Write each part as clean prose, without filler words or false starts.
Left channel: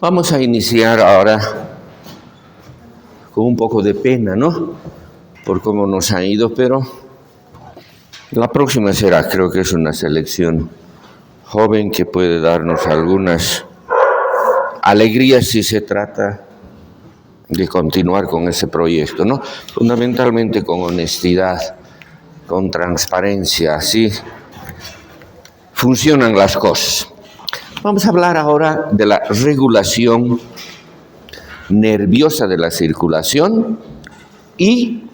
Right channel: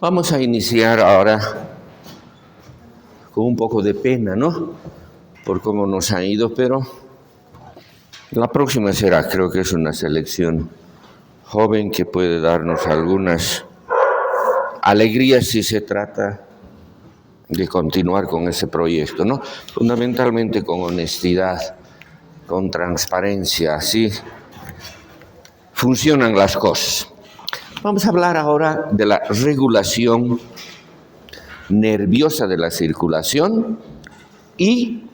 Vamos a iniciar ahora con un poco de pena, ¿no? Por cómo nos ha ido, pero la próxima será, creo que es una selección joven que puede darnos algunas alegrías si se trata de continuar con ese proyecto, ¿no? Fundamentalmente con honestidad, con transparencia, así funcionan las cosas. Vamos a hablar ahora de la regulación nerviosa de la circulación y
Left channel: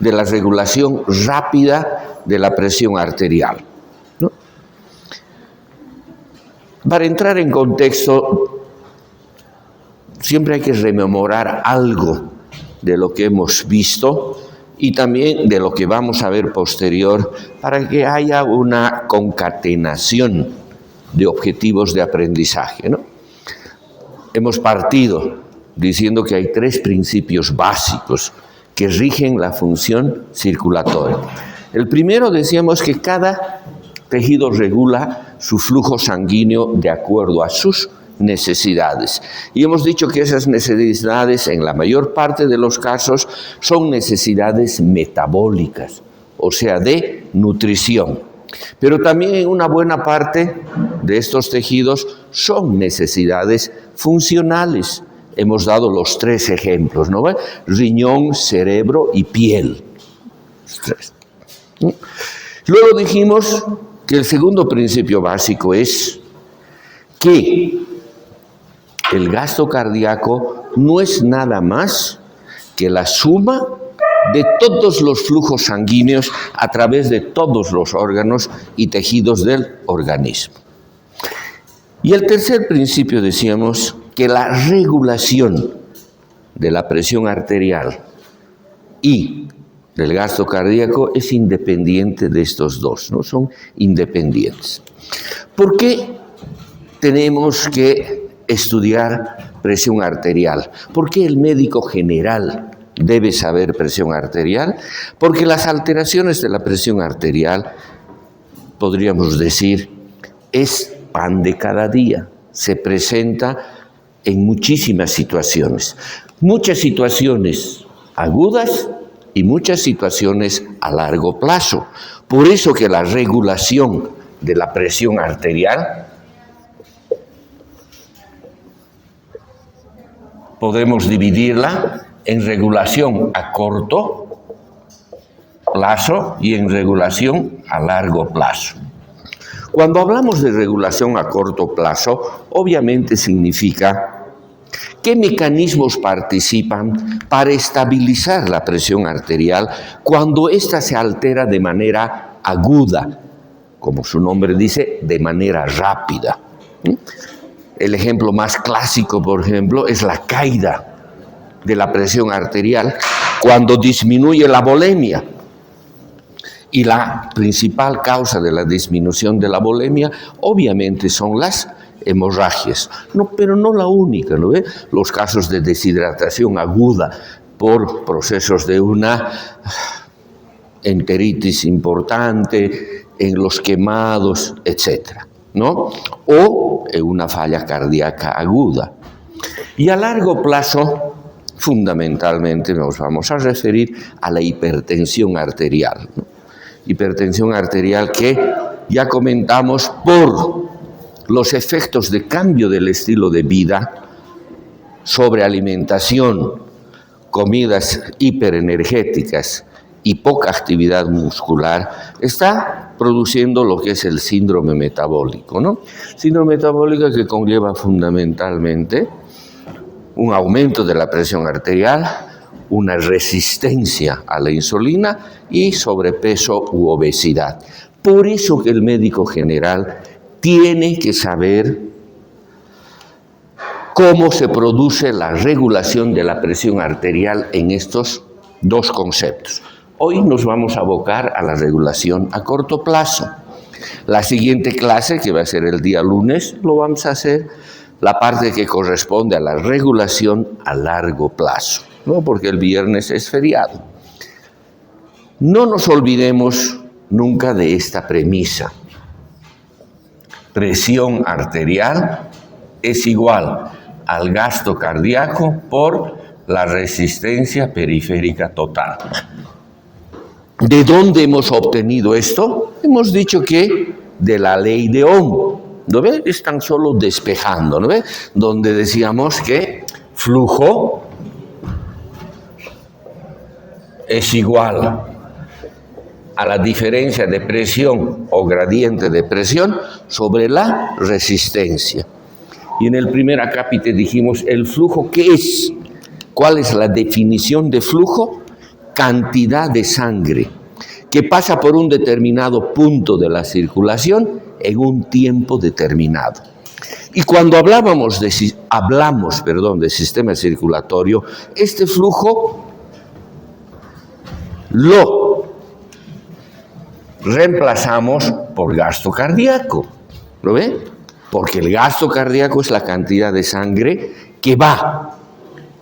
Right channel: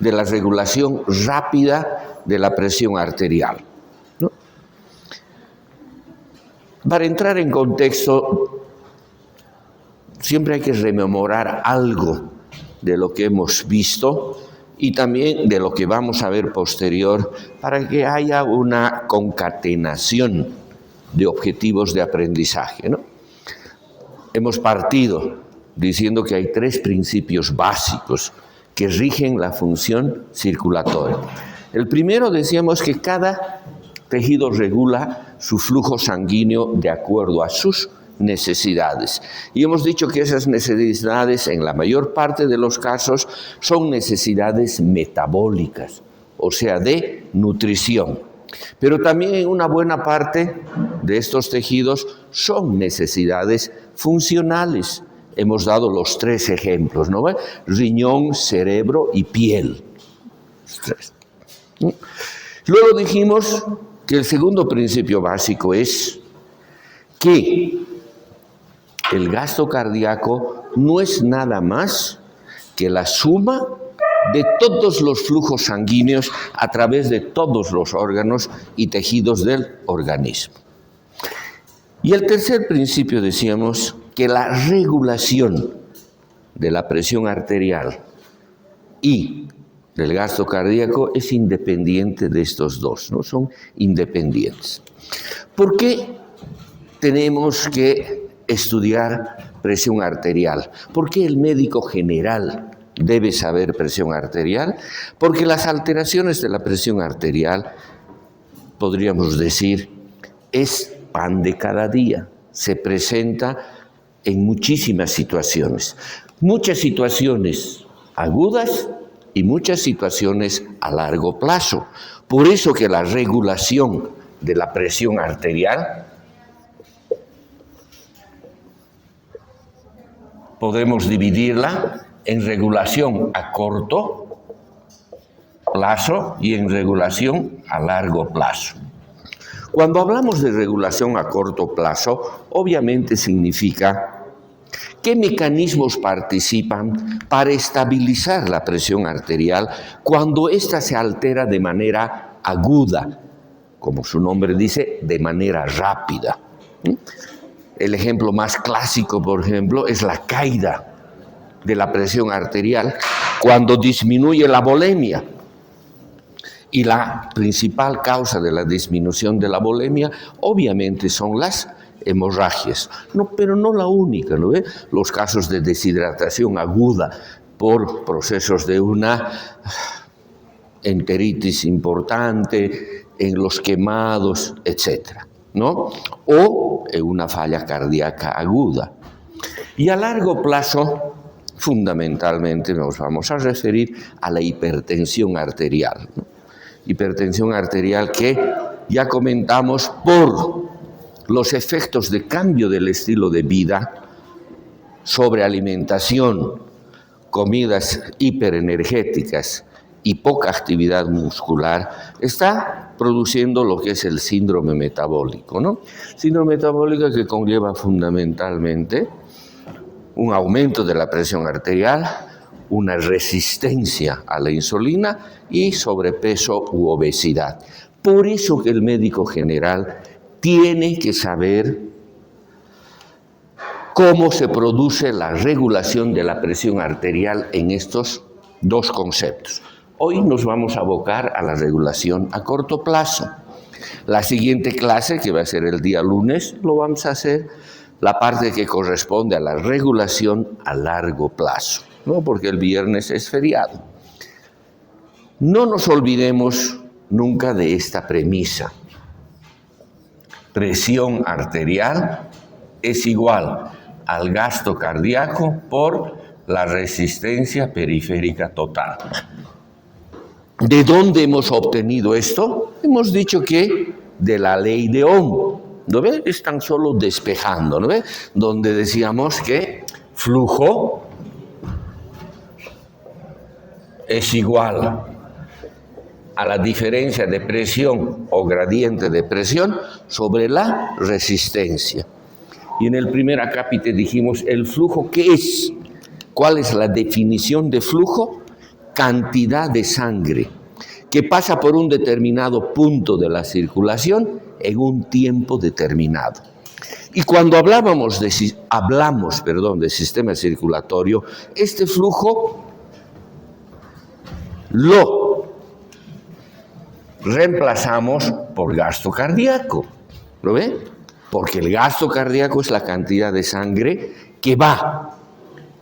de la regulación rápida de la presión arterial, ¿no? Para entrar en contexto, siempre hay que rememorar algo de lo que hemos visto y también de lo que vamos a ver posterior para que haya una concatenación de objetivos de aprendizaje, ¿no? Hemos partido diciendo que hay 3 principios básicos que rigen la función circulatoria. El primero, decíamos que cada tejido regula su flujo sanguíneo de acuerdo a sus necesidades. Y hemos dicho que esas necesidades, en la mayor parte de los casos, son necesidades metabólicas, o sea, de nutrición. Pero también en una buena parte de estos tejidos son necesidades funcionales. Hemos dado los 3 ejemplos, ¿no? Riñón, cerebro y piel. Luego dijimos que el segundo principio básico es que el gasto cardíaco no es nada más que la suma de todos los flujos sanguíneos a través de todos los órganos y tejidos del organismo. Y el tercer principio, decíamos, que la regulación de la presión arterial y del gasto cardíaco es independiente de estos dos, ¿no? Son independientes. ¿Por qué tenemos que estudiar presión arterial? ¿Por qué el médico general debe saber presión arterial? Porque las alteraciones de la presión arterial, podríamos decir, es pan de cada día. Se presenta en muchísimas situaciones agudas y muchas situaciones a largo plazo. Por eso que la regulación de la presión arterial podemos dividirla en regulación a corto plazo y en regulación a largo plazo. Cuando hablamos de regulación a corto plazo, obviamente significa qué mecanismos participan para estabilizar la presión arterial cuando ésta se altera de manera aguda, como su nombre dice, de manera rápida. El ejemplo más clásico, por ejemplo, es la caída de la presión arterial cuando disminuye la volemia. Y la principal causa de la disminución de la volemia, obviamente, son las hemorragias. No, pero no la única, ¿no ve? Los casos de deshidratación aguda por procesos de una enteritis importante, en los quemados, etcétera, ¿no? O en una falla cardíaca aguda. Y a largo plazo, fundamentalmente, nos vamos a referir a la hipertensión arterial, ¿no? Hipertensión arterial que ya comentamos por los efectos de cambio del estilo de vida, sobre alimentación, comidas hiperenergéticas y poca actividad muscular, está produciendo lo que es el síndrome metabólico, ¿no? Síndrome metabólico que conlleva fundamentalmente un aumento de la presión arterial, una resistencia a la insulina y sobrepeso u obesidad. Por eso que el médico general tiene que saber cómo se produce la regulación de la presión arterial en estos 2 conceptos. Hoy nos vamos a abocar a la regulación a corto plazo. La siguiente clase, que va a ser el día lunes, lo vamos a hacer la parte que corresponde a la regulación a largo plazo, ¿no? Porque el viernes es feriado. No nos olvidemos nunca de esta premisa. Presión arterial es igual al gasto cardíaco por la resistencia periférica total. ¿De dónde hemos obtenido esto? Hemos dicho que de la ley de Ohm. ¿No ve? Es tan solo despejando, ¿no ve? Donde decíamos que flujo es igual a la diferencia de presión o gradiente de presión sobre la resistencia. Y en el primer acápite dijimos el flujo, ¿qué es? ¿Cuál es la definición de flujo? Cantidad de sangre que pasa por un determinado punto de la circulación en un tiempo determinado. Y cuando hablamos de sistema circulatorio, este flujo lo reemplazamos por gasto cardíaco. ¿Lo ve? Porque el gasto cardíaco es la cantidad de sangre que va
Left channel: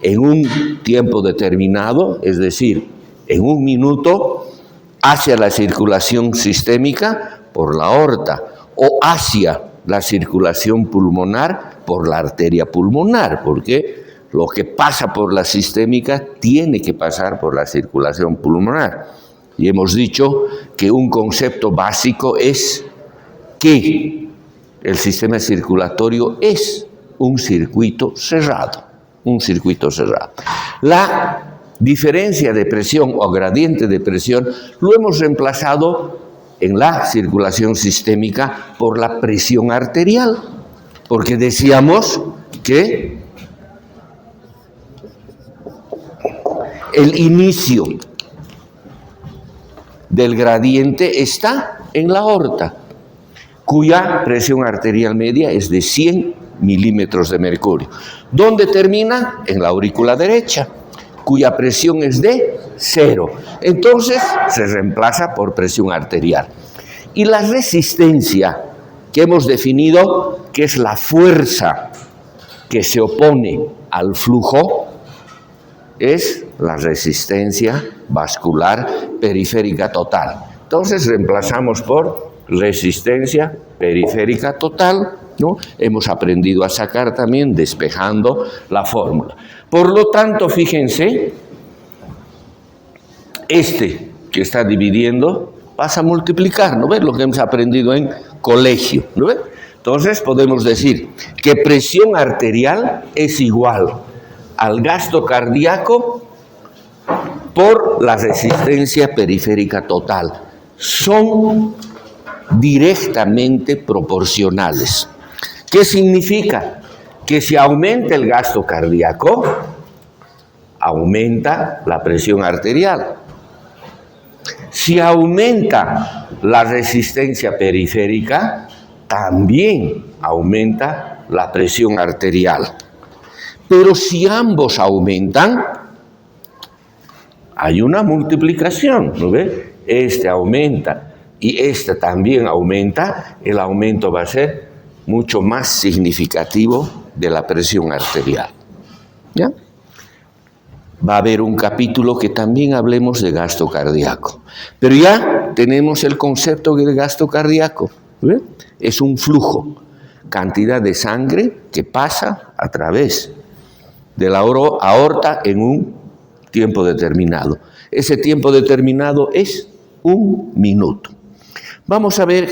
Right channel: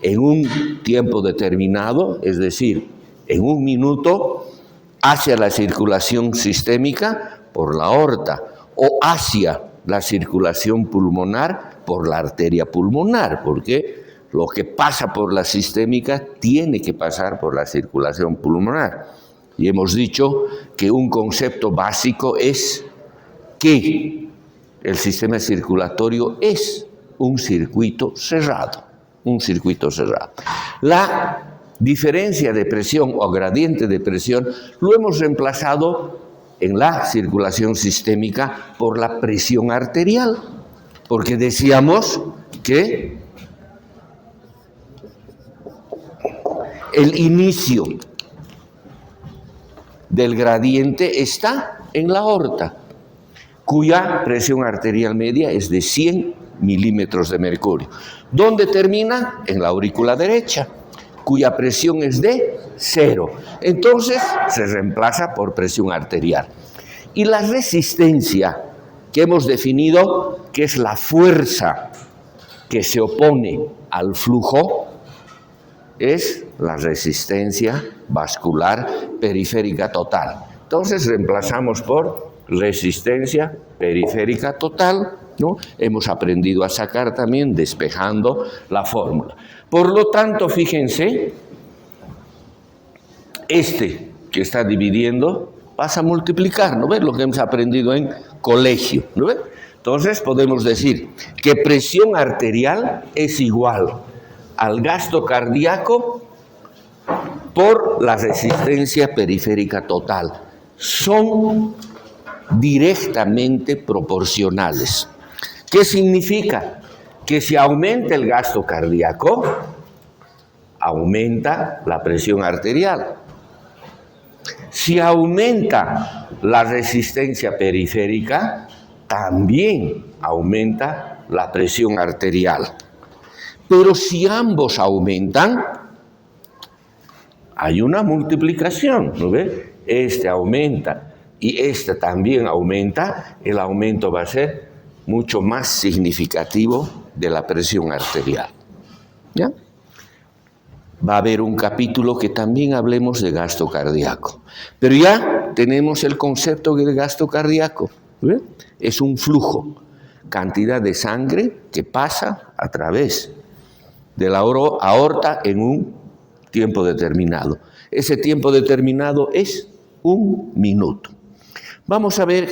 en un tiempo determinado, es decir, en un minuto, hacia la circulación sistémica por la aorta o hacia la circulación pulmonar por la arteria pulmonar, porque lo que pasa por la sistémica tiene que pasar por la circulación pulmonar. Y hemos dicho que un concepto básico es que el sistema circulatorio es un circuito cerrado. Un circuito cerrado. La diferencia de presión o gradiente de presión lo hemos reemplazado en la circulación sistémica por la presión arterial, porque decíamos que el inicio del gradiente está en la aorta, cuya presión arterial media es de 100 milímetros de mercurio. ¿Dónde termina? En la aurícula derecha, cuya presión es de 0. Entonces se reemplaza por presión arterial. Y la resistencia que hemos definido, que es la fuerza que se opone al flujo, es la resistencia vascular periférica total. Entonces reemplazamos por resistencia periférica total, ¿no? Hemos aprendido a sacar también despejando la fórmula. Por lo tanto, fíjense, este que está dividiendo pasa a multiplicar, ¿no ves? Lo que hemos aprendido en colegio, ¿no ves? Entonces podemos decir que presión arterial es igual al gasto cardíaco por la resistencia periférica total. Son directamente proporcionales. ¿Qué significa? Que si aumenta el gasto cardíaco, aumenta la presión arterial. Si aumenta la resistencia periférica, también aumenta la presión arterial. Pero si ambos aumentan, hay una multiplicación, ¿no ve? Este aumenta y este también aumenta, el aumento va a ser mucho más significativo de la presión arterial. ¿Ya? Va a haber un capítulo que también hablemos de gasto cardíaco. Pero ya tenemos el concepto del gasto cardíaco. ¿Ve? Es un flujo, cantidad de sangre que pasa a través de la aorta en un tiempo determinado. Ese tiempo determinado es un minuto. Vamos a ver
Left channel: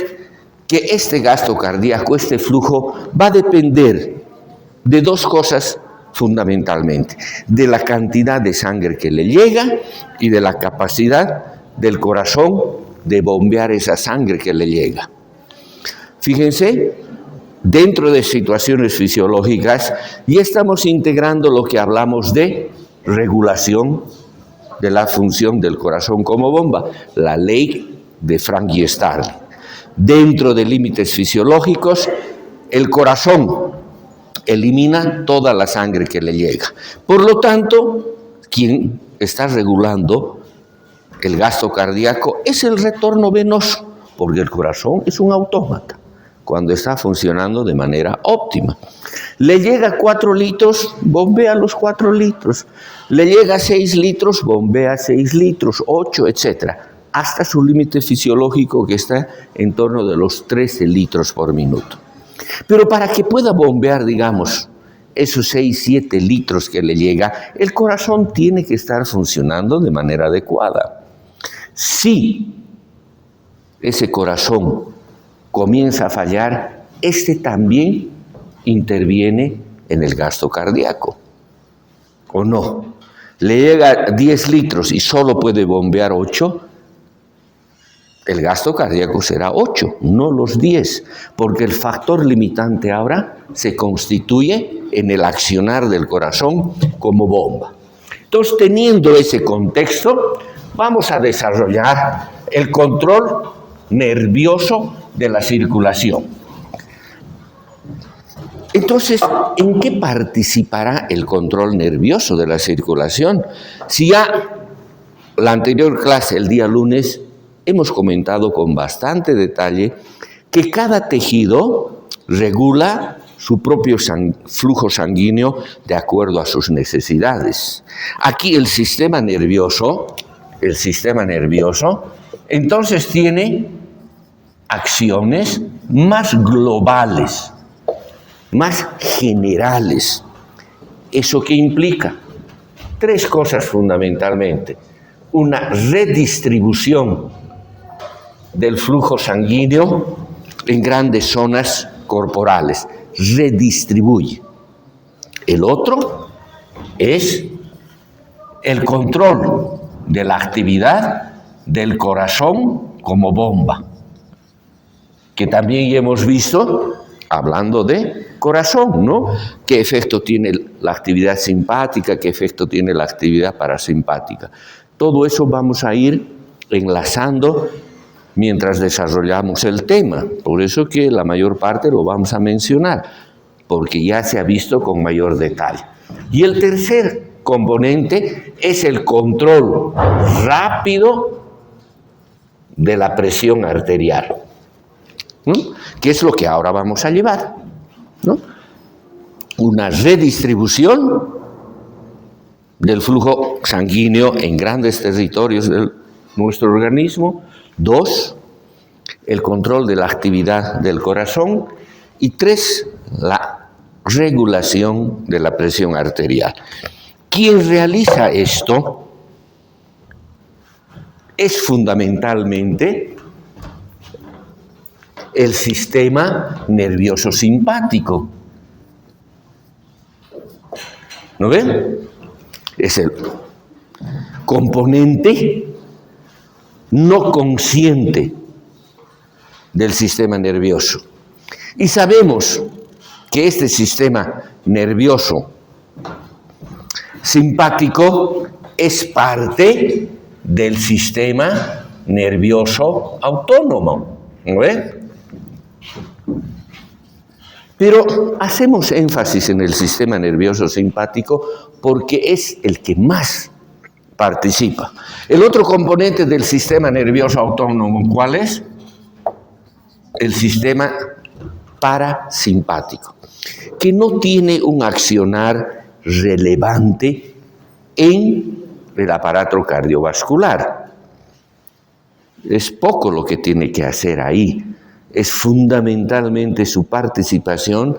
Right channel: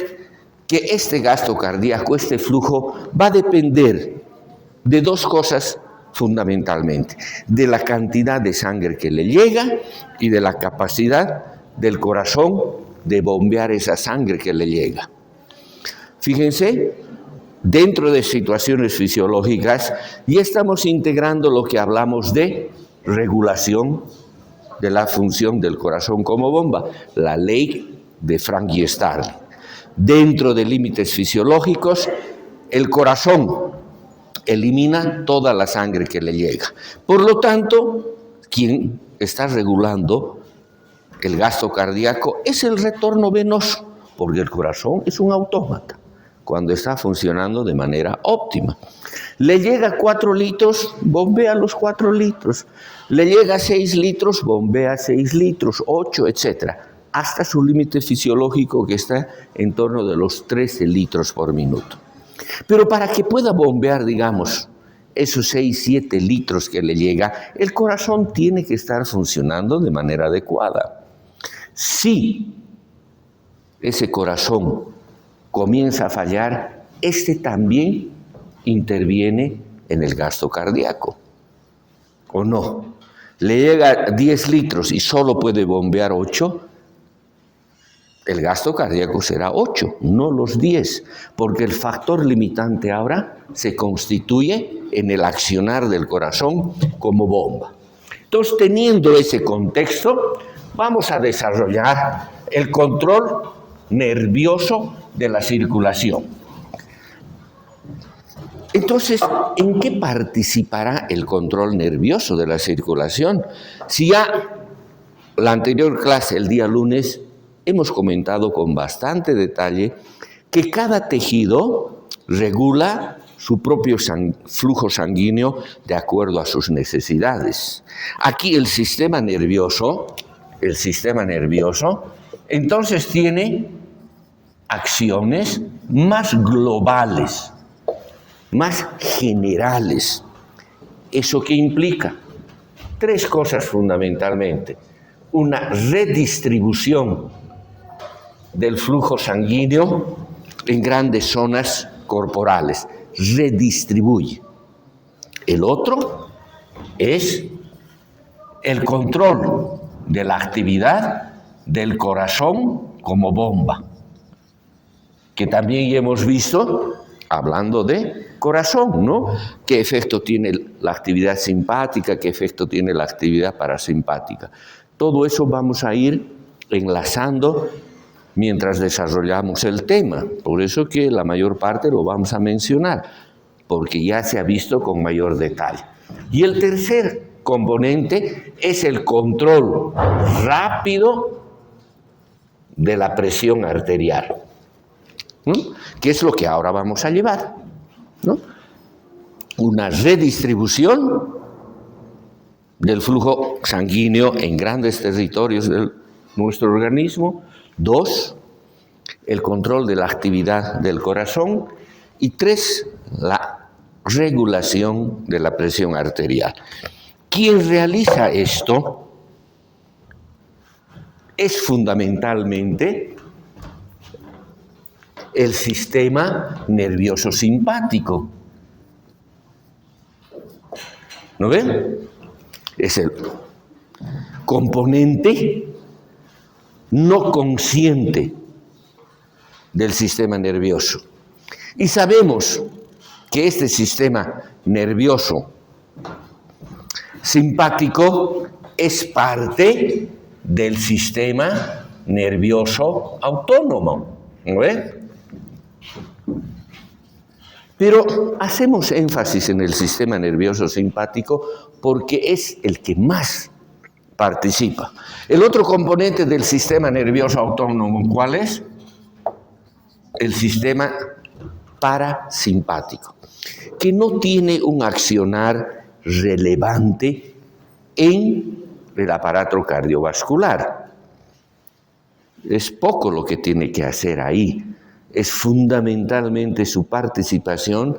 que este gasto cardíaco, este flujo, va a depender de dos cosas fundamentalmente: de la cantidad de sangre que le llega y de la capacidad del corazón de bombear esa sangre que le llega. Fíjense, dentro de situaciones fisiológicas ya estamos integrando lo que hablamos de regulación de la función del corazón como bomba, la ley de Frank y Starling. Dentro de límites fisiológicos, el corazón elimina toda la sangre que le llega. Por lo tanto, quien está regulando el gasto cardíaco es el retorno venoso, porque el corazón es un autómata cuando está funcionando de manera óptima. Le llega 4 litros, bombea los 4 litros. Le llega 6 litros, bombea 6 litros, 8, etc. Hasta su límite fisiológico, que está en torno de los 13 litros por minuto. Pero para que pueda bombear, digamos, esos 6, 7 litros que le llega, el corazón tiene que estar funcionando de manera adecuada. Si ese corazón comienza a fallar, este también interviene en el gasto cardíaco. ¿O no? Le llega 10 litros y solo puede bombear 8, el gasto cardíaco será 8, no los 10, porque el factor limitante ahora se constituye en el accionar del corazón como bomba. Entonces, teniendo ese contexto, vamos a desarrollar el control nervioso de la circulación. Entonces, ¿en qué participará el control nervioso de la circulación? Si ya la anterior clase, el día lunes, hemos comentado con bastante detalle que cada tejido regula su propio flujo sanguíneo de acuerdo a sus necesidades. Aquí el sistema nervioso, entonces tiene acciones más globales, más generales. ¿Eso qué implica? 3 cosas fundamentalmente. Una redistribución del flujo sanguíneo en grandes zonas corporales. Redistribuye. El otro es el control de la actividad del corazón como bomba, que también hemos visto hablando de corazón, ¿no? ¿Qué efecto tiene la actividad simpática? ¿Qué efecto tiene la actividad parasimpática? Todo eso vamos a ir enlazando mientras desarrollamos el tema. Por eso que la mayor parte lo vamos a mencionar, porque ya se ha visto con mayor detalle. Y el tercer componente es el control rápido de la presión arterial, ¿no? Que es lo que ahora vamos a llevar, ¿no? Una redistribución del flujo sanguíneo en grandes territorios de nuestro organismo. 2, el control de la actividad del corazón. Y 3, la regulación de la presión arterial. Quien realiza esto es fundamentalmente el sistema nervioso simpático. ¿No ven? Es el componente no consciente del sistema nervioso. Y sabemos que este sistema nervioso simpático es parte del sistema nervioso autónomo, ¿no ves? Pero hacemos énfasis en el sistema nervioso simpático porque es el que más participa. El otro componente del sistema nervioso autónomo, ¿cuál es? El sistema parasimpático, que no tiene un accionar relevante en el aparato cardiovascular. Es poco lo que tiene que hacer ahí. Es fundamentalmente su participación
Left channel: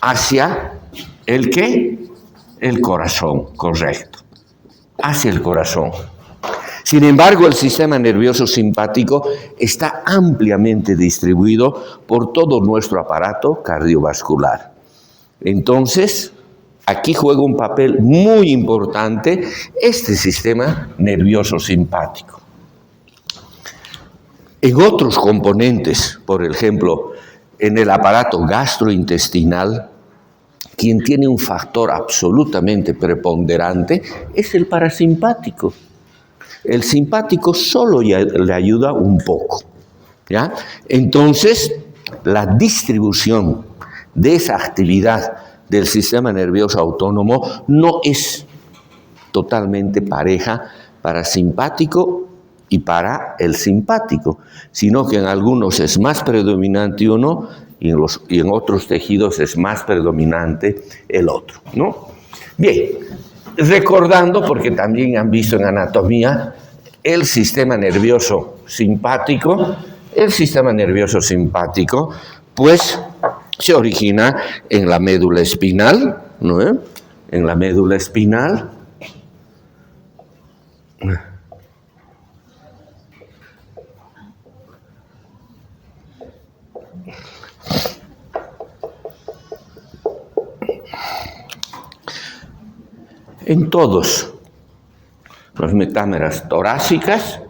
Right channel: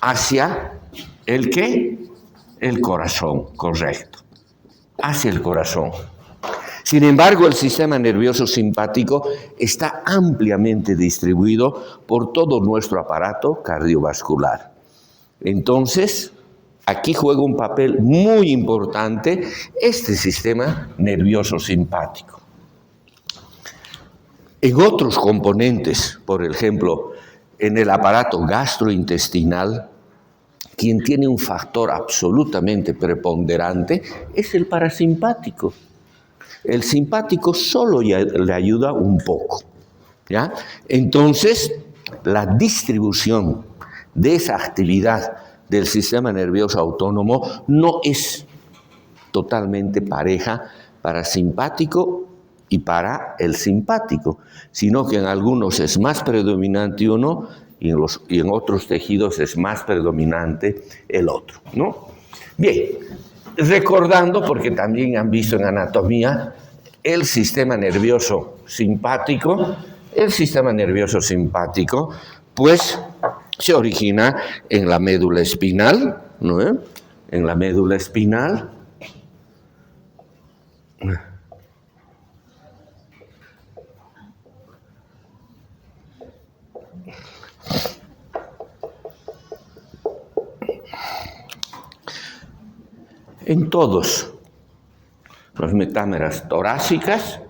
hacia el ¿qué? El corazón, correcto. Hacia el corazón. Sin embargo, el sistema nervioso simpático está ampliamente distribuido por todo nuestro aparato cardiovascular. Entonces, aquí juega un papel muy importante este sistema nervioso simpático. En otros componentes, por ejemplo, en el aparato gastrointestinal, quien tiene un factor absolutamente preponderante es el parasimpático. El simpático solo le ayuda un poco, ¿ya? Entonces, la distribución de esa actividad del sistema nervioso autónomo no es totalmente pareja para simpático y para el simpático, sino que en algunos es más predominante uno y en otros tejidos es más predominante el otro, ¿no? Bien, recordando, porque también han visto en anatomía, el sistema nervioso simpático, pues se origina en la médula espinal, ¿no? En la médula espinal. En todos las metámeras torácicas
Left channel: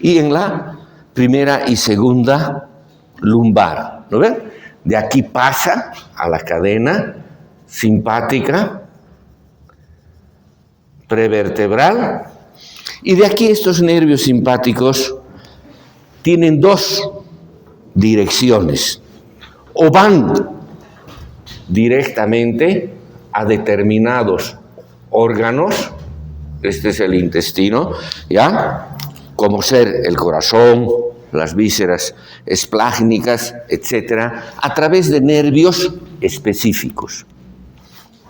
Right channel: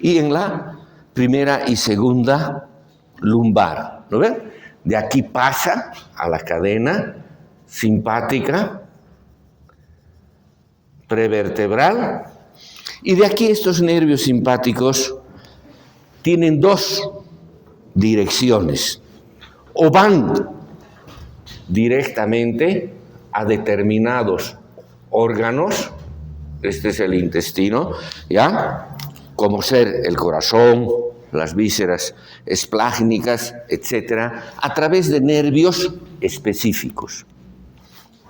y en la primera y segunda lumbar, ¿no ven? De aquí pasa a la cadena simpática prevertebral y de aquí estos nervios simpáticos tienen dos direcciones, o van directamente a determinados órganos, este es el intestino, ¿ya? Como ser el corazón, las vísceras esplágnicas, etcétera, a través de nervios específicos.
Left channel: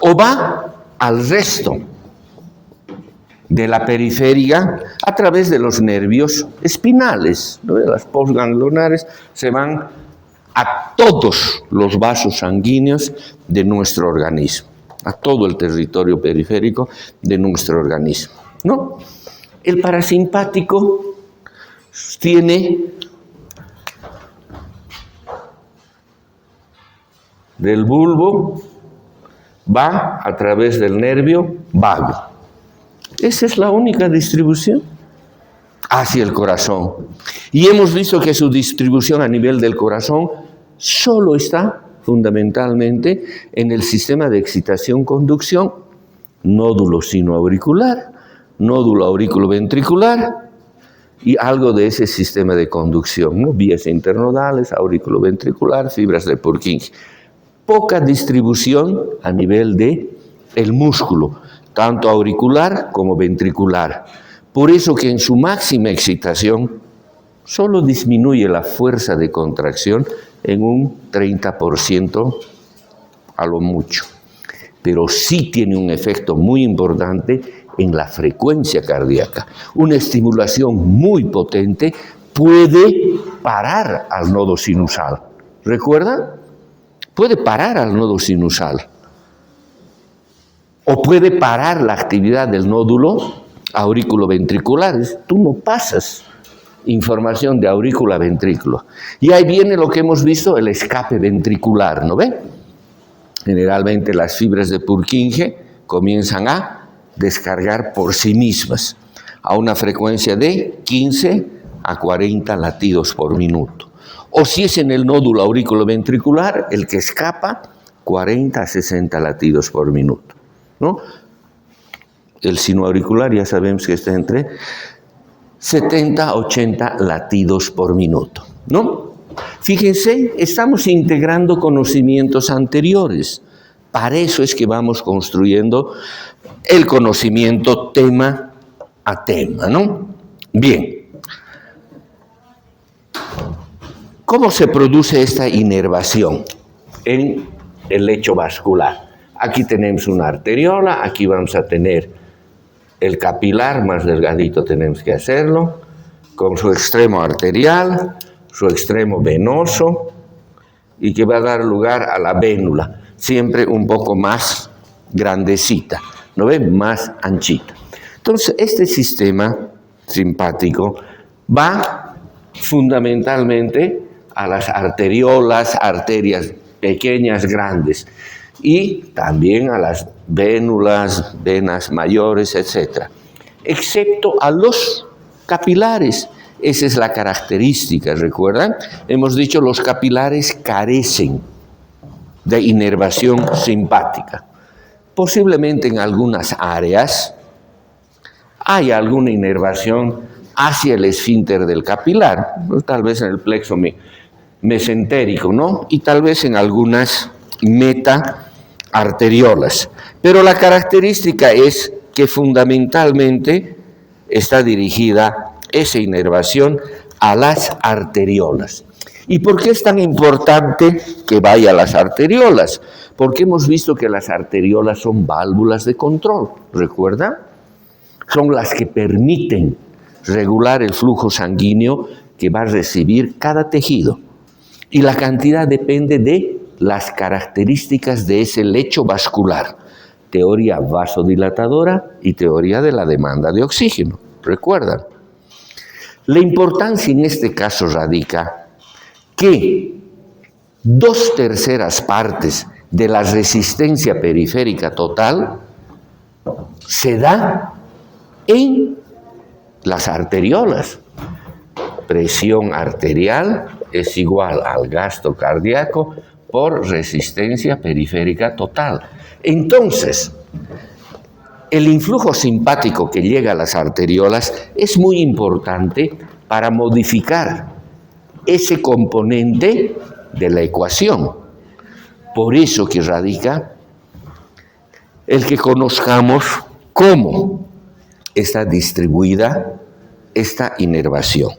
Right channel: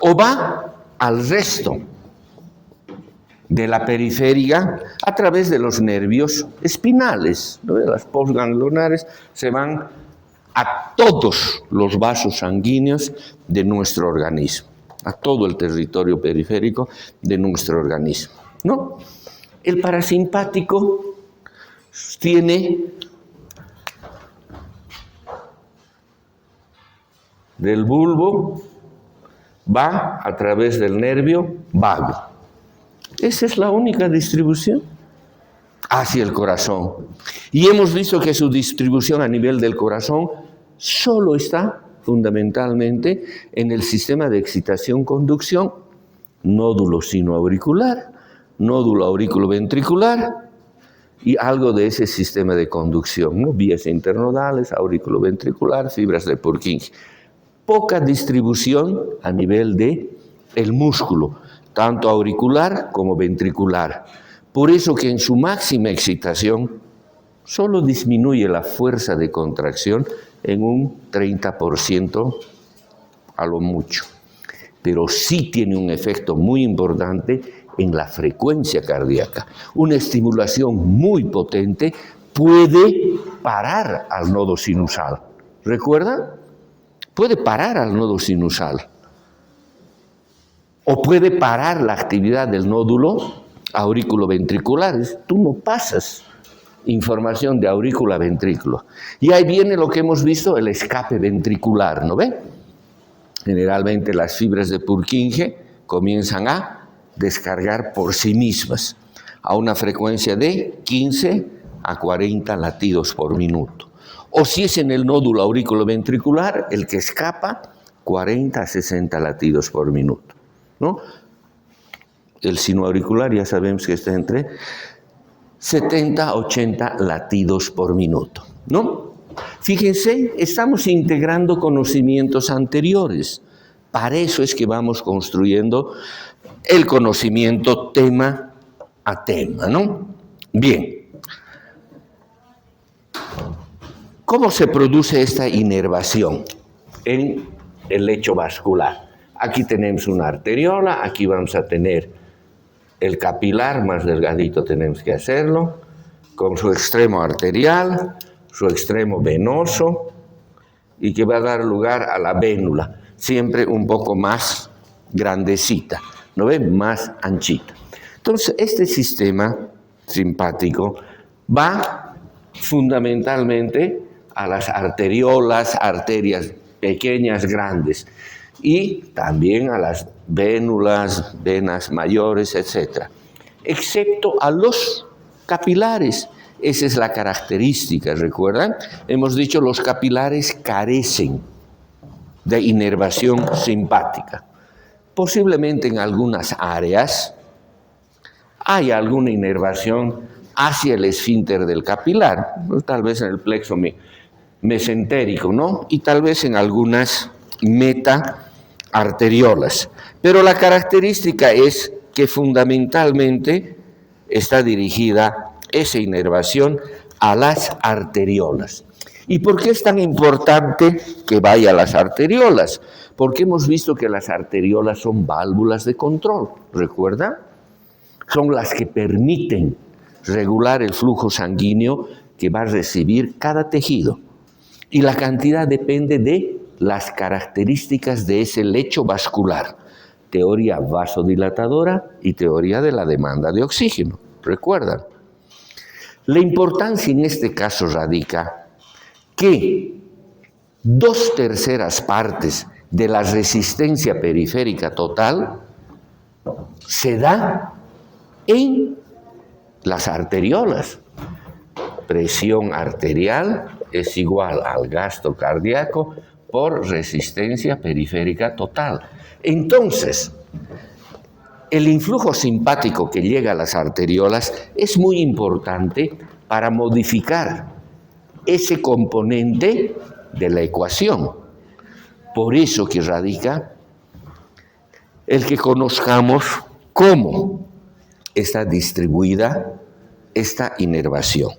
O va al resto de la periferia a través de los nervios espinales, ¿no? Las postganglionares se van a todos los vasos sanguíneos de nuestro organismo, a todo el territorio periférico de nuestro organismo, ¿no? El parasimpático tiene del bulbo, va a través del nervio vago. Esa es la única distribución hacia el corazón. Y hemos visto que su distribución a nivel del corazón solo está fundamentalmente en el sistema de excitación-conducción, nódulo sinoauricular, nódulo aurículo-ventricular y algo de ese sistema de conducción, ¿no? Vías internodales, aurículo-ventricular, fibras de Purkinje. Poca distribución a nivel del músculo, tanto auricular como ventricular. Por eso que en su máxima excitación solo disminuye la fuerza de contracción en un 30% a lo mucho. Pero sí tiene un efecto muy importante en la frecuencia cardíaca. Una estimulación muy potente puede parar al nodo sinusal. ¿Recuerdan? Puede parar al nodo sinusal. O puede parar la actividad del nódulo aurículo-ventricular. Tú no pasas información de aurícula a ventrículo. Y ahí viene lo que hemos visto, el escape ventricular, ¿no ve? Generalmente las fibras de Purkinje comienzan a descargar por sí mismas a una frecuencia de 15 a 40 latidos por minuto. O si es en el nódulo aurículo-ventricular, el que escapa, 40 a 60 latidos por minuto, ¿no? El sinoauricular ya sabemos que está entre 70 a 80 latidos por minuto, ¿no? Fíjense, estamos integrando conocimientos anteriores. Para eso es que vamos construyendo el conocimiento tema a tema, ¿no? Bien. ¿Cómo se produce esta inervación en el lecho vascular? Aquí tenemos una arteriola, aquí vamos a tener el capilar, más delgadito tenemos que hacerlo, con su extremo arterial, su extremo venoso, y que va a dar lugar a la vénula, siempre un poco más grandecita, ¿no ven? Más anchita. Entonces, este sistema simpático va fundamentalmente a las arteriolas, arterias pequeñas, grandes, y también a las vénulas, venas mayores, etc. Excepto a los capilares. Esa es la característica, ¿recuerdan? Hemos dicho los capilares carecen de inervación simpática. Posiblemente en algunas áreas hay alguna inervación hacia el esfínter del capilar, tal vez en el plexo mesentérico, ¿no? Y tal vez en algunas metaarteriolas. Pero la característica es que fundamentalmente está dirigida esa inervación a las arteriolas. ¿Y por qué es tan importante que vaya a las arteriolas? Porque hemos visto que las arteriolas son válvulas de control, ¿recuerda? Son las que permiten regular el flujo sanguíneo que va a recibir cada tejido. Y la cantidad depende de las características de ese lecho vascular. Teoría vasodilatadora y teoría de la demanda de oxígeno. ¿Recuerdan? La importancia en este caso radica que 2/3 partes de la resistencia periférica total se da en las arteriolas. Presión arterial es igual al gasto cardíaco por resistencia periférica total. Entonces, el influjo simpático que llega a las arteriolas es muy importante para modificar ese componente de la ecuación. Por eso que radica el que conozcamos cómo está distribuida esta inervación.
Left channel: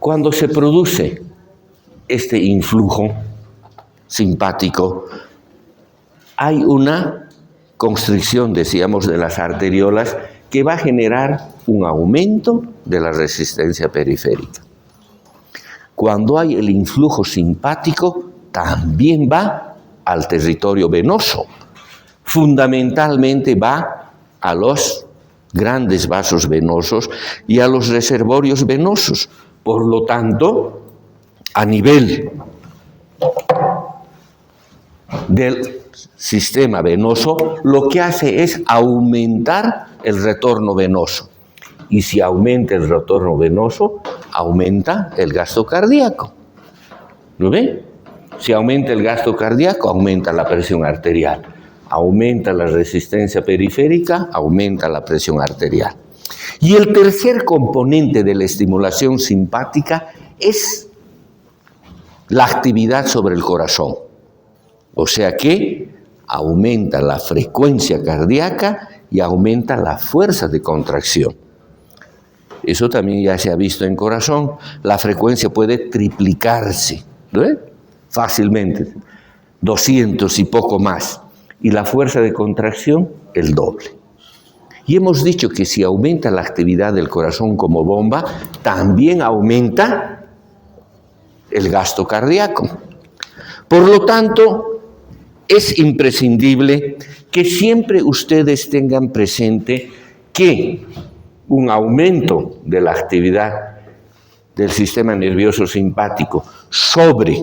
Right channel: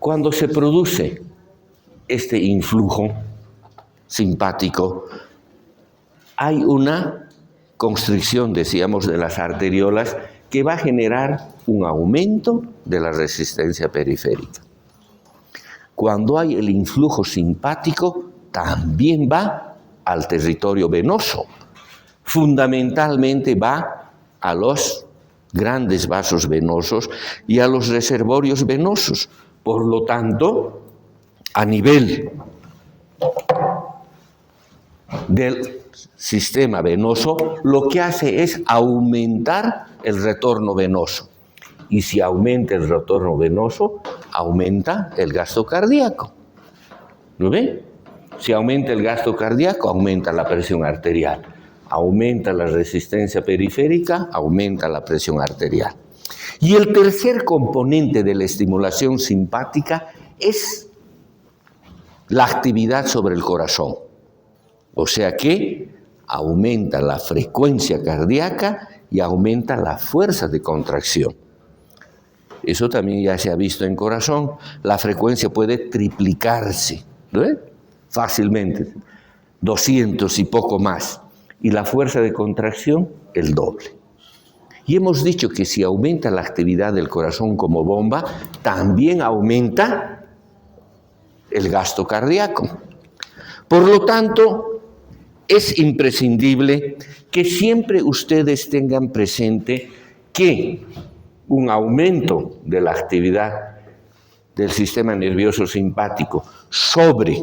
Cuando se produce este influjo simpático, hay una constricción, decíamos, de las arteriolas que va a generar un aumento de la resistencia periférica. Cuando hay el influjo simpático, también va al territorio venoso. Fundamentalmente va a los grandes vasos venosos y a los reservorios venosos. Por lo tanto, a nivel del sistema venoso, lo que hace es aumentar el retorno venoso. Y si aumenta el retorno venoso, aumenta el gasto cardíaco. ¿Lo ven? Si aumenta el gasto cardíaco, aumenta la presión arterial. Aumenta la resistencia periférica, aumenta la presión arterial. Y el tercer componente de la estimulación simpática es la actividad sobre el corazón. O sea que aumenta la frecuencia cardíaca y aumenta la fuerza de contracción. Eso también ya se ha visto en corazón. La frecuencia puede triplicarse, ¿no? Fácilmente, 200 y poco más. Y la fuerza de contracción, el doble. Y hemos dicho que si aumenta la actividad del corazón como bomba, también aumenta el gasto cardíaco. Por lo tanto, es imprescindible que siempre ustedes tengan presente que un aumento de la actividad del sistema nervioso simpático sobre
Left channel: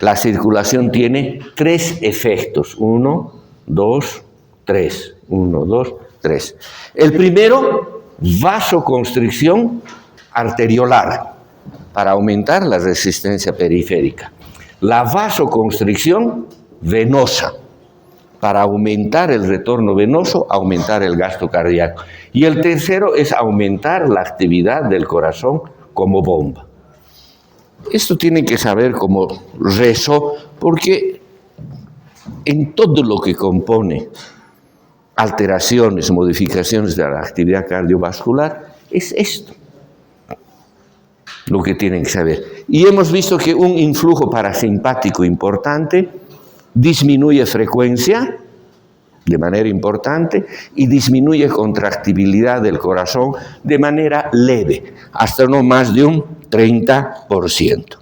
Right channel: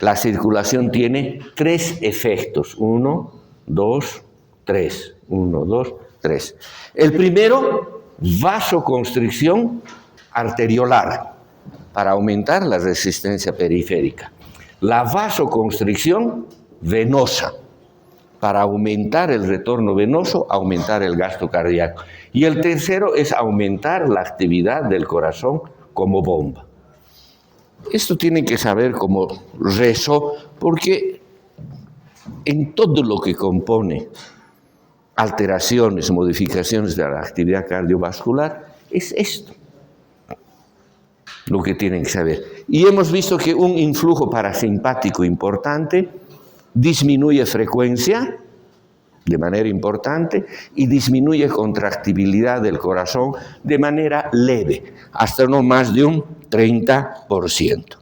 la circulación tiene 3 efectos. 1, 2, 3. 1, 2, 3. El primero, vasoconstricción arteriolar para aumentar la resistencia periférica. La vasoconstricción venosa para aumentar el retorno venoso, aumentar el gasto cardíaco. Y el tercero es aumentar la actividad del corazón como bomba. Esto tienen que saber como rezo, porque en todo lo que compone alteraciones, modificaciones de la actividad cardiovascular, es esto lo que tienen que saber. Y hemos visto que un influjo parasimpático importante disminuye frecuencia de manera importante y disminuye contractibilidad del corazón de manera leve, hasta no más de un 30%.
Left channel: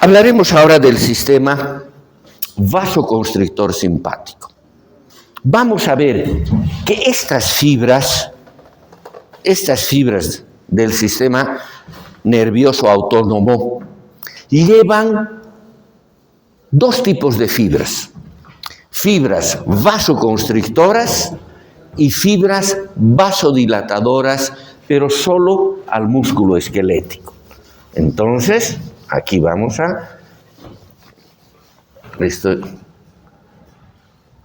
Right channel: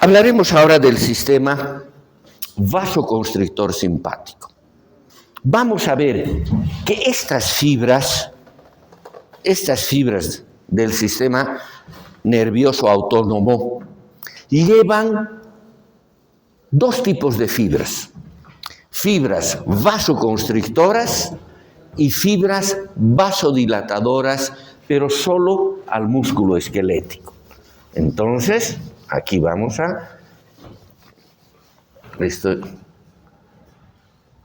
Hablaremos ahora del sistema vasoconstrictor simpático. Vamos a ver que estas fibras del sistema nervioso autónomo llevan 2 tipos de fibras. Fibras vasoconstrictoras y fibras vasodilatadoras, pero solo al músculo esquelético. Entonces, aquí vamos a... Esto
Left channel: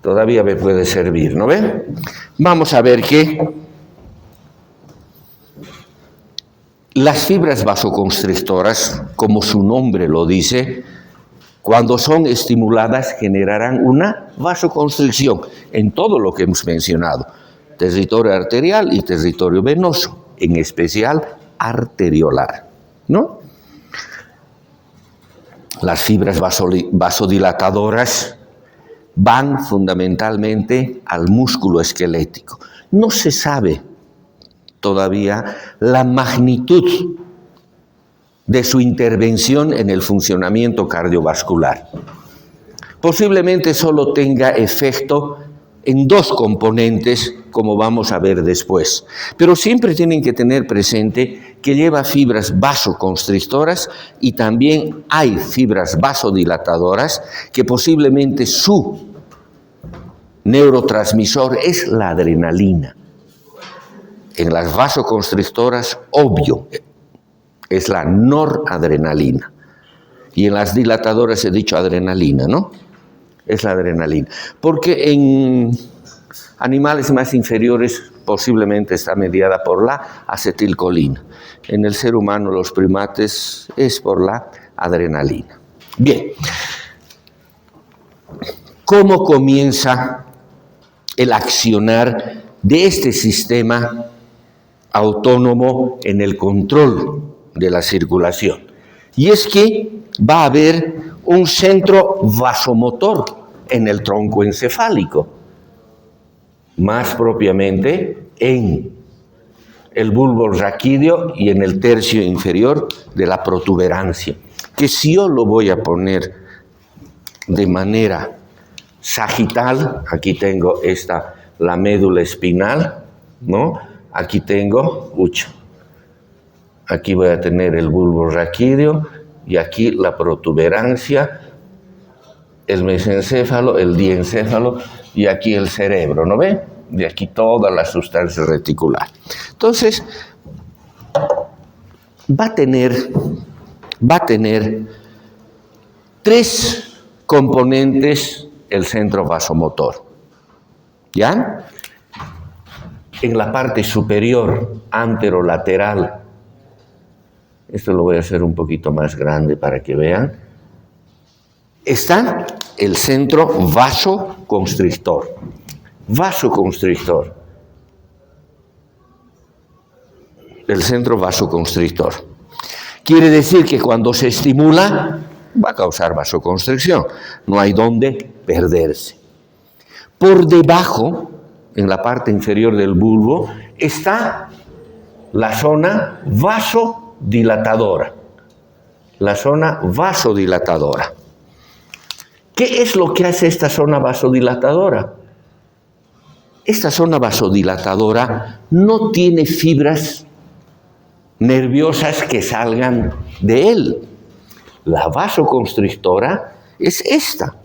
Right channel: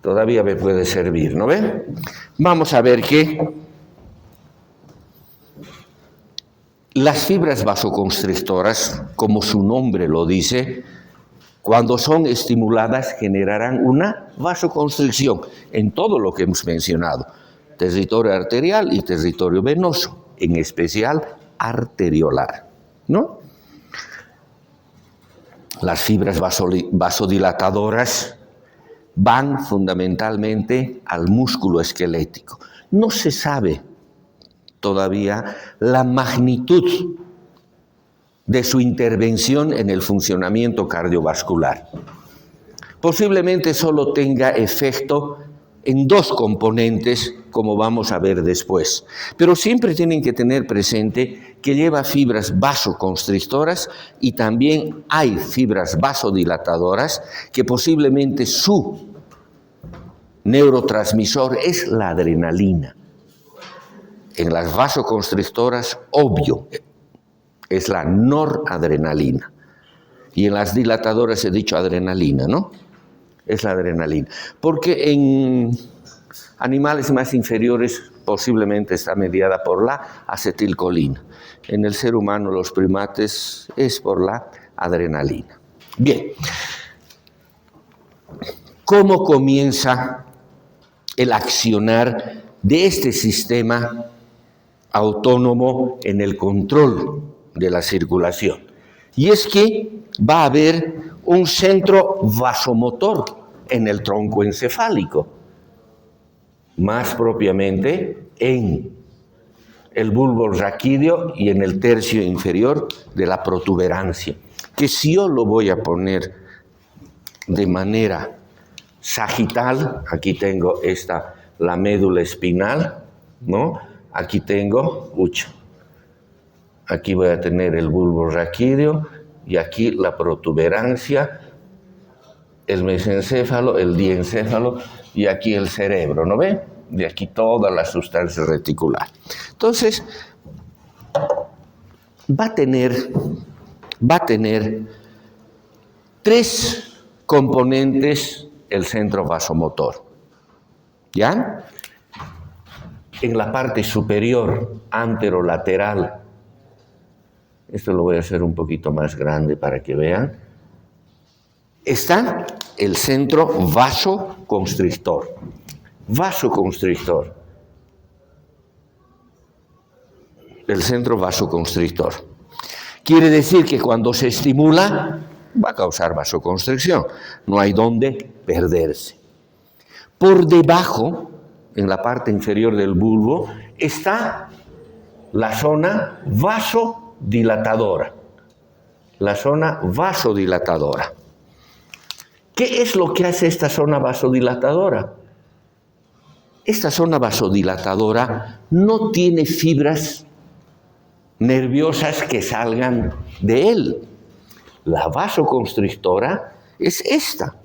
todavía me puede servir, ¿no ven? Vamos a ver que las fibras vasoconstrictoras, como su nombre lo dice, cuando son estimuladas generarán una vasoconstricción en todo lo que hemos mencionado, territorio arterial y territorio venoso, en especial arteriolar, ¿no? Las fibras vasodilatadoras van fundamentalmente al músculo esquelético. No se sabe todavía la magnitud de su intervención en el funcionamiento cardiovascular. Posiblemente solo tenga efecto en dos componentes, como vamos a ver después. Pero siempre tienen que tener presente que lleva fibras vasoconstrictoras y también hay fibras vasodilatadoras que posiblemente su neurotransmisor es la adrenalina. En las vasoconstrictoras, obvio, es la noradrenalina. Y en las dilatadoras he dicho adrenalina, ¿no? Es la adrenalina. Porque en animales más inferiores posiblemente está mediada por la acetilcolina. En el ser humano, los primates, es por la adrenalina. Bien. ¿Cómo comienza el accionar de este sistema autónomo en el control de la circulación? Y es que va a haber un centro vasomotor en el tronco encefálico, más propiamente en el bulbo raquídeo y en el tercio inferior de la protuberancia, que si yo lo voy a poner de manera sagital, aquí tengo la médula espinal, ¿no? Aquí tengo, aquí voy a tener el bulbo raquídeo y aquí la protuberancia, el mesencéfalo, el diencéfalo y aquí el cerebro, ¿no ve? De aquí toda la sustancia reticular. Entonces, va a tener tres componentes el centro vasomotor. ¿Ya? En la parte superior, anterolateral, esto lo voy a hacer un poquito más grande para que vean, está el centro vasoconstrictor. Vasoconstrictor. El centro vasoconstrictor. Quiere decir que cuando se estimula, va a causar vasoconstricción. No hay dónde perderse. Por debajo, en la parte inferior del bulbo, está la zona vasodilatadora. La zona vasodilatadora. ¿Qué es lo que hace esta zona vasodilatadora? Esta zona vasodilatadora no tiene fibras nerviosas que salgan de él. La vasoconstrictora es esta.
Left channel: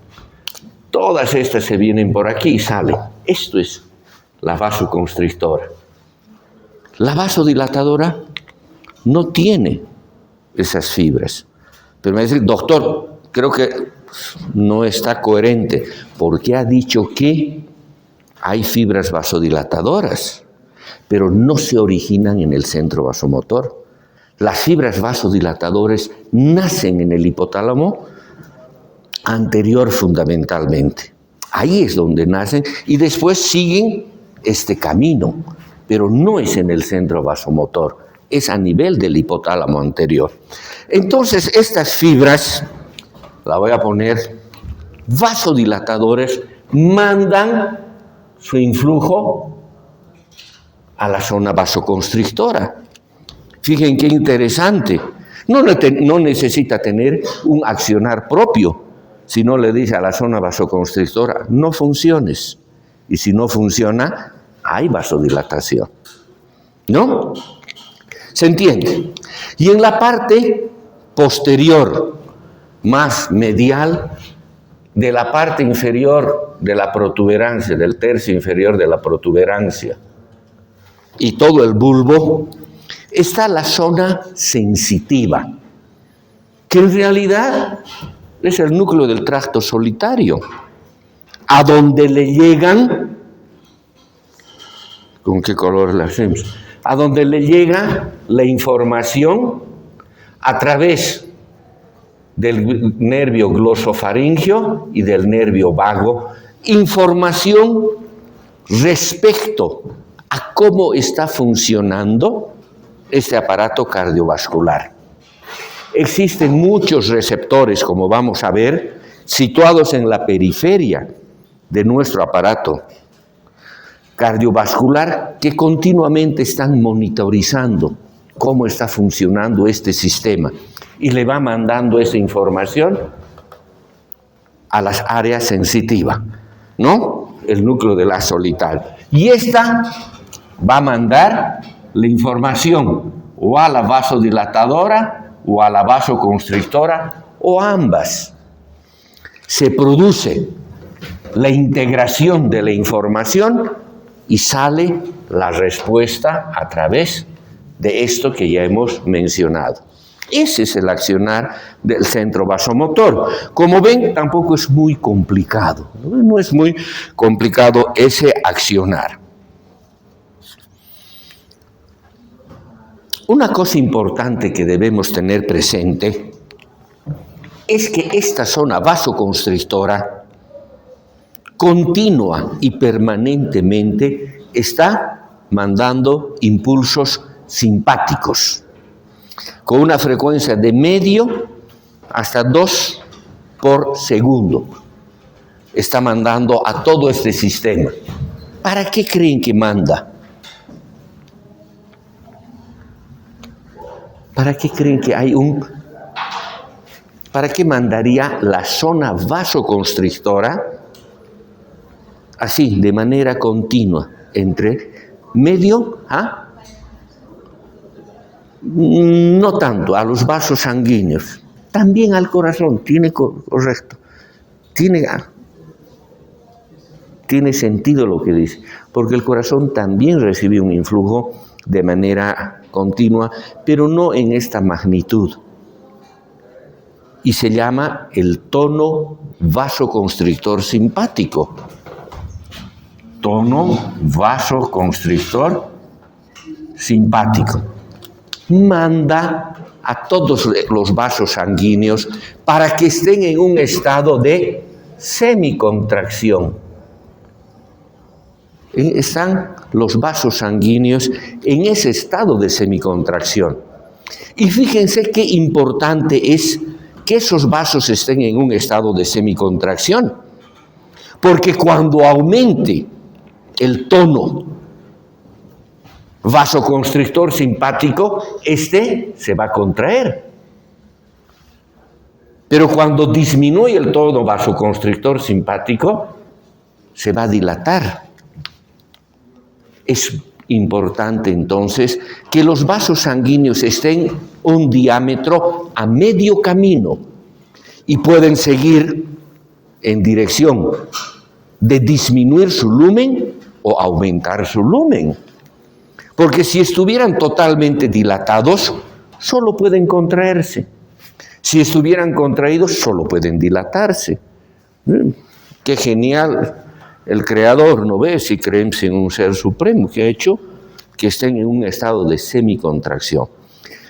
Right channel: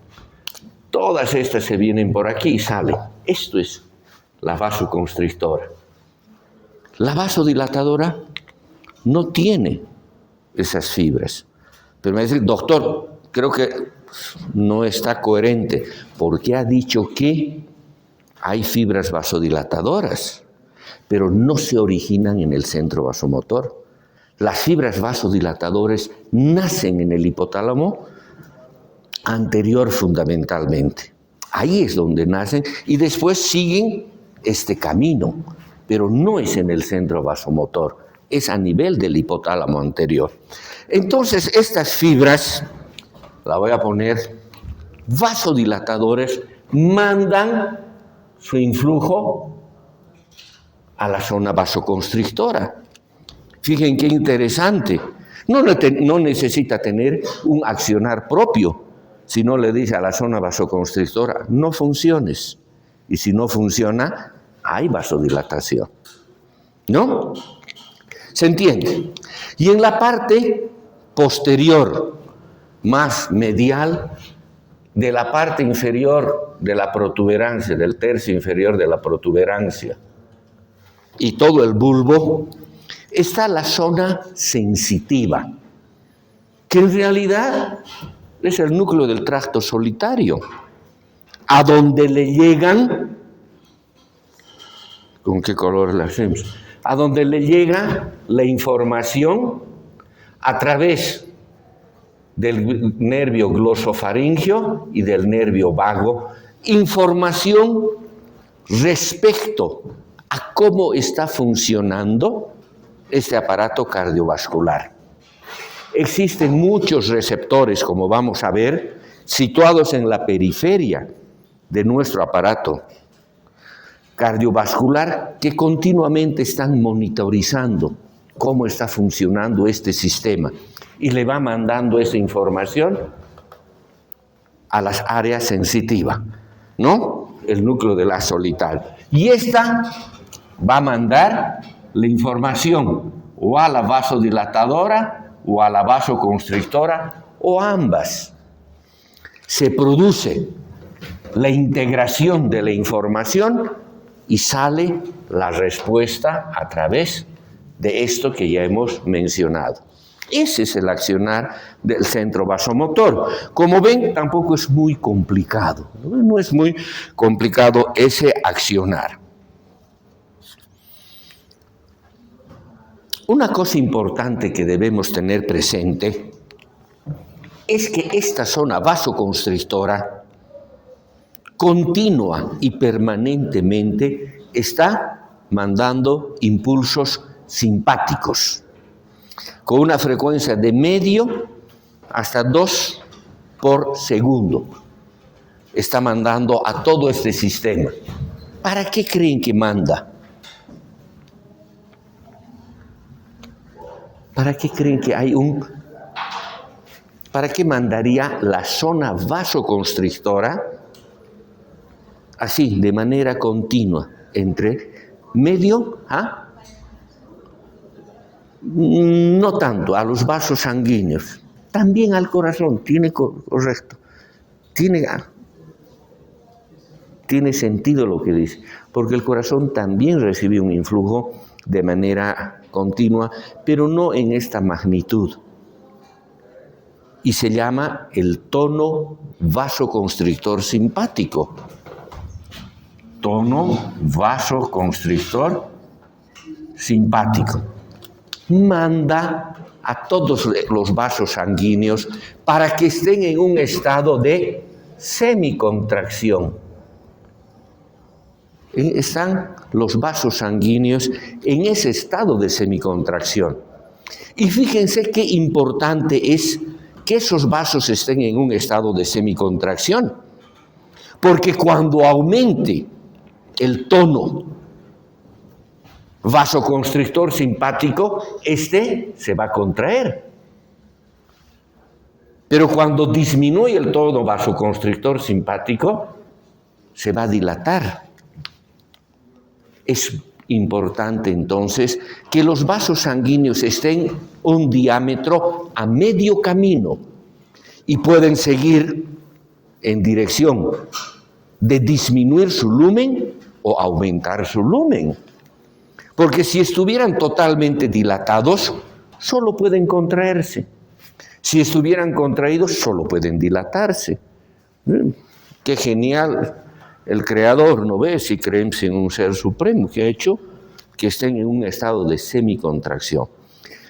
Todas estas se vienen por aquí y salen. Esto es la vasoconstrictora. La vasodilatadora no tiene esas fibras. Pero me dice, doctor, creo que no está coherente, porque ha dicho que hay fibras vasodilatadoras, pero no se originan en el centro vasomotor. Las fibras vasodilatadoras nacen en el hipotálamo anterior fundamentalmente. Ahí es donde nacen y después siguen este camino, pero no es en el centro vasomotor, es a nivel del hipotálamo anterior. Entonces, estas fibras, la voy a poner, vasodilatadores, mandan su influjo a la zona vasoconstrictora. Fíjense qué interesante. No necesita tener un accionar propio, sino le dice a la zona vasoconstrictora, no funciones. Y si no funciona, hay vasodilatación. ¿No? ¿Se entiende? Y en la parte posterior, más medial, de la parte inferior de la protuberancia, del tercio inferior de la protuberancia, y todo el bulbo, está la zona sensitiva, que en realidad es el núcleo del tracto solitario, a donde le llegan, ¿con qué color la hacemos? A donde le llega la información a través del nervio glosofaringeo y del nervio vago, información respecto a cómo está funcionando este aparato cardiovascular. Existen muchos receptores, como vamos a ver, situados en la periferia de nuestro aparato cardiovascular que continuamente están monitorizando cómo está funcionando este sistema y le va mandando esa información a las áreas sensitivas, ¿no? El núcleo de la solitaria. Y esta va a mandar la información o a la vasodilatadora o a la vasoconstrictora o ambas. Se produce la integración de la información y sale la respuesta a través de esto que ya hemos mencionado. Ese es el accionar del centro vasomotor. Como ven, tampoco es muy complicado. No es muy complicado ese accionar. Una cosa importante que debemos tener presente es que esta zona vasoconstrictora continua y permanentemente está mandando impulsos simpáticos con una frecuencia de medio hasta 2 por segundo. Está mandando a todo este sistema. ¿Para qué creen que manda? ¿Para qué creen que hay ¿Para qué mandaría la zona vasoconstrictora así, de manera continua, entre medio a, no tanto, a los vasos sanguíneos, también al corazón, correcto, tiene sentido lo que dice, porque el corazón también recibe un influjo de manera continua, pero no en esta magnitud. Y se llama el tono vasoconstrictor simpático. Tono vasoconstrictor simpático. Manda a todos los vasos sanguíneos para que estén en un estado de semicontracción. Están los vasos sanguíneos en ese estado de semicontracción. Y fíjense qué importante es que esos vasos estén en un estado de semicontracción. Porque cuando aumente el tono vasoconstrictor simpático, se va a contraer. Pero cuando disminuye el tono vasoconstrictor simpático, se va a dilatar. Es importante entonces que los vasos sanguíneos estén un diámetro a medio camino y pueden seguir en dirección de disminuir su lumen o aumentar su lumen. Porque si estuvieran totalmente dilatados, solo pueden contraerse. Si estuvieran contraídos, solo pueden dilatarse. Qué genial el Creador, ¿no ves? Si creemos en un Ser Supremo que ha hecho que estén en un estado de semicontracción.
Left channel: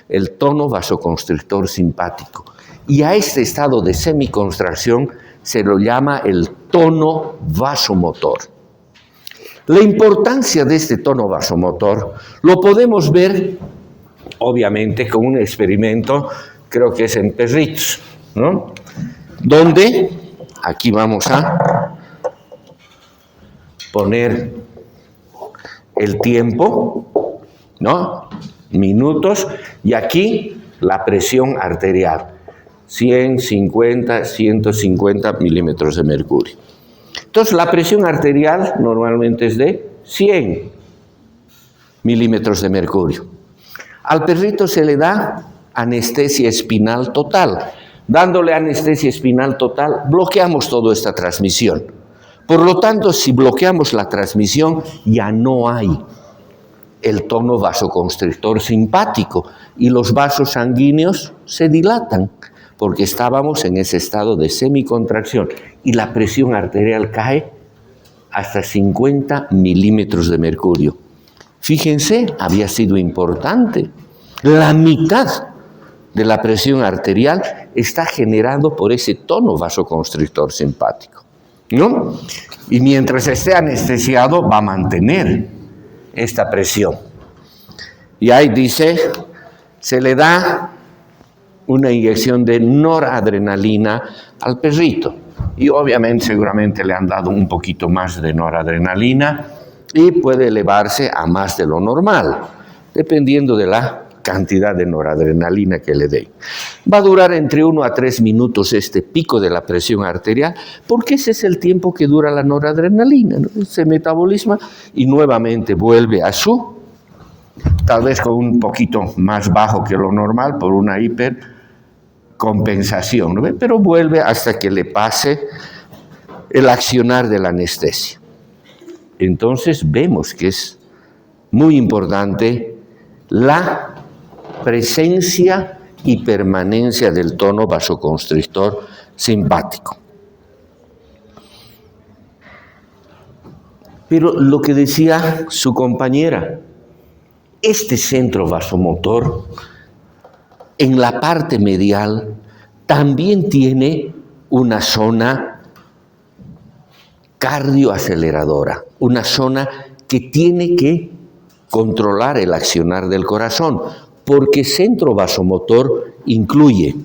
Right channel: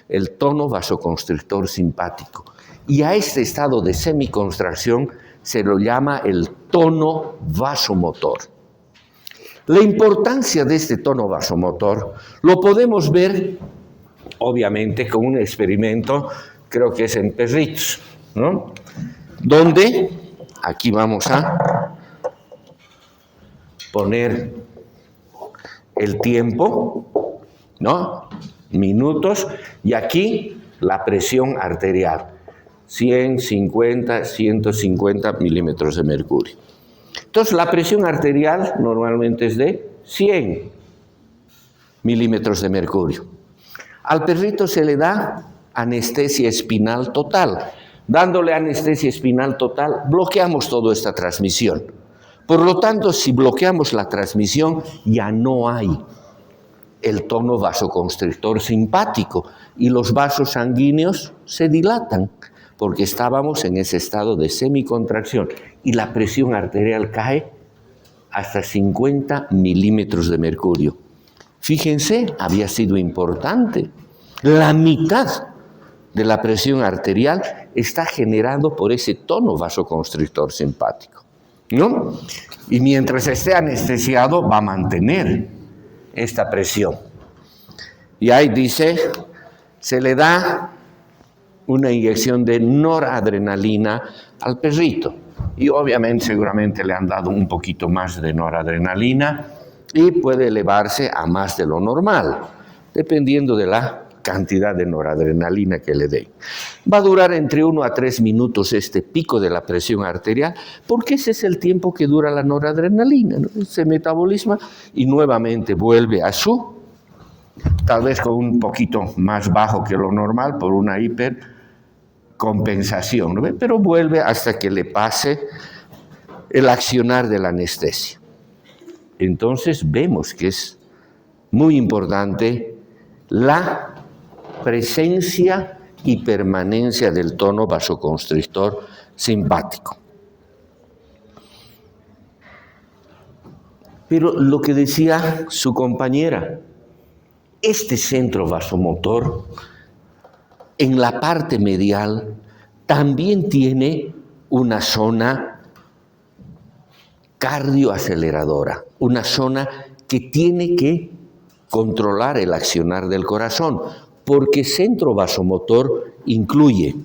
El tono vasoconstrictor simpático. Y a este estado de semicontracción se lo llama el tono vasomotor. La importancia de este tono vasomotor lo podemos ver, obviamente, con un experimento, creo que es en perritos, ¿no? Donde, aquí vamos a poner el tiempo, ¿no? Minutos, y aquí la presión arterial, 100, 50, 150 milímetros de mercurio. Entonces, la presión arterial normalmente es de 100 milímetros de mercurio. Al perrito se le da anestesia espinal total. Dándole anestesia espinal total, bloqueamos toda esta transmisión. Por lo tanto, si bloqueamos la transmisión, ya no hay el tono vasoconstrictor simpático y los vasos sanguíneos se dilatan porque estábamos en ese estado de semicontracción y la presión arterial cae hasta 50 milímetros de mercurio. Fíjense, había sido importante. La mitad de la presión arterial está generado por ese tono vasoconstrictor simpático, ¿no? Y mientras esté anestesiado va a mantener esta presión. Y ahí dice, se le da una inyección de noradrenalina al perrito. Y obviamente, seguramente le han dado un poquito más de noradrenalina y puede elevarse a más de lo normal, dependiendo de la cantidad de noradrenalina que le den. Va a durar entre 1 a 3 minutos este pico de la presión arterial, porque ese es el tiempo que dura la noradrenalina, ¿no? Se metabolisma y nuevamente vuelve a su, tal vez con un poquito más bajo que lo normal por una hipercompensación, ¿no? Pero vuelve hasta que le pase el accionar de la anestesia. Entonces vemos que es muy importante la presencia y permanencia del tono vasoconstrictor simpático. Pero lo que decía su compañera, este centro vasomotor en la parte medial también tiene una zona cardioaceleradora, una zona que tiene que controlar el accionar del corazón, porque centro vasomotor incluye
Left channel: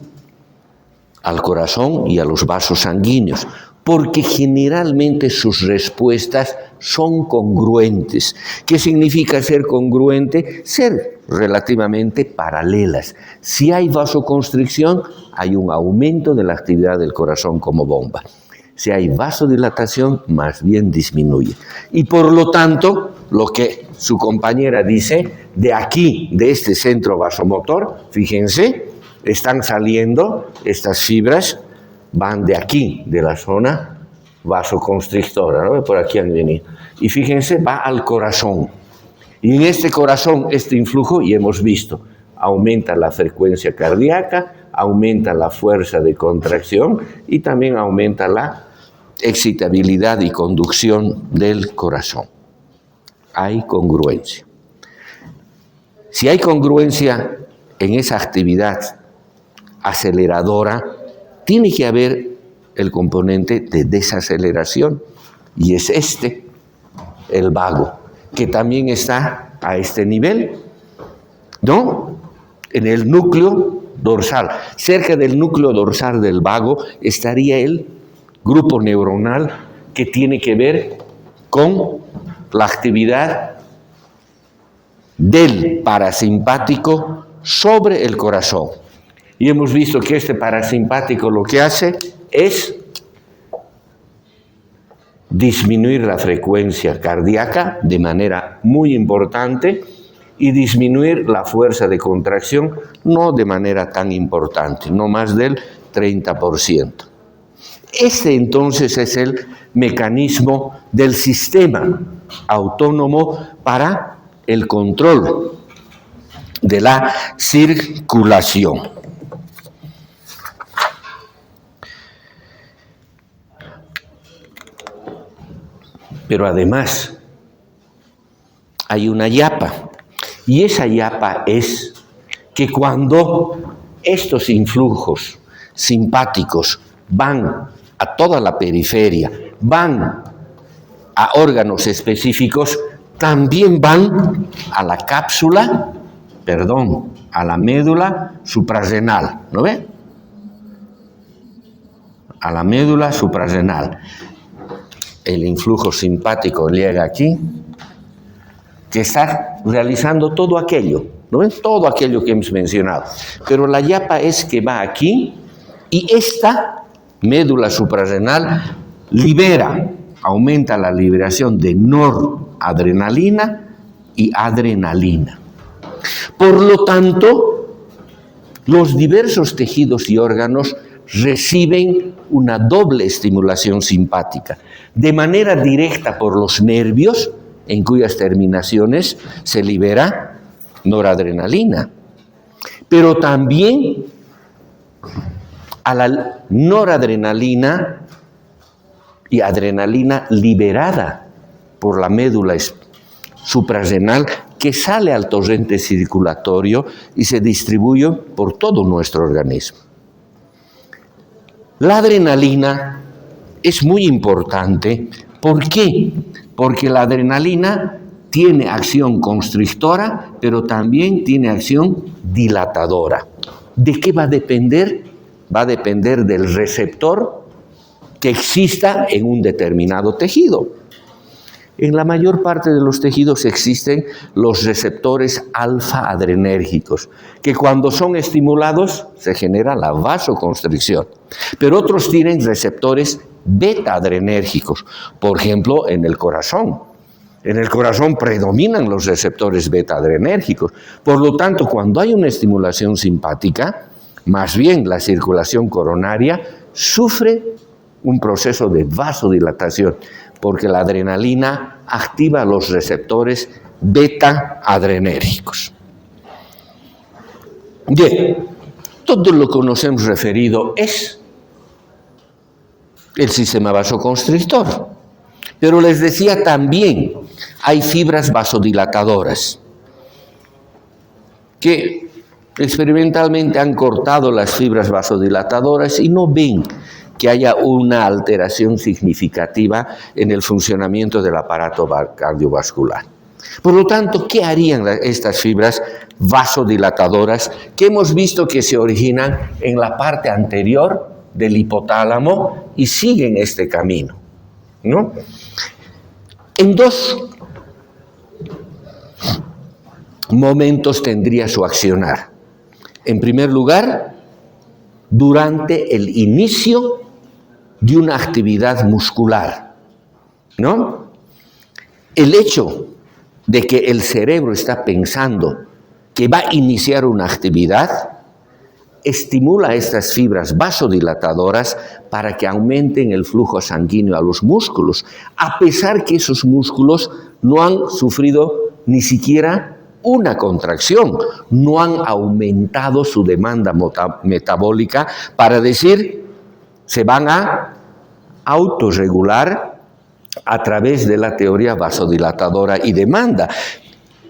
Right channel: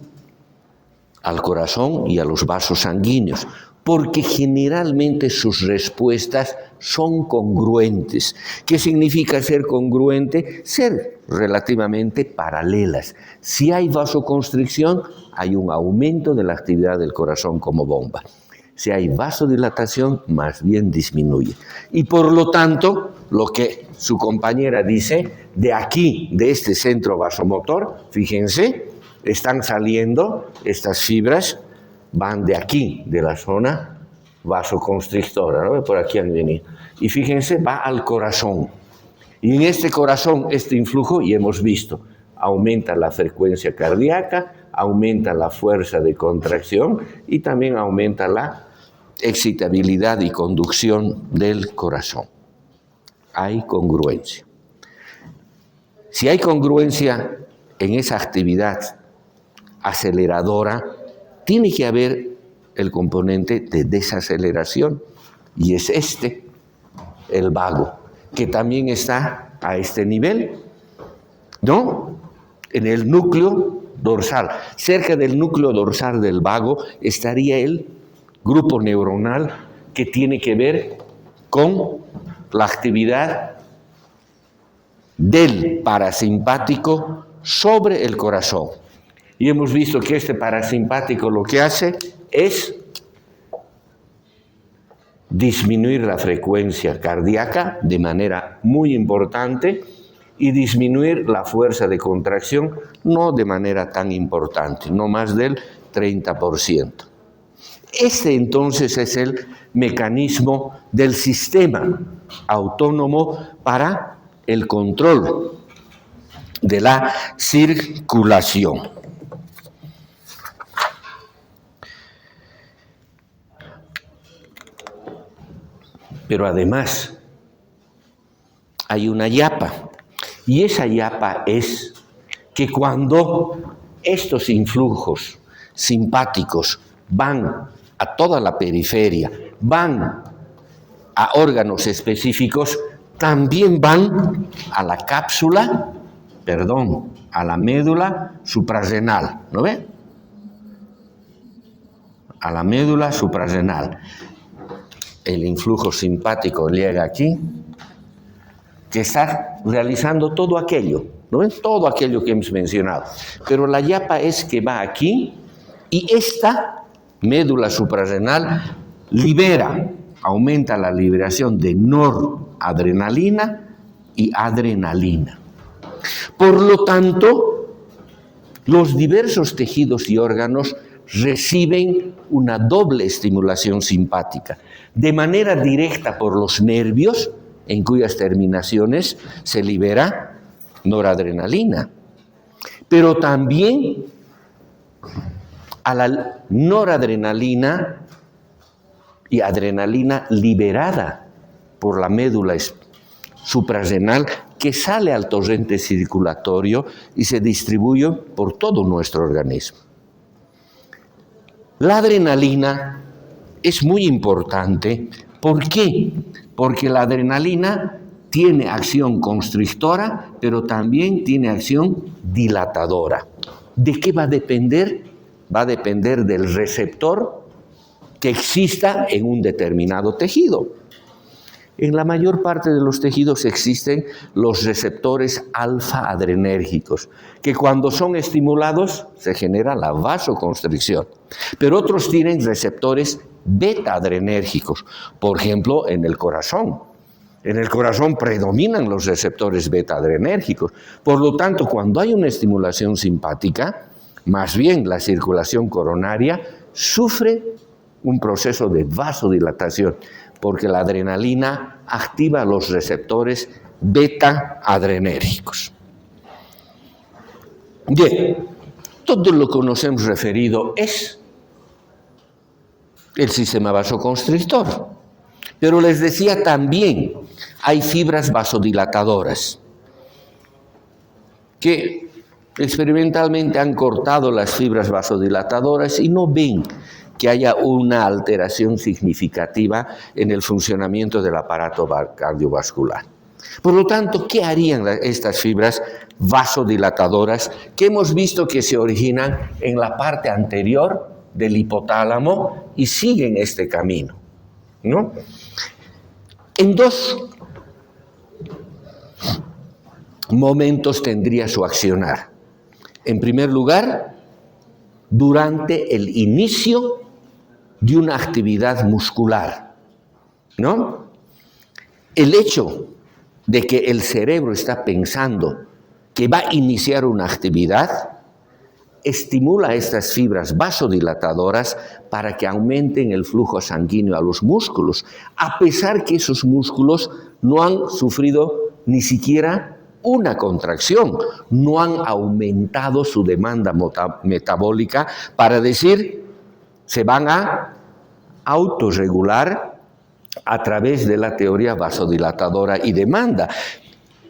al corazón y a los vasos sanguíneos, porque generalmente sus respuestas son congruentes. ¿Qué significa ser congruente? Ser relativamente paralelas. Si hay vasoconstricción, hay un aumento de la actividad del corazón como bomba. Si hay vasodilatación, más bien disminuye. Y por lo tanto, lo que su compañera dice, de aquí, de este centro vasomotor, fíjense, están saliendo estas fibras, van de aquí, de la zona vasoconstrictora, ¿no? Por aquí han venido. Y fíjense, va al corazón. Y en este corazón, este influjo, y hemos visto, aumenta la frecuencia cardíaca, aumenta la fuerza de contracción y también aumenta la excitabilidad y conducción del corazón. Hay congruencia. Si hay congruencia en esa actividad aceleradora, tiene que haber el componente de desaceleración, y es este, el vago, que también está a este nivel, ¿no? En el núcleo dorsal. Cerca del núcleo dorsal del vago estaría el grupo neuronal que tiene que ver con la actividad del parasimpático sobre el corazón. Y hemos visto que este parasimpático lo que hace es disminuir la frecuencia cardíaca de manera muy importante y disminuir la fuerza de contracción no de manera tan importante, no más del 30%. Este entonces es el mecanismo del sistema autónomo para el control de la circulación. Pero además hay una yapa, y esa yapa es que cuando estos influjos simpáticos van a toda la periferia, van a órganos específicos, también van a la cápsula, a la médula suprarrenal, ¿no ve? A la médula suprarrenal. El influjo simpático llega aquí, que está realizando todo aquello, ¿no ven? Todo aquello que hemos mencionado. Pero la yapa es que va aquí y esta médula suprarrenal aumenta la liberación de noradrenalina y adrenalina. Por lo tanto, los diversos tejidos y órganos reciben una doble estimulación simpática, de manera directa por los nervios, en cuyas terminaciones se libera noradrenalina, pero también a la noradrenalina y adrenalina liberada por la médula suprarrenal, que sale al torrente circulatorio y se distribuye por todo nuestro organismo. La adrenalina es muy importante. ¿Por qué? Porque la adrenalina tiene acción constrictora, pero también tiene acción dilatadora. ¿De qué va a depender? Va a depender del receptor que exista en un determinado tejido. En la mayor parte de los tejidos existen los receptores alfa-adrenérgicos, que cuando son estimulados se genera la vasoconstricción. Pero otros tienen receptores beta-adrenérgicos, por ejemplo, en el corazón. En el corazón predominan los receptores beta-adrenérgicos. Por lo tanto, cuando hay una estimulación simpática, más bien la circulación coronaria sufre un proceso de vasodilatación, porque la adrenalina activa los receptores beta-adrenérgicos. Bien, todo lo que nos hemos referido es el sistema vasoconstrictor. Pero les decía también, hay fibras vasodilatadoras que experimentalmente han cortado las fibras vasodilatadoras y no ven que haya una alteración significativa en el funcionamiento del aparato cardiovascular. Por lo tanto, ¿qué harían estas fibras vasodilatadoras que hemos visto que se originan en la parte anterior del hipotálamo y siguen este camino, ¿no? En dos momentos tendría su accionar. En primer lugar, durante el inicio de una actividad muscular, ¿no? El hecho de que el cerebro está pensando que va a iniciar una actividad estimula a estas fibras vasodilatadoras para que aumenten el flujo sanguíneo a los músculos, a pesar que esos músculos no han sufrido ni siquiera una contracción, no han aumentado su demanda metabólica para decir, se van a autorregular a través de la teoría vasodilatadora y demanda.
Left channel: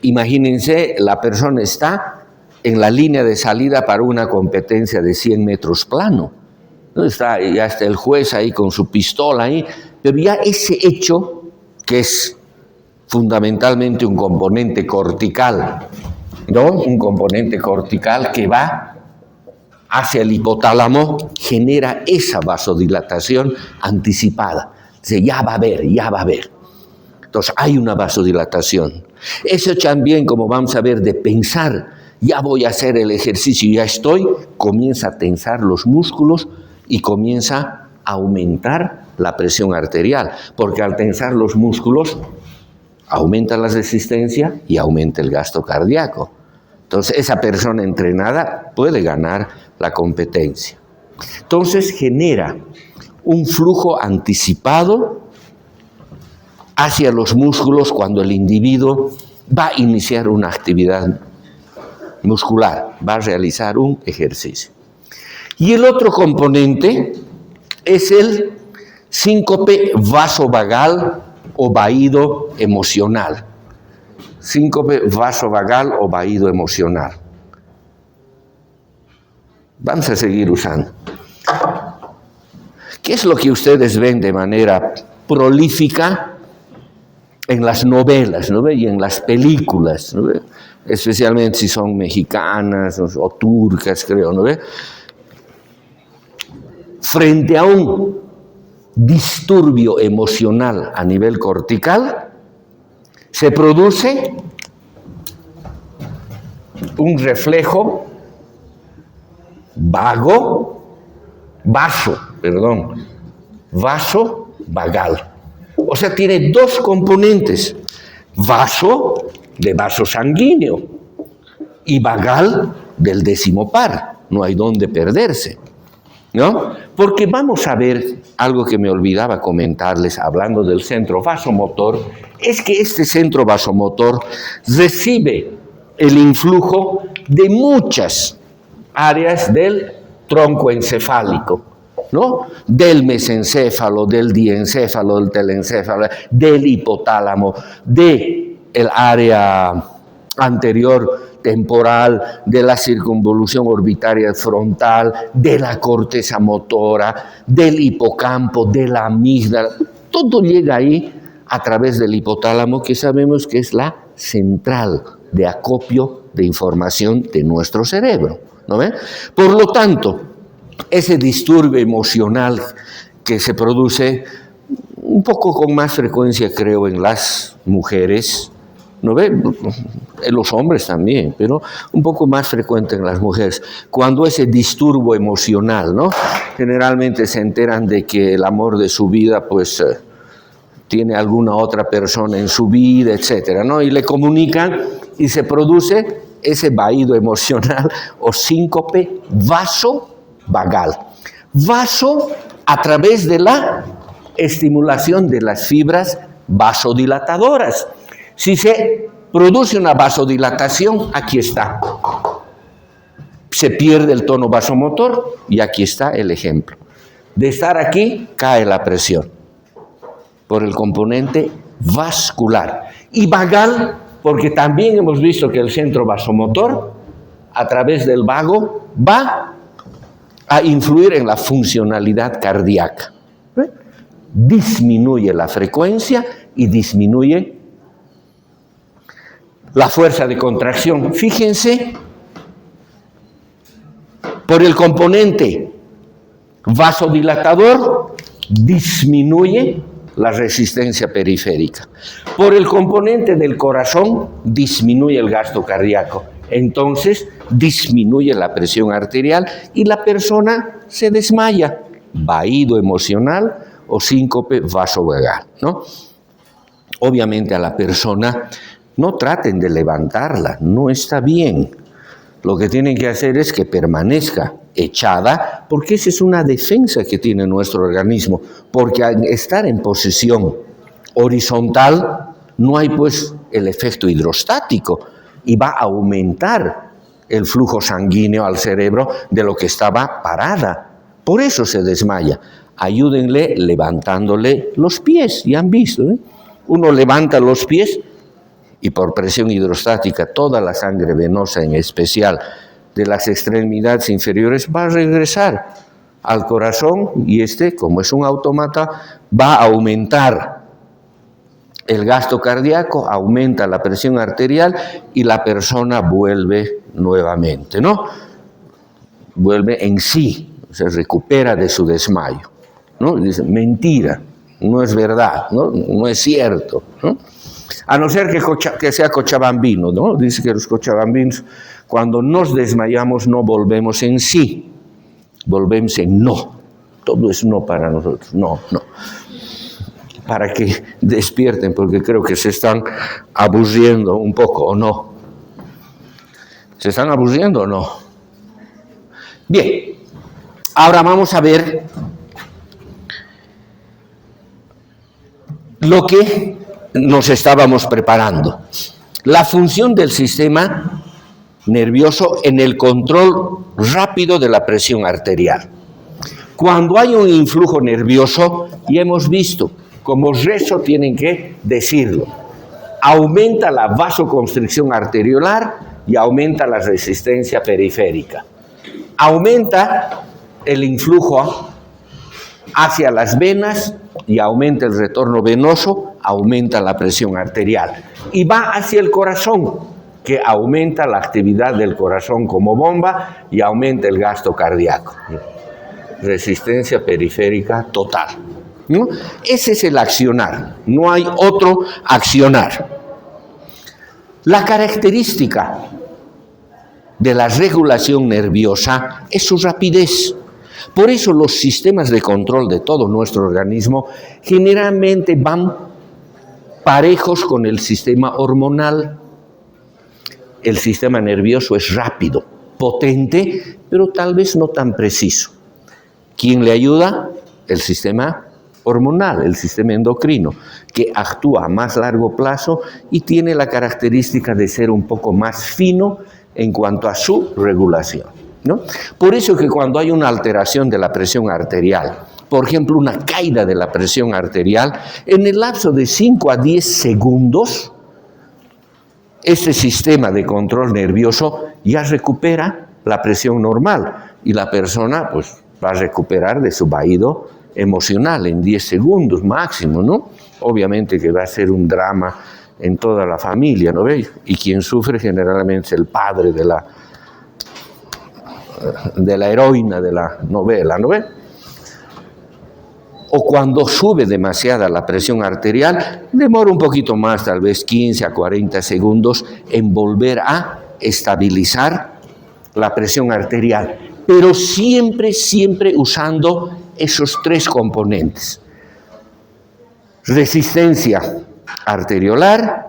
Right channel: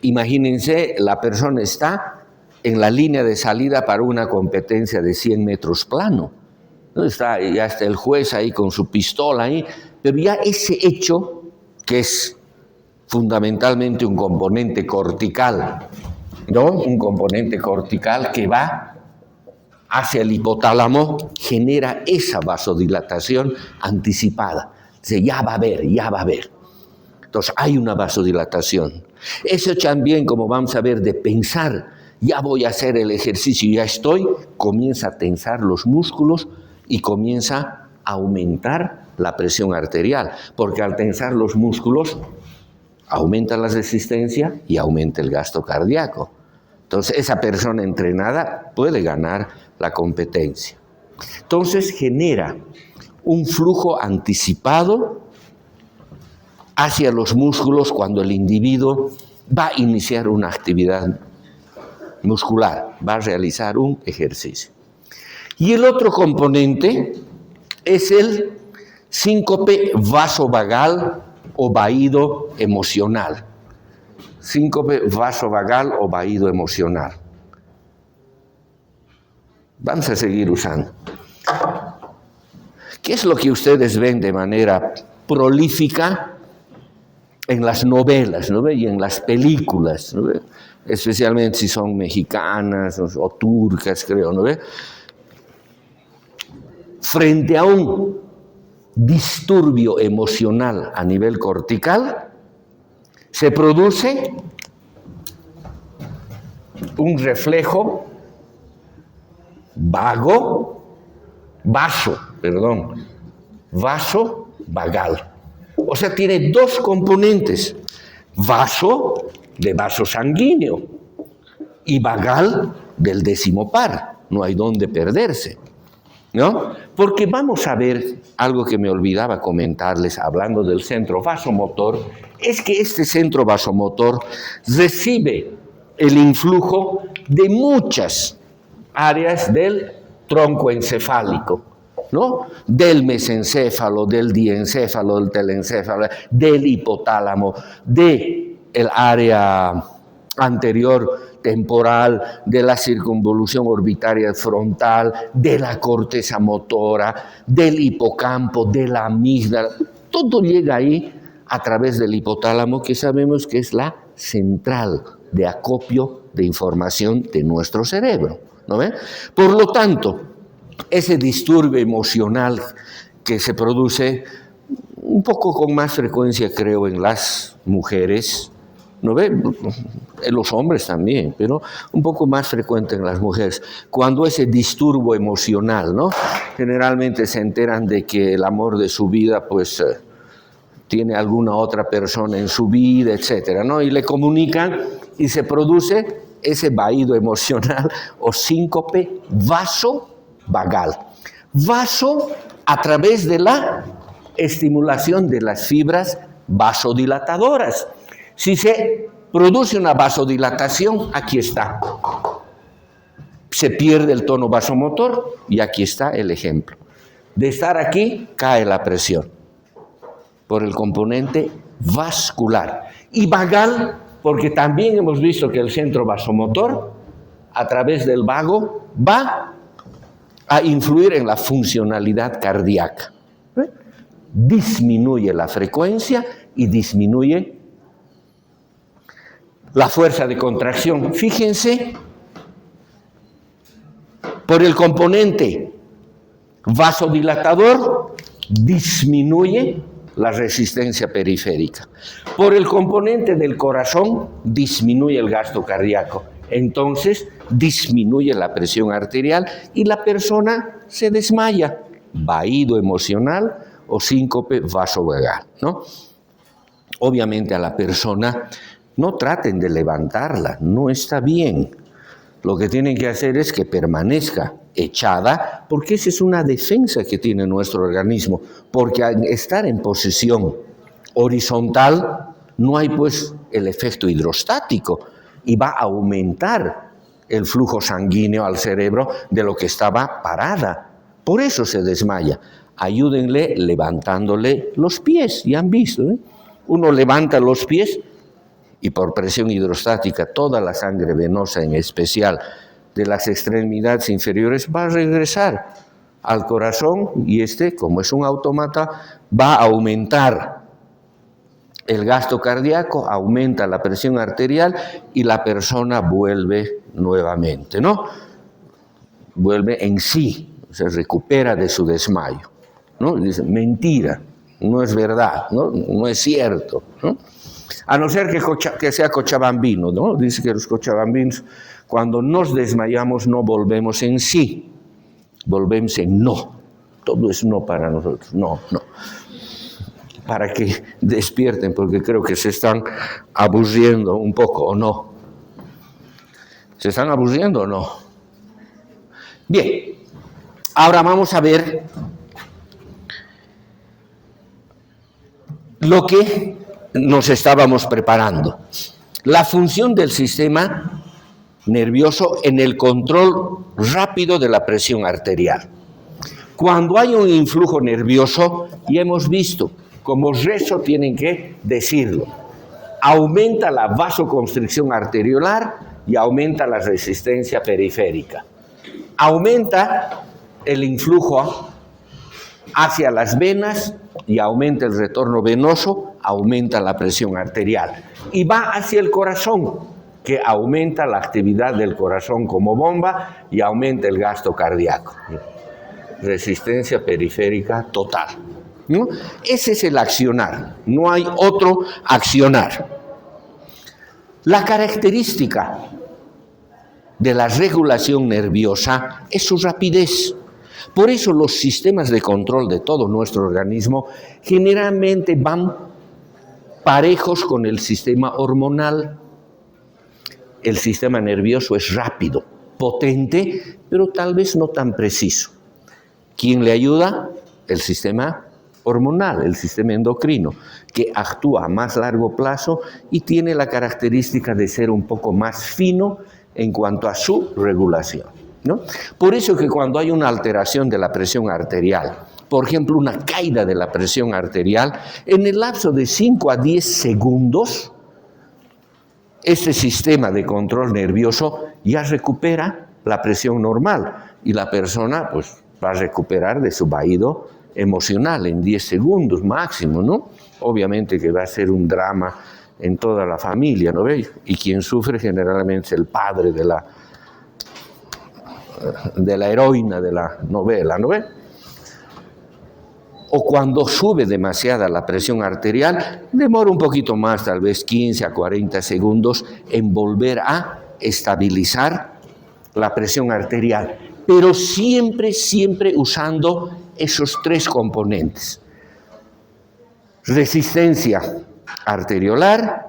Imagínense, la persona está en la línea de salida para una competencia de 100 metros plano. Ya está el juez ahí con su pistola ahí, pero ya ese hecho, que es fundamentalmente un componente cortical, ¿no? Un componente cortical que va hacia el hipotálamo, genera esa vasodilatación anticipada. Dice, ya va a haber. Entonces hay una vasodilatación. Eso también, como vamos a ver, de pensar, ya voy a hacer el ejercicio, ya estoy, comienza a tensar los músculos y comienza a aumentar la presión arterial, porque al tensar los músculos aumenta la resistencia y aumenta el gasto cardíaco. Entonces esa persona entrenada puede ganar la competencia. Entonces genera un flujo anticipado hacia los músculos cuando el individuo va a iniciar una actividad muscular, va a realizar un ejercicio. Y el otro componente es el síncope vasovagal o vaído emocional. Síncope vasovagal o vaído emocional. Vamos a seguir usando. ¿Qué es lo que ustedes ven de manera prolífica en las novelas, ¿no? Y en las películas, ¿no? Especialmente si son mexicanas o turcas, creo, ¿no? Frente a un disturbio emocional a nivel cortical, se produce un reflejo vasovagal. O sea, tiene dos componentes, vaso de vaso sanguíneo y vagal del décimo par, no hay dónde perderse, ¿no? Porque vamos a ver algo que me olvidaba comentarles hablando del centro vasomotor, es que este centro vasomotor recibe el influjo de muchas áreas del tronco encefálico, ¿no? Del mesencéfalo, del diencéfalo, del telencéfalo, del hipotálamo, del área anterior temporal, de la circunvolución orbitaria frontal, de la corteza motora, del hipocampo, de la amígdala. Todo llega ahí a través del hipotálamo, que sabemos que es la central de acopio de información de nuestro cerebro, ¿no ve? Por lo tanto, ese disturbio emocional que se produce un poco con más frecuencia, creo, en las mujeres, ¿no ve? En los hombres también, pero un poco más frecuente en las mujeres. Cuando ese disturbio emocional, ¿no? Generalmente se enteran de que el amor de su vida, pues, tiene alguna otra persona en su vida, etcétera, ¿no? Y le comunican y se produce ese vaído emocional o síncope vasovagal. Vaso a través de la estimulación de las fibras vasodilatadoras. Si se produce una vasodilatación, aquí está. Se pierde el tono vasomotor y aquí está el ejemplo. De estar aquí, cae la presión por el componente vascular. Y vagal, porque también hemos visto que el centro vasomotor, a través del vago, va a influir en la funcionalidad cardíaca. Disminuye la frecuencia y disminuye la fuerza de contracción. Fíjense, por el componente vasodilatador disminuye la resistencia periférica. Por el componente del corazón disminuye el gasto cardíaco. Entonces disminuye la presión arterial y la persona se desmaya. Vaído emocional o síncope vasovagal, ¿no? Obviamente a la persona no traten de levantarla, no está bien. Lo que tienen que hacer es que permanezca echada, porque esa es una defensa que tiene nuestro organismo, porque al estar en posición horizontal no hay pues el efecto hidrostático y va a aumentar el flujo sanguíneo al cerebro de lo que estaba parada. Por eso se desmaya. Ayúdenle levantándole los pies, ya han visto, ¿eh? Uno levanta los pies y por presión hidrostática toda la sangre venosa, en especial de las extremidades inferiores, va a regresar al corazón y como es un autómata, va a aumentar el gasto cardíaco, aumenta la presión arterial y la persona vuelve nuevamente, ¿no? Vuelve en sí, se recupera de su desmayo, ¿no? Y dice, mentira, no es verdad, no es cierto, ¿no? A no ser que sea cochabambino, ¿no? Dice que los cochabambinos, cuando nos desmayamos, no volvemos en sí, volvemos en no. Todo es no para nosotros, no. Para que despierten, porque creo que se están aburriendo un poco, ¿o no? ¿Se están aburriendo o no? Bien, ahora vamos a ver lo que nos estábamos preparando. La función del sistema nervioso en el control rápido de la presión arterial. Cuando hay un influjo nervioso, y hemos visto, como rezo tienen que decirlo, aumenta la vasoconstricción arteriolar y aumenta la resistencia periférica. Aumenta el influjo hacia las venas y aumenta el retorno venoso, aumenta la presión arterial. Y va hacia el corazón, que aumenta la actividad del corazón como bomba y aumenta el gasto cardíaco. Resistencia periférica total, ¿no? Ese es el accionar, no hay otro accionar. La característica de la regulación nerviosa es su rapidez. Por eso los sistemas de control de todo nuestro organismo generalmente van parejos con el sistema hormonal. El sistema nervioso es rápido, potente, pero tal vez no tan preciso. ¿Quién le ayuda? El sistema hormonal, el sistema endocrino, que actúa a más largo plazo y tiene la característica de ser un poco más fino en cuanto a su regulación, ¿no? Por eso que cuando hay una alteración de la presión arterial, por ejemplo, una caída de la presión arterial, en el lapso de 5 a 10 segundos, este sistema de control nervioso ya recupera la presión normal y la persona pues va a recuperar de su vaído emocional en 10 segundos máximo, ¿no? Obviamente que va a ser un drama en toda la familia, ¿no veis? Y quien sufre generalmente es el padre de la heroína de la novela, ¿no ve? O cuando sube demasiada la presión arterial, demora un poquito más, tal vez 15 a 40 segundos, en volver a estabilizar la presión arterial, pero siempre usando esos tres componentes: resistencia arteriolar,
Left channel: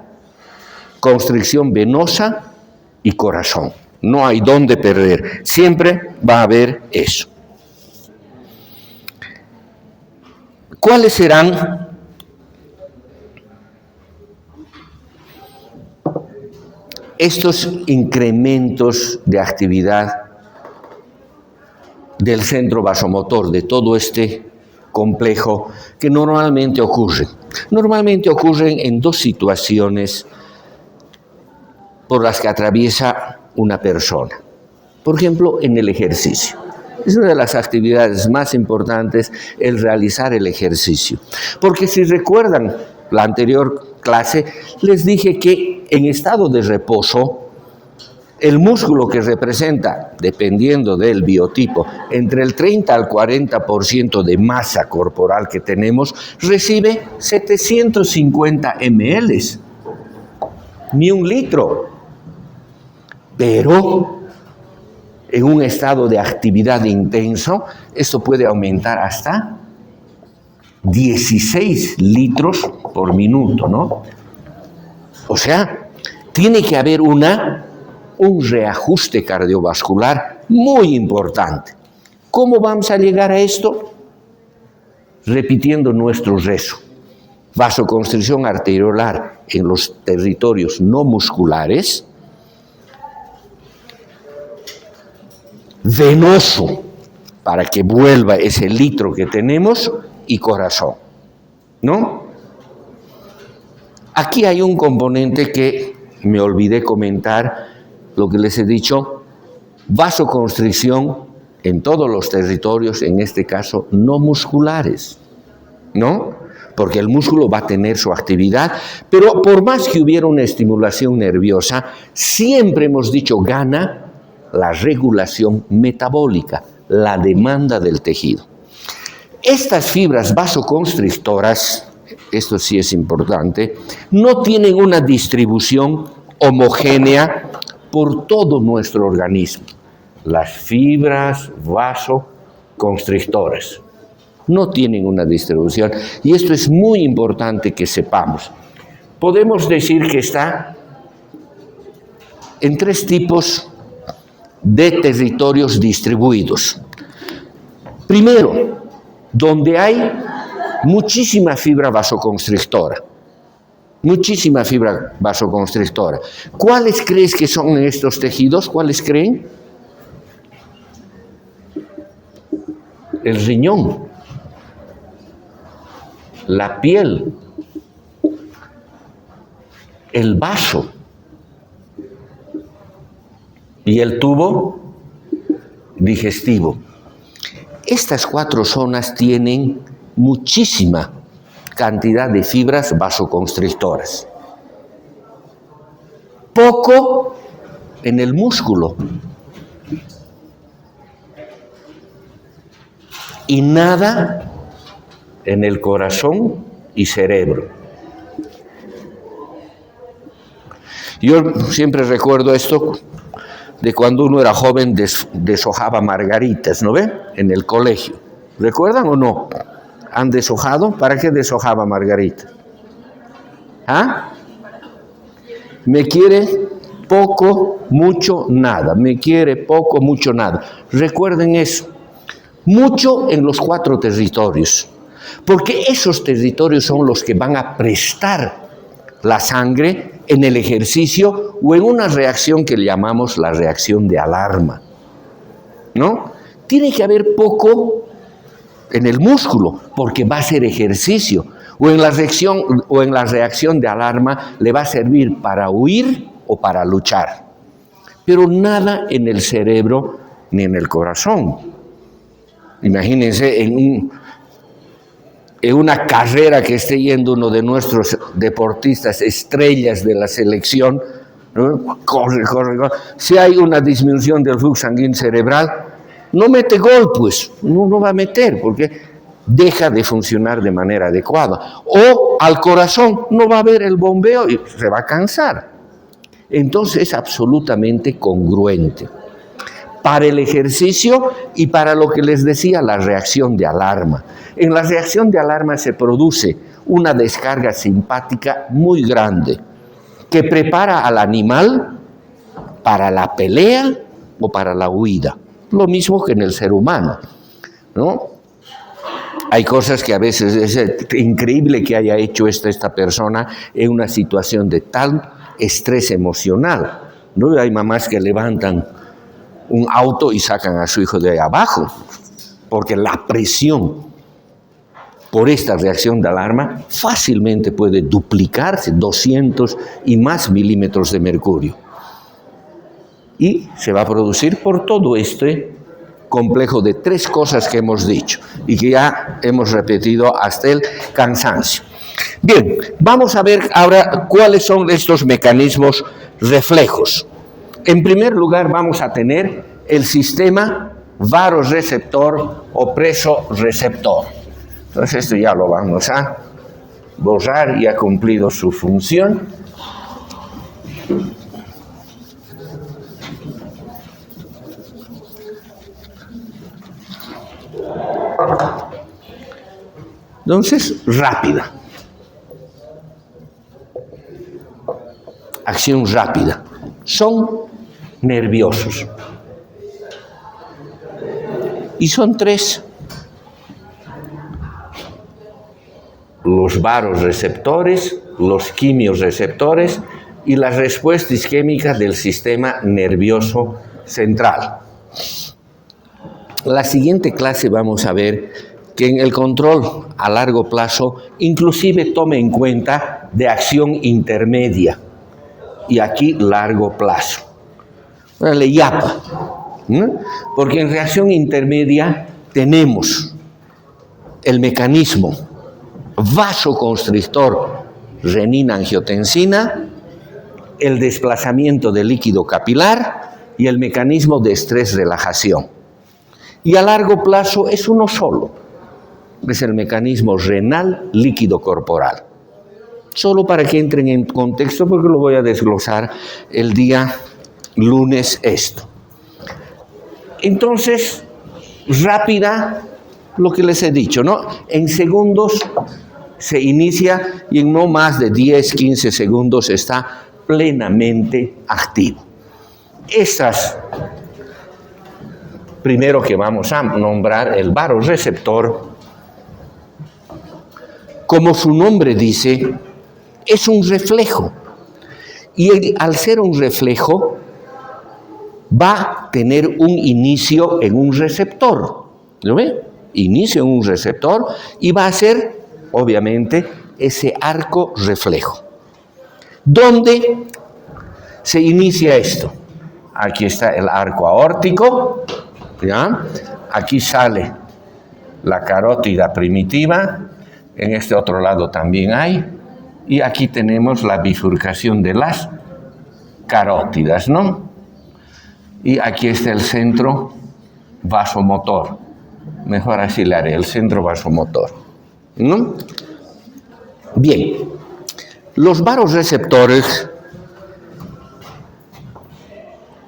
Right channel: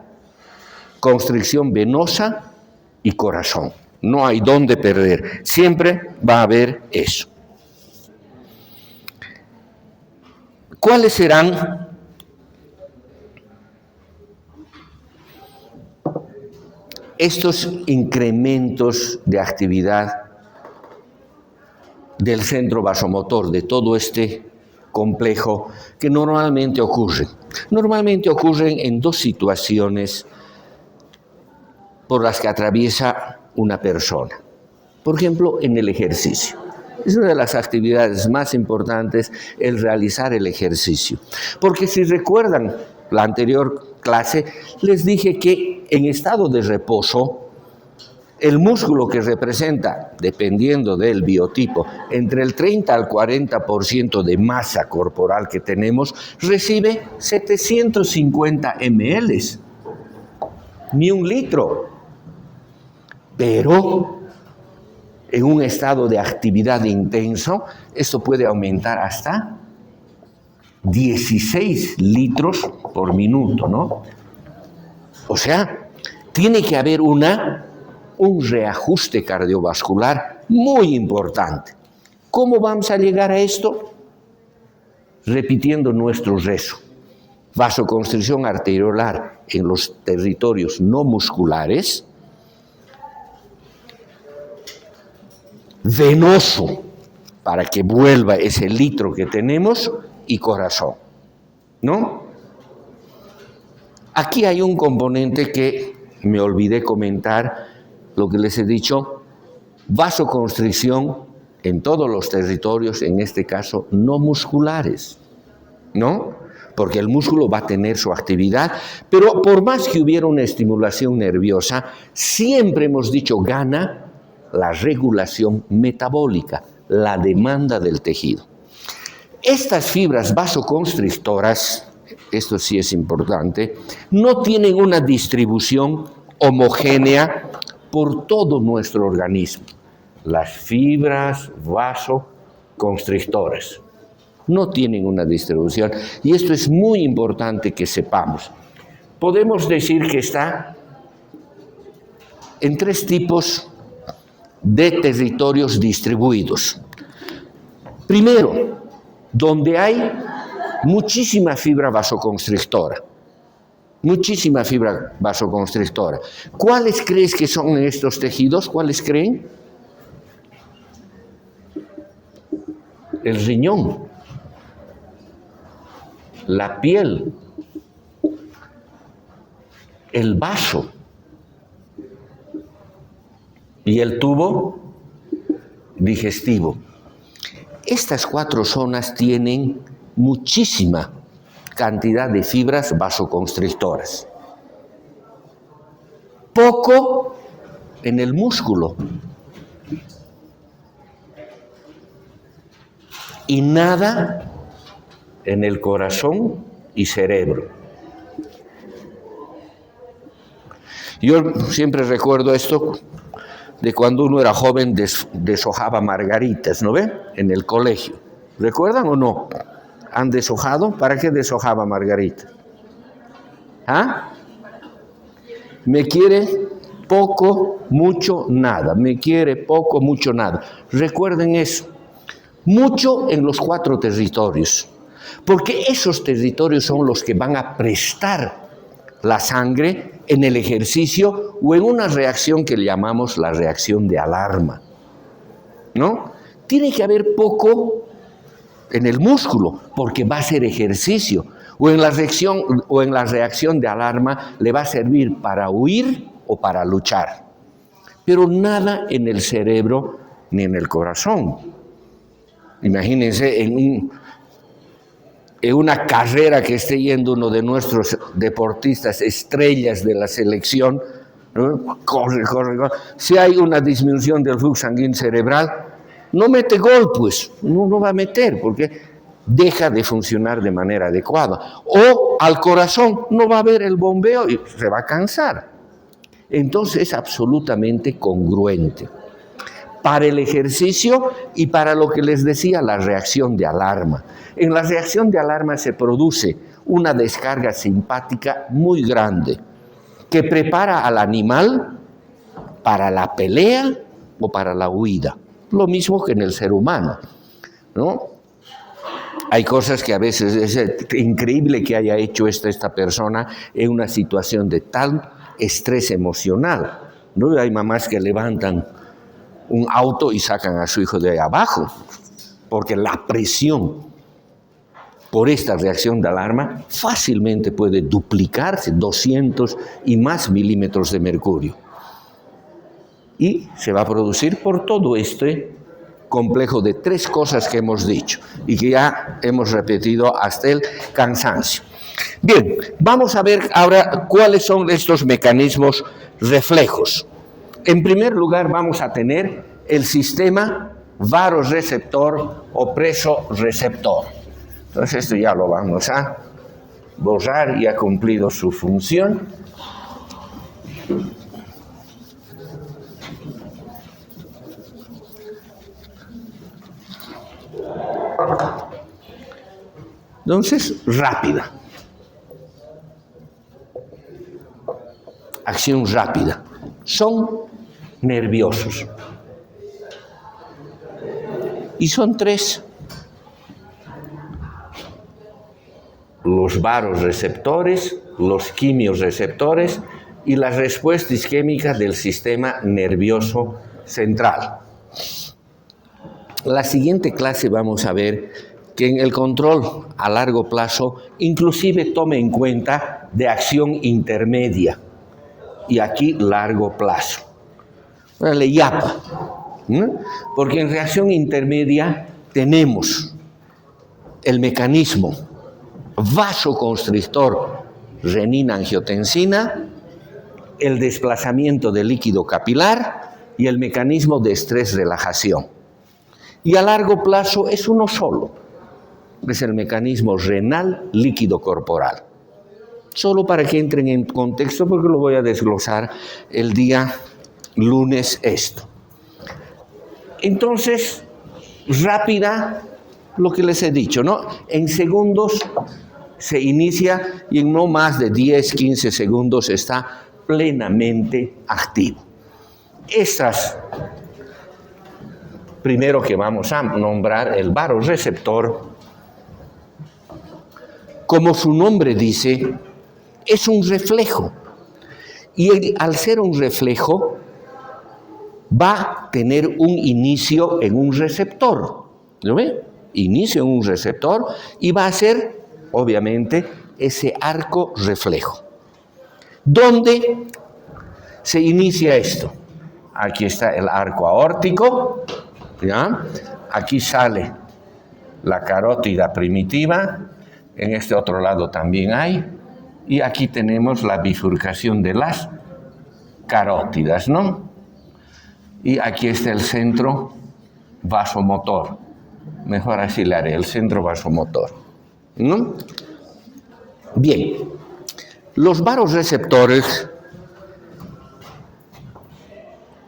constricción venosa y corazón. No hay dónde perder, siempre va a haber eso. ¿Cuáles serán estos incrementos de actividad del centro vasomotor, de todo este complejo que normalmente ocurren? Normalmente ocurren en dos situaciones por las que atraviesa una persona. Por ejemplo, en el ejercicio. Es una de las actividades más importantes el realizar el ejercicio. Porque si recuerdan la anterior clase, les dije que en estado de reposo, el músculo que representa, dependiendo del biotipo, entre el 30 al 40% de masa corporal que tenemos, recibe 750 ml, ni 1 litro. Pero en un estado de actividad intenso, esto puede aumentar hasta 16 litros por minuto, ¿no? O sea, tiene que haber un reajuste cardiovascular muy importante. ¿Cómo vamos a llegar a esto? Repitiendo nuestro rezo: vasoconstricción arteriolar en los territorios no musculares, venoso para que vuelva ese litro que tenemos, y corazón, ¿no? Aquí hay un componente que me olvidé comentar, lo que les he dicho: vasoconstricción en todos los territorios, en este caso no musculares, ¿no? Porque el músculo va a tener su actividad, pero por más que hubiera una estimulación nerviosa, siempre hemos dicho gana la regulación metabólica, la demanda del tejido. Estas fibras vasoconstrictoras, esto sí es importante, no tienen una distribución homogénea por todo nuestro organismo. Las fibras vasoconstrictoras no tienen una distribución, y esto es muy importante que sepamos. Podemos decir que está en 3 tipos de territorios distribuidos. Primero, donde hay muchísima fibra vasoconstrictora. Muchísima fibra vasoconstrictora. ¿Cuáles crees que son estos tejidos? ¿Cuáles creen? El riñón, la piel, el vaso y el tubo digestivo. Estas 4 zonas tienen muchísima cantidad de fibras vasoconstrictoras. Poco en el músculo y nada en el corazón y cerebro. Yo siempre recuerdo esto de cuando uno era joven, deshojaba margaritas, ¿no ve? En el colegio. ¿Recuerdan o no? ¿Han deshojado? ¿Para qué deshojaba margaritas? ¿Ah? Me quiere poco, mucho, nada. Me quiere poco, mucho, nada. Recuerden eso. Mucho en los 4 territorios. Porque esos territorios son los que van a prestar la sangre en el ejercicio o en una reacción que llamamos la reacción de alarma, ¿no? Tiene que haber poco en el músculo porque va a ser ejercicio, o en la reacción de alarma le va a servir para huir o para luchar, pero nada en el cerebro ni en el corazón. Imagínense en una carrera que esté yendo uno de nuestros deportistas estrellas de la selección, ¿no? Corre. Si hay una disminución del flujo sanguíneo cerebral, no mete gol, pues, no va a meter, porque deja de funcionar de manera adecuada. O al corazón no va a haber el bombeo y se va a cansar. Entonces es absolutamente congruente para el ejercicio y para lo que les decía, la reacción de alarma. En la reacción de alarma se produce una descarga simpática muy grande que prepara al animal para la pelea o para la huida. Lo mismo que en el ser humano, ¿no? Hay cosas que a veces es increíble que haya hecho esta persona en una situación de tal estrés emocional, ¿no? Hay mamás que levantan un auto y sacan a su hijo de ahí abajo, porque la presión por esta reacción de alarma fácilmente puede duplicarse 200 y más milímetros de mercurio. Y se va a producir por todo este complejo de tres cosas que hemos dicho y que ya hemos repetido hasta el cansancio. Bien, vamos a ver ahora cuáles son estos mecanismos reflejos. En primer lugar, vamos a tener el sistema vasoreceptor o presoreceptor. Entonces esto ya lo vamos a borrar y ha cumplido su función. Entonces, rápida. Acción rápida. Son nerviosos. Y son tres. Los vasoreceptores, los quimiorreceptores y las respuestas isquémicas del sistema nervioso central. La siguiente clase vamos a ver que en el control a largo plazo inclusive tome en cuenta de acción intermedia y aquí largo plazo. Le YAPA, ¿no? Porque en reacción intermedia tenemos el mecanismo vasoconstrictor renina-angiotensina, el desplazamiento del líquido capilar y el mecanismo de estrés-relajación. Y a largo plazo es uno solo, es el mecanismo renal líquido corporal. Solo para que entren en contexto, porque lo voy a desglosar el día lunes esto. Entonces, rápida, lo que les he dicho, ¿no? En segundos se inicia y en no más de 10, 15 segundos está plenamente activo. Estas, primero que vamos a nombrar el vasoreceptor, como su nombre dice, es un reflejo. Y al ser un reflejo, va a tener un inicio en un receptor. ¿Lo ve? Inicio en un receptor y va a ser, obviamente, ese arco reflejo. ¿Dónde se inicia esto? Aquí está el arco aórtico, ¿ya? Aquí sale la carótida primitiva, en este otro lado también hay, y aquí tenemos la bifurcación de las carótidas, ¿no? Y aquí está el centro vasomotor. Mejor así le haré, el centro vasomotor, ¿no? Bien, los vasoreceptores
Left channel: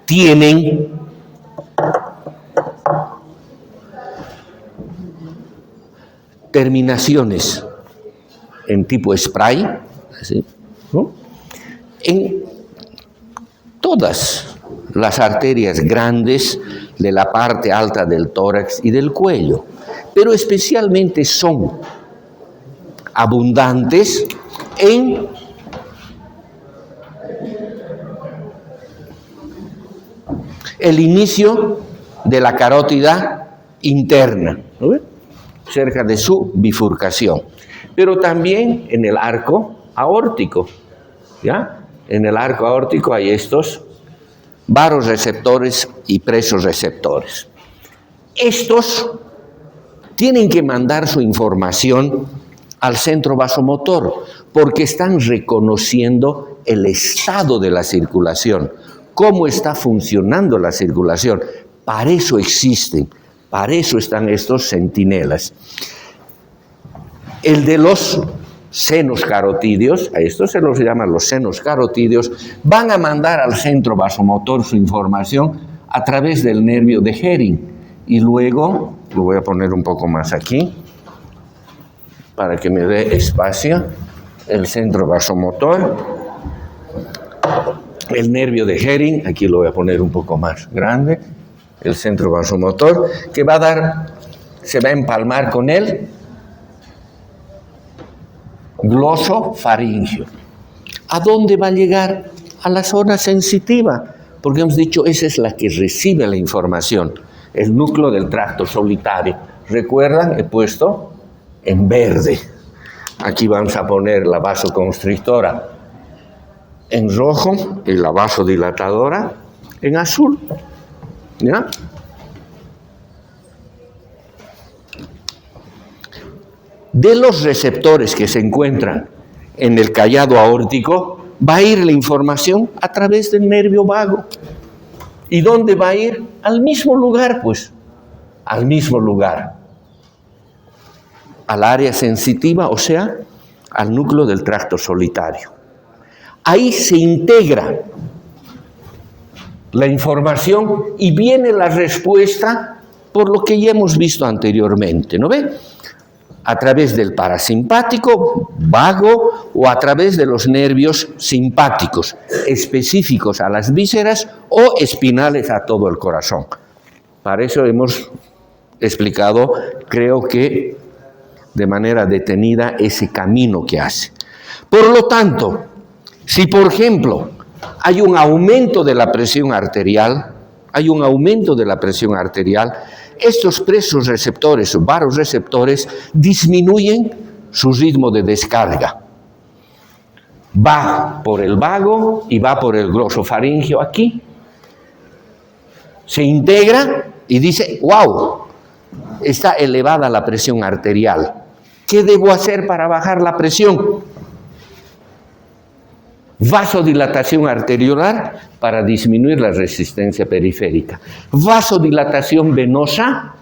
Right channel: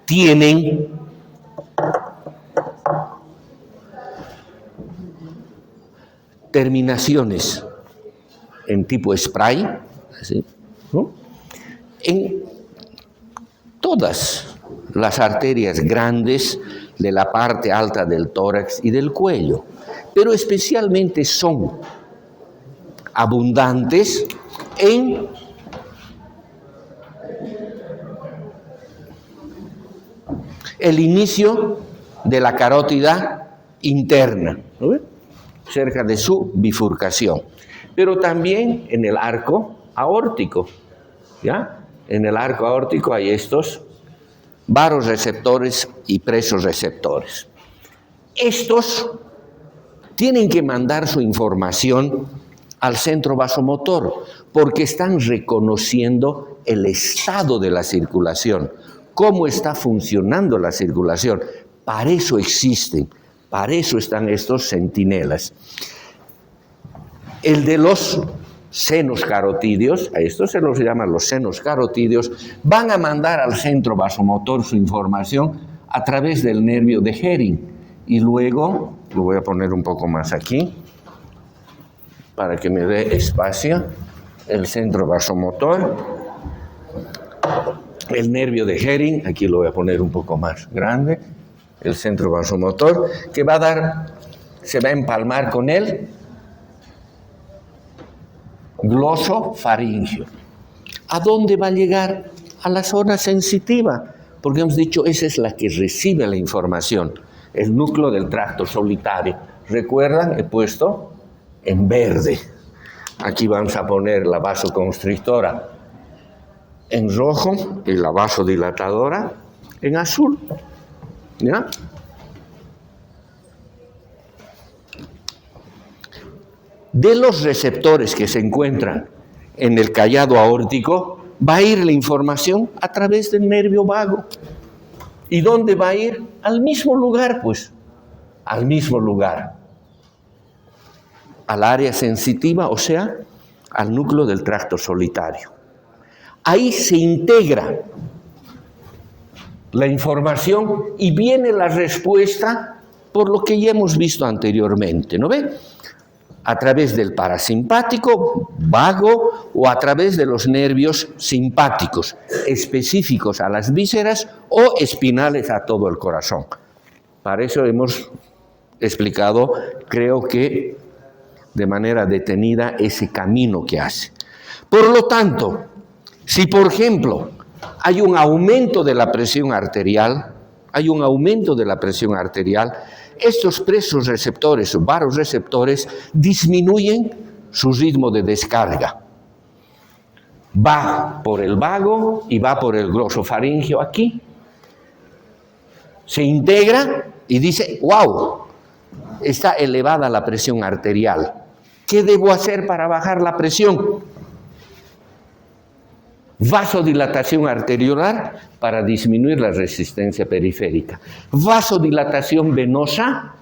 tienen terminaciones en tipo spray, ¿sí? ¿No? En todas las arterias grandes de la parte alta del tórax y del cuello, pero especialmente son abundantes en el inicio de la carótida interna, ¿no? Cerca de su bifurcación, pero también en el arco aórtico, ¿ya? En el arco aórtico hay estos vasoreceptores y presoreceptores. Estos tienen que mandar su información al centro vasomotor, porque están reconociendo el estado de la circulación, cómo está funcionando la circulación. Para eso existen, para eso están estos centinelas. El de los senos carotídeos, a estos se los llaman los senos carotídeos, van a mandar al centro vasomotor su información a través del nervio de Hering. Y luego, lo voy a poner un poco más aquí, para que me dé espacio, el centro vasomotor, el nervio de Hering, aquí lo voy a poner un poco más grande, el centro vasomotor, que va a dar, se va a empalmar con él, glosofaringio. ¿A dónde va a llegar? A la zona sensitiva, porque hemos dicho, esa es la que recibe la información, el núcleo del tracto solitario. ¿Recuerdan? He puesto en verde. Aquí vamos a poner la vasoconstrictora en rojo y la vasodilatadora en azul. ¿Ya? De los receptores que se encuentran en el callado aórtico, va a ir la información a través del nervio vago. ¿Y dónde va a ir? Al mismo lugar, pues. Al mismo lugar. Al área sensitiva, o sea, al núcleo del tracto solitario. Ahí se integra la información y viene la respuesta por lo que ya hemos visto anteriormente, ¿no ve? A través del parasimpático, vago, o a través de los nervios simpáticos, específicos a las vísceras o espinales a todo el corazón. Para eso hemos explicado, creo que de manera detenida, ese camino que hace. Por lo tanto, si por ejemplo hay un aumento de la presión arterial, estos presos receptores o varoreceptores disminuyen su ritmo de descarga. Va por el vago y va por el glosofaringio aquí. Se integra y dice, wow, está elevada la presión arterial. ¿Qué debo hacer para bajar la presión? Vasodilatación arteriolar para disminuir la resistencia periférica. Vasodilatación venosa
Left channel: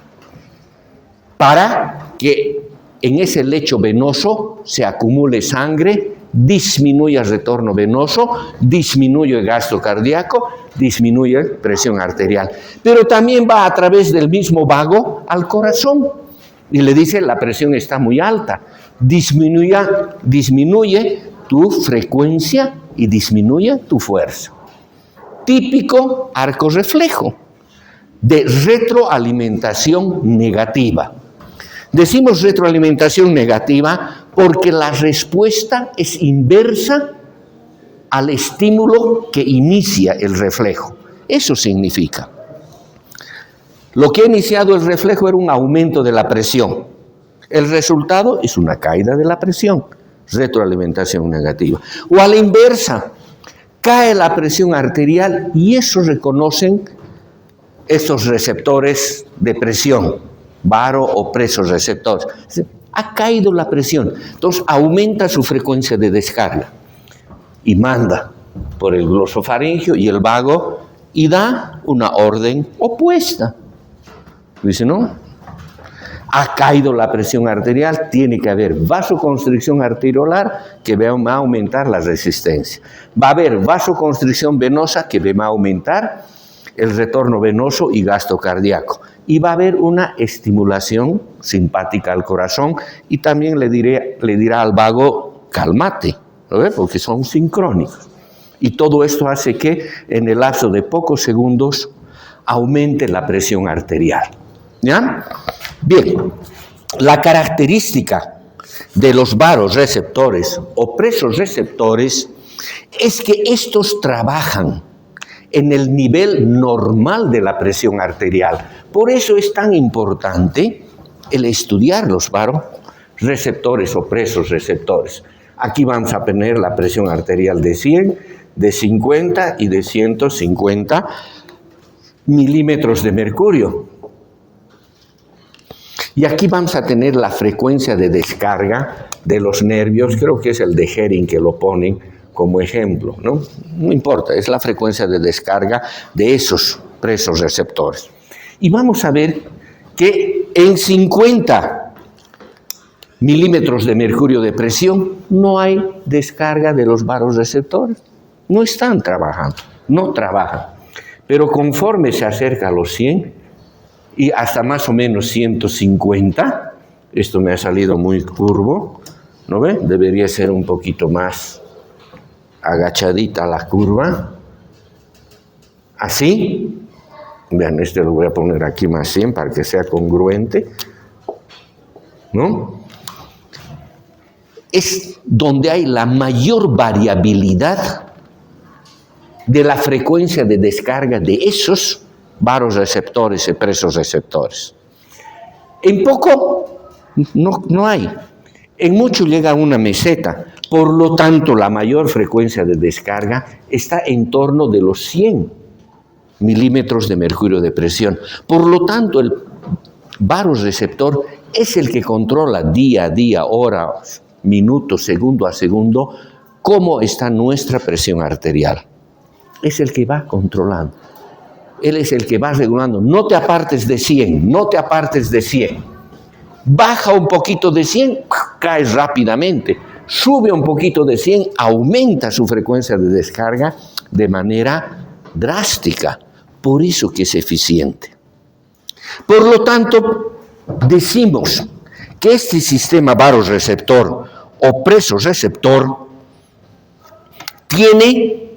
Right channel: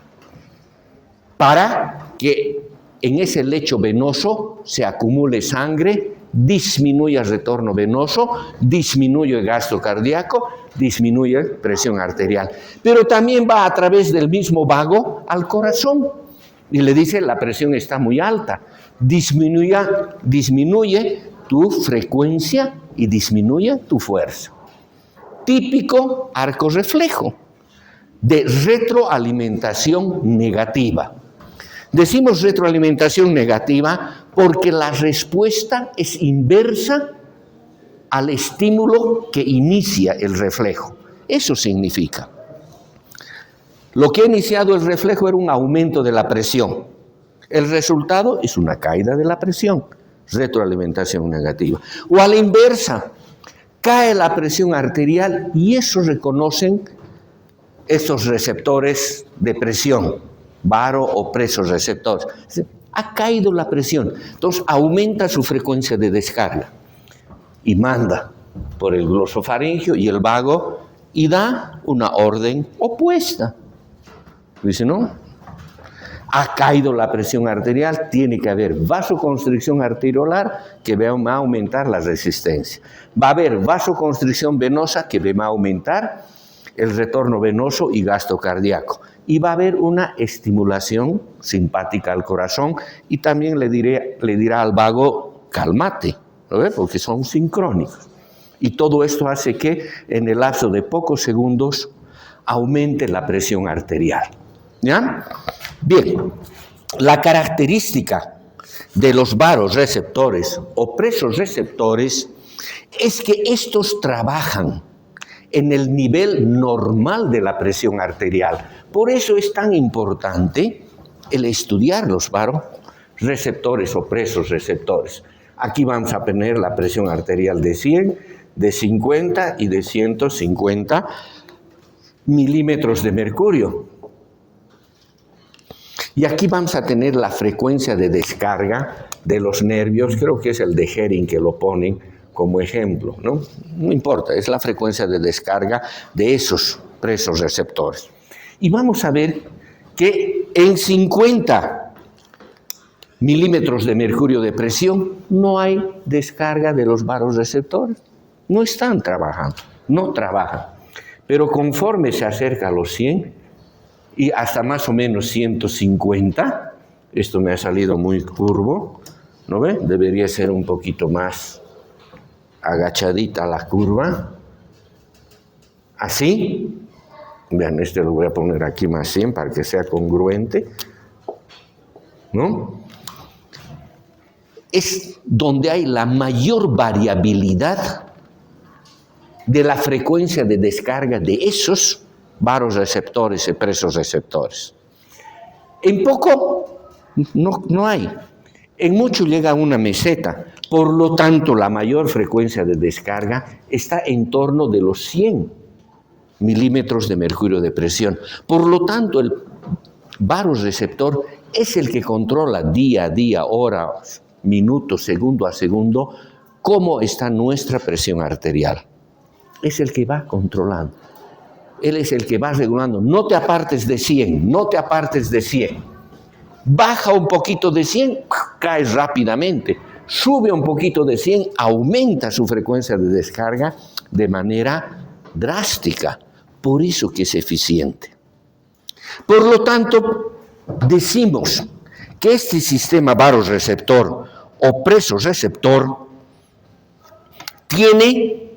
para que en ese lecho venoso se acumule sangre, disminuya el retorno venoso, disminuye el gasto cardíaco, disminuye presión arterial. Pero también va a través del mismo vago al corazón y le dice la presión está muy alta, disminuye tu frecuencia y disminuye tu fuerza. Típico arco reflejo de retroalimentación negativa. Decimos retroalimentación negativa porque la respuesta es inversa al estímulo que inicia el reflejo. Eso significa. Lo que ha iniciado el reflejo era un aumento de la presión. El resultado es una caída de la presión. Retroalimentación negativa. O a la inversa, cae la presión arterial y eso reconocen estos receptores de presión, varo o presos receptores. Ha caído la presión, entonces aumenta su frecuencia de descarga y manda por el glosofaringio y el vago y da una orden opuesta. Dice, ¿no? Ha caído la presión arterial, tiene que haber vasoconstricción arteriolar que va a aumentar la resistencia. Va a haber vasoconstricción venosa que va a aumentar el retorno venoso y gasto cardíaco. Y va a haber una estimulación simpática al corazón y también le dirá al vago, cálmate, ¿no ve? Porque son sincrónicos. Y todo esto hace que en el lapso de pocos segundos aumente la presión arterial. ¿Ya? Bien, la característica de los varoreceptores o presos receptores es que estos trabajan en el nivel normal de la presión arterial. Por eso es tan importante el estudiar los varoreceptores o presos receptores. Aquí vamos a tener la presión arterial de 100, de 50 y de 150 milímetros de mercurio. Y aquí vamos a tener la frecuencia de descarga de los nervios, creo que es el de Hering que lo ponen como ejemplo, ¿no? No importa, es la frecuencia de descarga de esos presos receptores. Y vamos a ver que en 50 milímetros de mercurio de presión no hay descarga de los varoreceptores. No están trabajando, no trabajan. Pero conforme se acerca a los 100 y hasta más o menos 150, esto me ha salido muy curvo, ¿no ve? Debería ser un poquito más agachadita la curva. Así. Vean, este lo voy a poner aquí más bien para que sea congruente, ¿no? Es donde hay la mayor variabilidad de la frecuencia de descarga de esos varoreceptores y presoreceptores. En poco no hay. En mucho llega a una meseta. Por lo tanto, la mayor frecuencia de descarga está en torno de los 100 milímetros de mercurio de presión. Por lo tanto, el varoreceptor es el que controla día a día, hora, minuto, segundo a segundo, cómo está nuestra presión arterial. Es el que va controlando. Él es el que va regulando. No te apartes de 100, no te apartes de 100. Baja un poquito de 100, caes rápidamente. Sube un poquito de 100, aumenta su frecuencia de descarga de manera drástica. Por eso que es eficiente. Por lo tanto, decimos que este sistema varoreceptor o presoreceptor tiene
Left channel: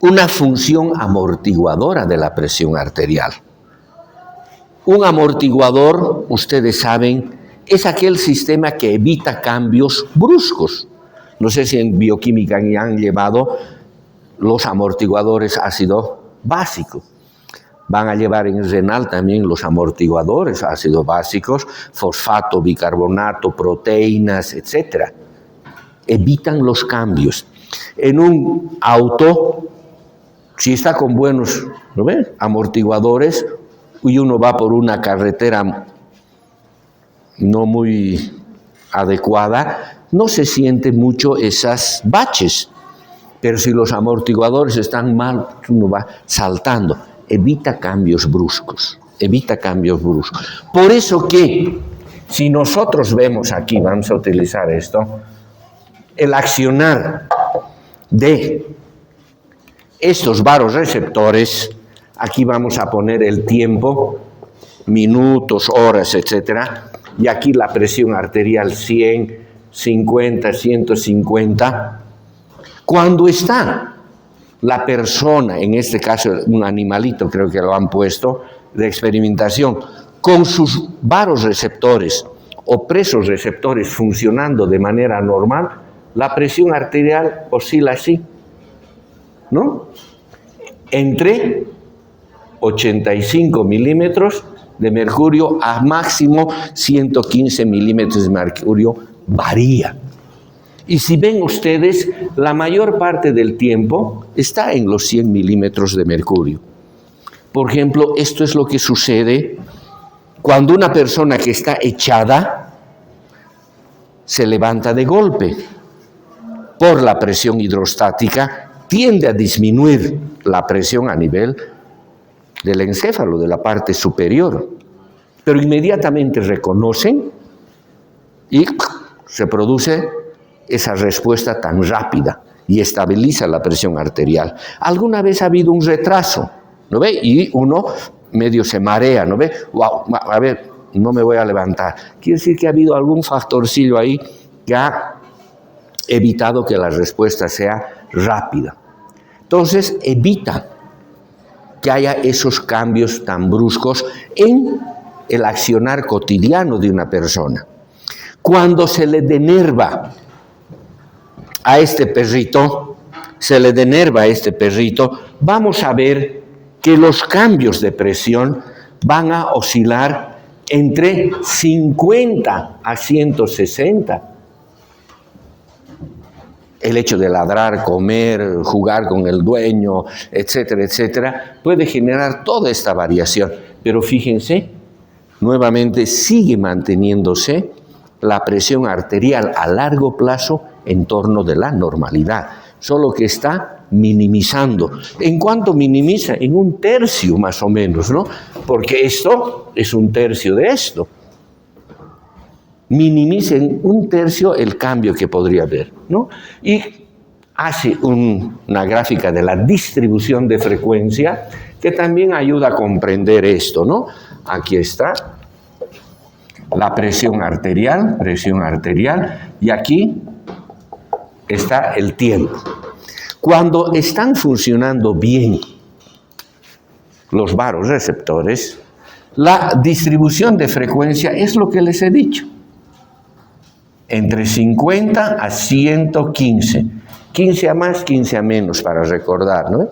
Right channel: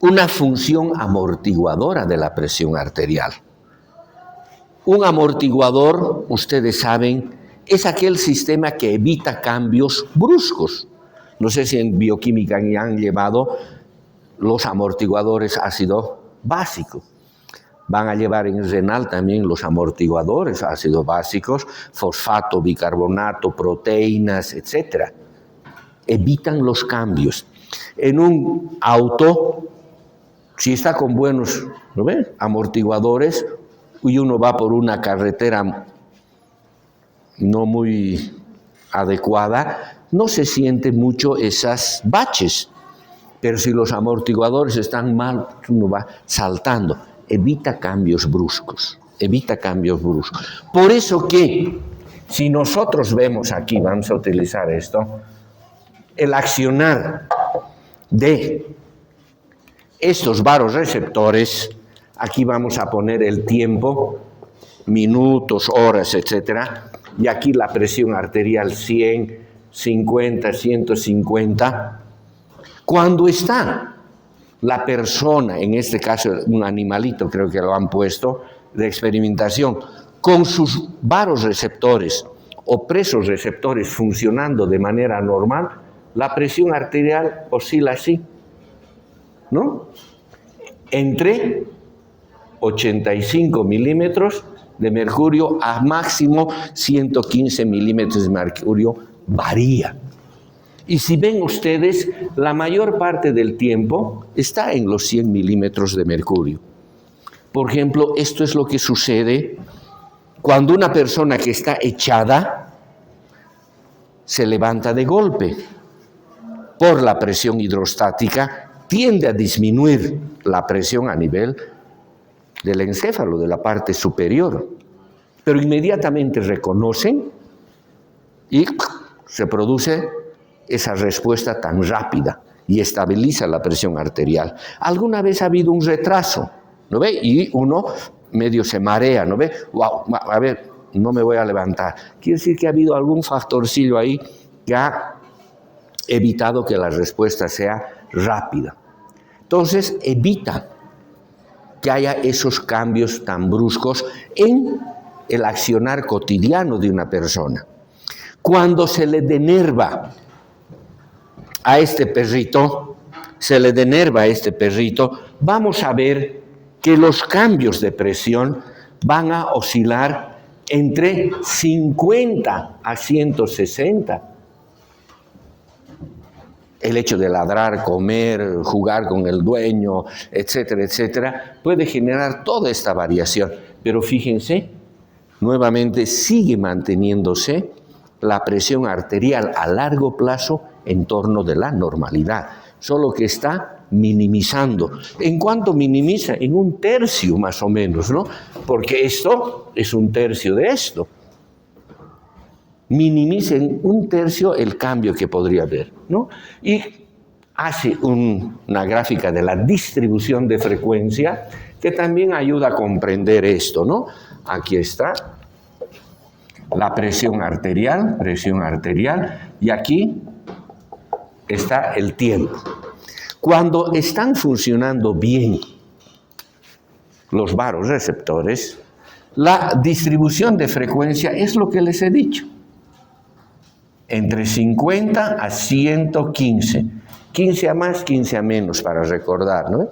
una función amortiguadora de la presión arterial. Un amortiguador, ustedes saben, es aquel sistema que evita cambios bruscos. No sé si en bioquímica han llevado los amortiguadores ácido básico. Van a llevar en renal también los amortiguadores ácidos básicos, fosfato, bicarbonato, proteínas, etc. Evitan los cambios. En un auto, si está con buenos, ¿no ven?, amortiguadores y uno va por una carretera no muy adecuada, no se siente mucho esas baches. Pero si los amortiguadores están mal, uno va saltando. Evita cambios bruscos. Por eso que, si nosotros vemos aquí, vamos a utilizar esto, el accionar de estos varoreceptores, aquí vamos a poner el tiempo, minutos, horas, etcétera, y aquí la presión arterial 100, 50, 150. Cuando está la persona, en este caso un animalito, creo que lo han puesto, de experimentación, con sus varoreceptores o presoreceptores funcionando de manera normal, la presión arterial oscila así, ¿no? Entre 85 milímetros de mercurio a máximo 115 milímetros de mercurio, varía. Y si ven ustedes, la mayor parte del tiempo está en los 100 milímetros de mercurio. Por ejemplo, esto es lo que sucede cuando una persona que está echada se levanta de golpe. Por la presión hidrostática tiende a disminuir la presión a nivel del encéfalo, de la parte superior. Pero inmediatamente reconocen y se produce esa respuesta tan rápida y estabiliza la presión arterial. Alguna vez ha habido un retraso, ¿no ve? Y uno medio se marea, ¿no ve? Wow, a ver, no me voy a levantar. Quiere decir que ha habido algún factorcillo ahí que ha evitado que la respuesta sea rápida. Entonces, evita que haya esos cambios tan bruscos en el accionar cotidiano de una persona. Cuando se le denerva a este perrito, vamos a ver que los cambios de presión van a oscilar entre 50 a 160. El hecho de ladrar, comer, jugar con el dueño, etcétera, etcétera, puede generar toda esta variación. Pero fíjense, nuevamente sigue manteniéndose la presión arterial a largo plazo en torno de la normalidad, solo que está minimizando. ¿En cuánto minimiza? En 1/3 más o menos, ¿no? Porque esto es 1/3 de esto. Minimiza en 1/3 el cambio que podría haber, ¿no? Y hace una gráfica de la distribución de frecuencia que también ayuda a comprender esto, ¿no? Aquí está la presión arterial, y aquí está el tiempo. Cuando están funcionando bien los varoreceptores, la distribución de frecuencia es lo que les he dicho. Entre 50 a 115. 15 a más, 15 a menos, para recordar, ¿no?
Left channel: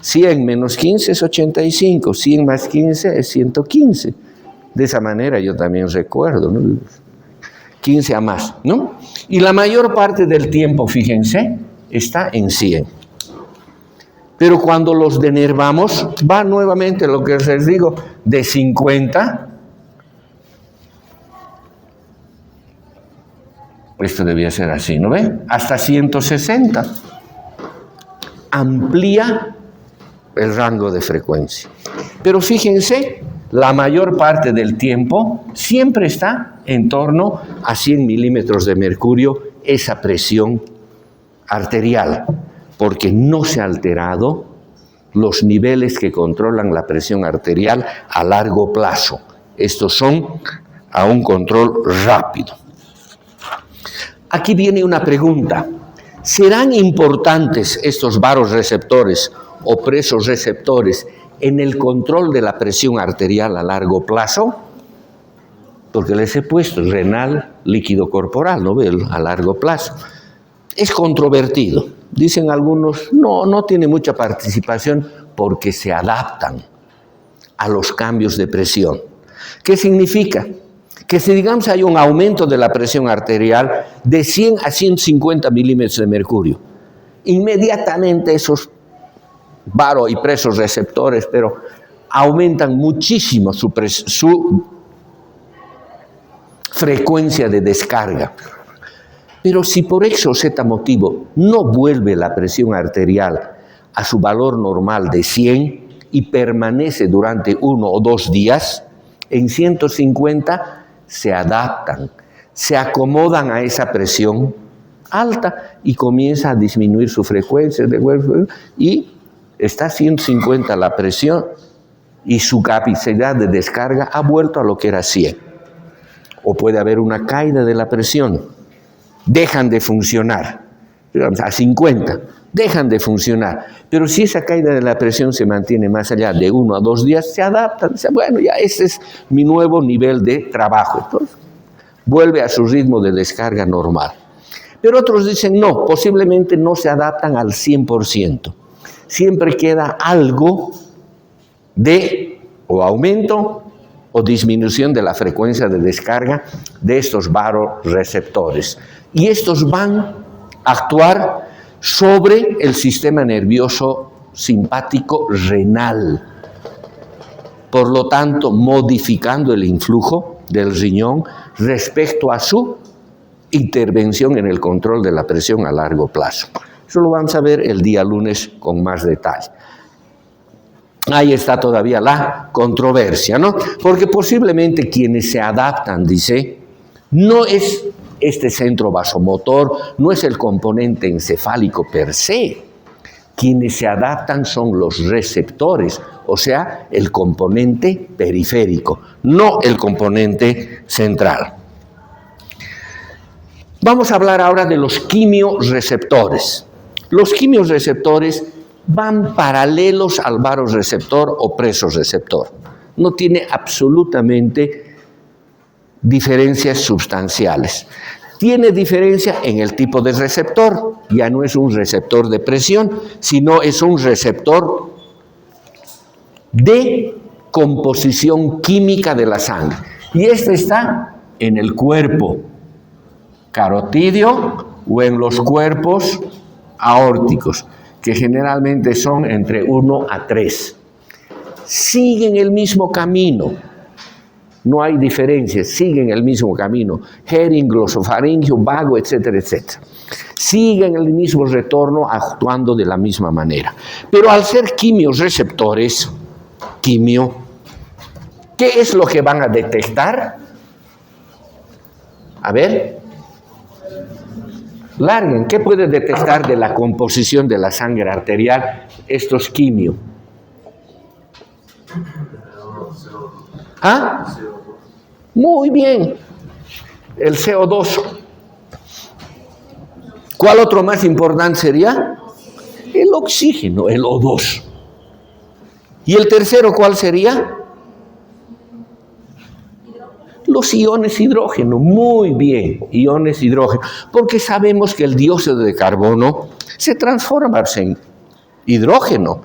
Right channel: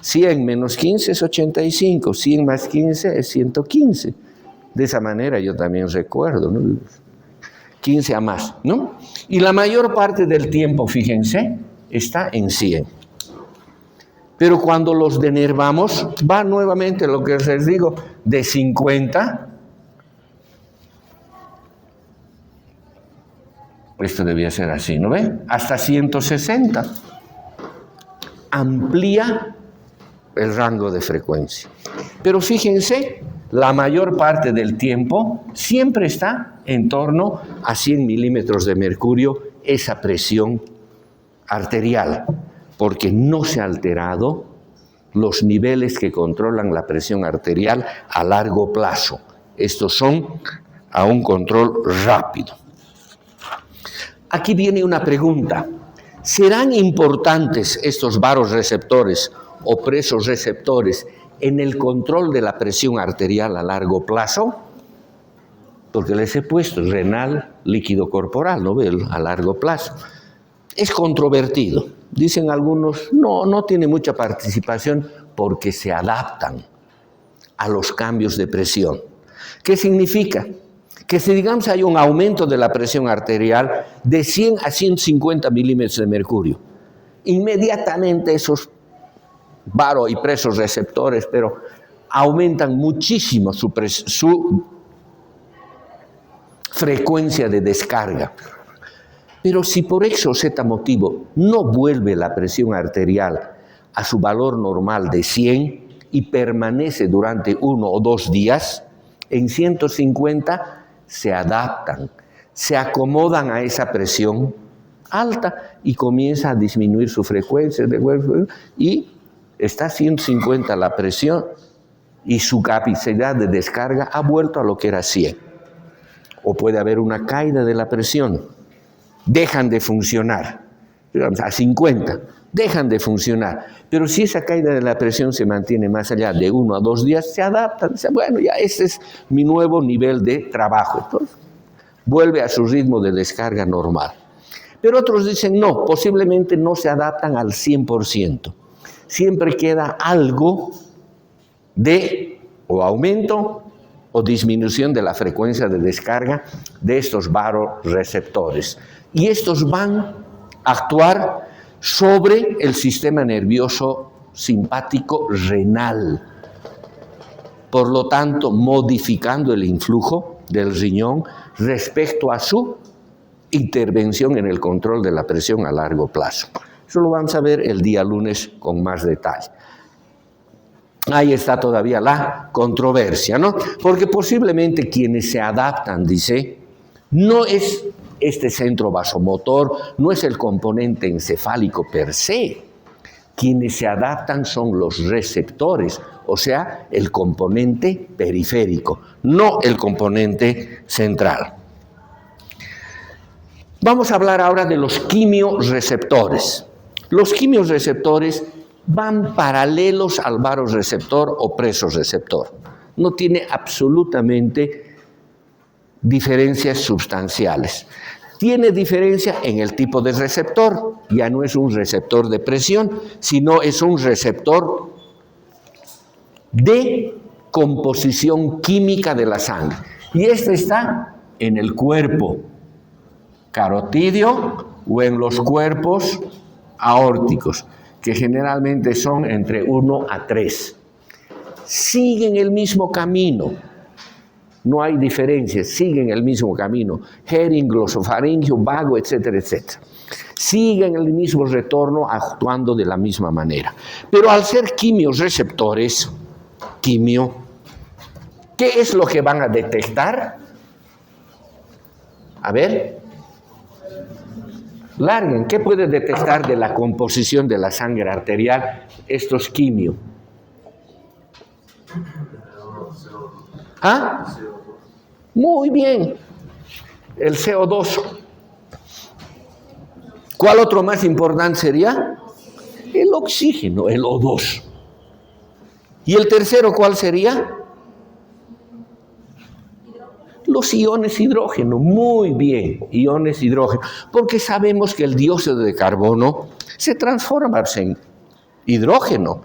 100 menos 15 es 85, 100 más 15 es 115. De esa manera yo también recuerdo, ¿no? 15 a más, ¿no? Y la mayor parte del tiempo, fíjense, está en 100. Pero cuando los denervamos, va nuevamente lo que les digo, de 50. Esto debía ser así, ¿no ve? Hasta 160. Amplía el rango de frecuencia. Pero fíjense, la mayor parte del tiempo siempre está en torno a 100 milímetros de mercurio esa presión arterial, porque no se ha alterado los niveles que controlan la presión arterial a largo plazo. Estos son a un control rápido. Aquí viene una pregunta. ¿Serán importantes estos varoreceptores o presoreceptores en el control de la presión arterial a largo plazo? Porque les he puesto renal, líquido corporal, ¿no ve? A largo plazo. Es controvertido. Dicen algunos, no tiene mucha participación porque se adaptan a los cambios de presión. ¿Qué significa? Que si, digamos, hay un aumento de la presión arterial de 100 a 150 milímetros de mercurio, inmediatamente esos varo y presoreceptores, pero aumentan muchísimo su frecuencia de descarga. Pero si por X o Z motivo no vuelve la presión arterial a su valor normal de 100 y permanece durante 1 o 2 días, en 150 se adaptan, se acomodan a esa presión alta y comienza a disminuir su frecuencia y está a 150 la presión y su capacidad de descarga ha vuelto a lo que era 100. O puede haber una caída de la presión, dejan de funcionar, digamos, a 50, dejan de funcionar. Pero si esa caída de la presión se mantiene más allá de 1 a 2 días, se adaptan. Dicen, bueno, ya ese es mi nuevo nivel de trabajo. Entonces, vuelve a su ritmo de descarga normal. Pero otros dicen, no, posiblemente no se adaptan al 100%. Siempre queda algo de o aumento o disminución de la frecuencia de descarga de estos varoreceptores. Y estos van a actuar sobre el sistema nervioso simpático renal. Por lo tanto, modificando el influjo del riñón respecto a su intervención en el control de la presión a largo plazo. Eso lo vamos a ver el día lunes con más detalle. Ahí está todavía la controversia, ¿no? Porque posiblemente quienes se adaptan, dice, no es este centro vasomotor, no es el componente encefálico per se. Quienes se adaptan son los receptores, o sea, el componente periférico, no el componente central. Vamos a hablar ahora de los quimioreceptores. Los quimioreceptores van paralelos al varoreceptor o presoreceptor. No tiene absolutamente diferencias sustanciales. Tiene diferencia en el tipo de receptor. Ya no es un receptor de presión, sino es un receptor de composición química de la sangre. Y este está en el cuerpo carotídeo o en los cuerpos aórticos, que generalmente son entre 1 a 3. Siguen el mismo camino. No hay diferencia, siguen el mismo camino. Hering, glosofaringio, vago, etcétera, etcétera. Siguen el mismo retorno actuando de la misma manera. Pero al ser quimiorreceptores, ¿qué es lo que van a detectar? A ver, larguen, ¿qué puede detectar de la composición de la sangre arterial estos quimio? ¿Ah? Muy bien, el CO2. ¿Cuál otro más importante sería? El oxígeno, el O2. ¿Y el tercero cuál sería? Los iones hidrógeno. Muy bien, iones hidrógeno. Porque sabemos que el dióxido de carbono se transforma en hidrógeno.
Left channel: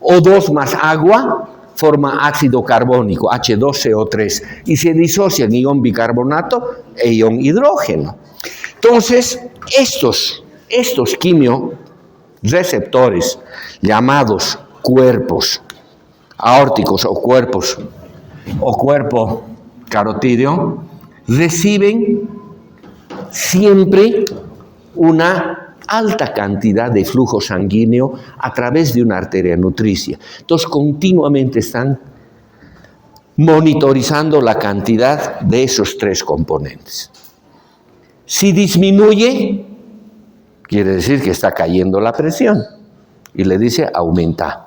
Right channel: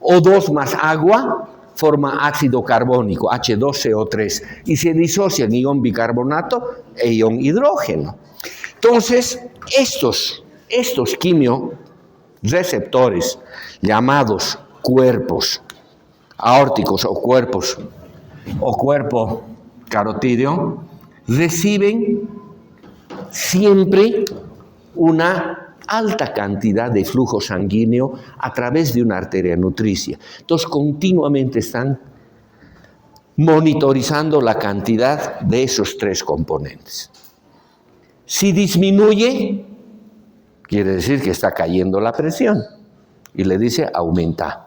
O2 más agua forma ácido carbónico, H2CO3, y se disocia en ion bicarbonato e ion hidrógeno. Entonces, estos quimiorreceptores, llamados cuerpos aórticos o cuerpo carotídeo, reciben siempre una alta cantidad de flujo sanguíneo a través de una arteria nutricia. Entonces, continuamente están monitorizando la cantidad de esos tres componentes. Si disminuye, quiere decir que está cayendo la presión y le dice aumenta.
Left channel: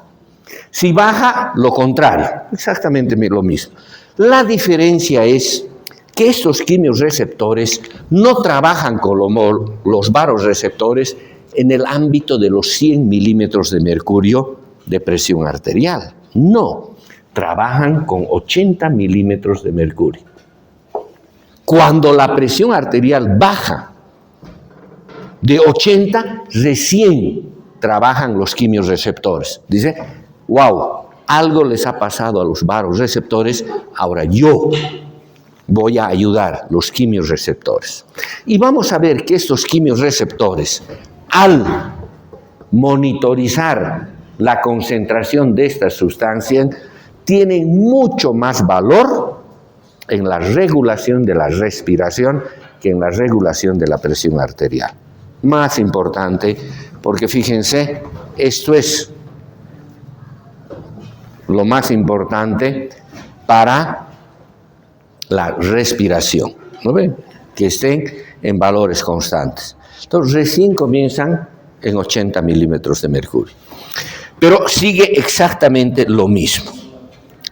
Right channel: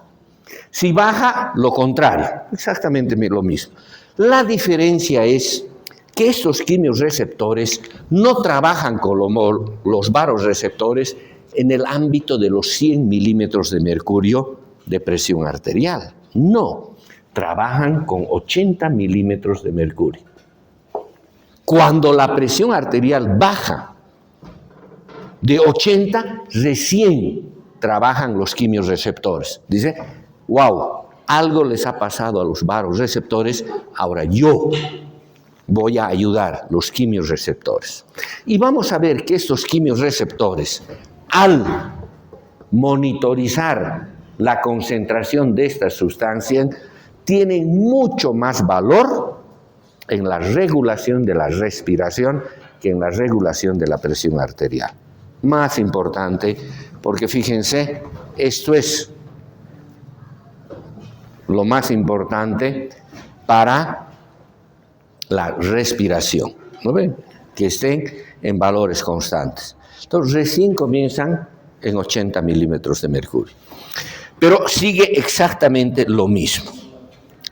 Si baja, lo contrario, exactamente lo mismo. La diferencia es que estos quimiorreceptores no trabajan como los varoreceptores en el ámbito de los 100 milímetros de mercurio de presión arterial. No, trabajan con 80 milímetros de mercurio. Cuando la presión arterial baja de 80, recién trabajan los quimiorreceptores. Dice, wow, algo les ha pasado a los varoreceptores, ahora yo voy a ayudar los quimiorreceptores. Y vamos a ver que estos quimiorreceptores, al monitorizar la concentración de estas sustancias, tienen mucho más valor en la regulación de la respiración que en la regulación de la presión arterial. Más importante, porque fíjense, esto es lo más importante para la respiración, ¿no ven? Que estén en valores constantes. Entonces, recién comienzan en 80 milímetros de mercurio. Pero sigue exactamente lo mismo.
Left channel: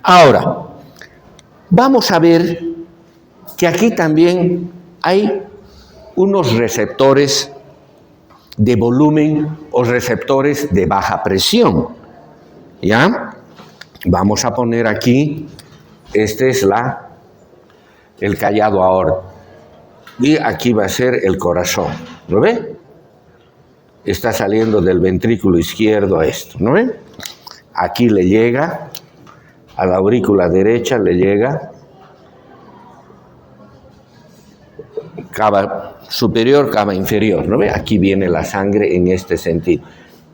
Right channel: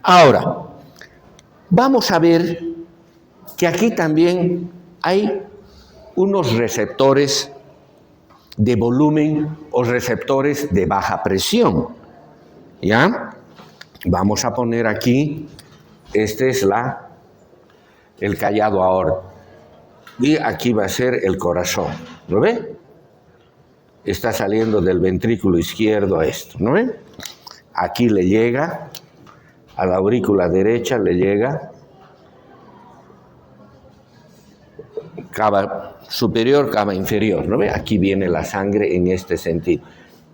Ahora, vamos a ver que aquí también hay unos receptores de volumen o receptores de baja presión. ¿Ya? Vamos a poner aquí, este es el callado aórtico. Y aquí va a ser el corazón. ¿Lo ve? Está saliendo del ventrículo izquierdo a esto, ¿no ve? Aquí le llega, a la aurícula derecha le llega, cava superior, cava inferior, ¿no ve? Aquí viene la sangre en este sentido.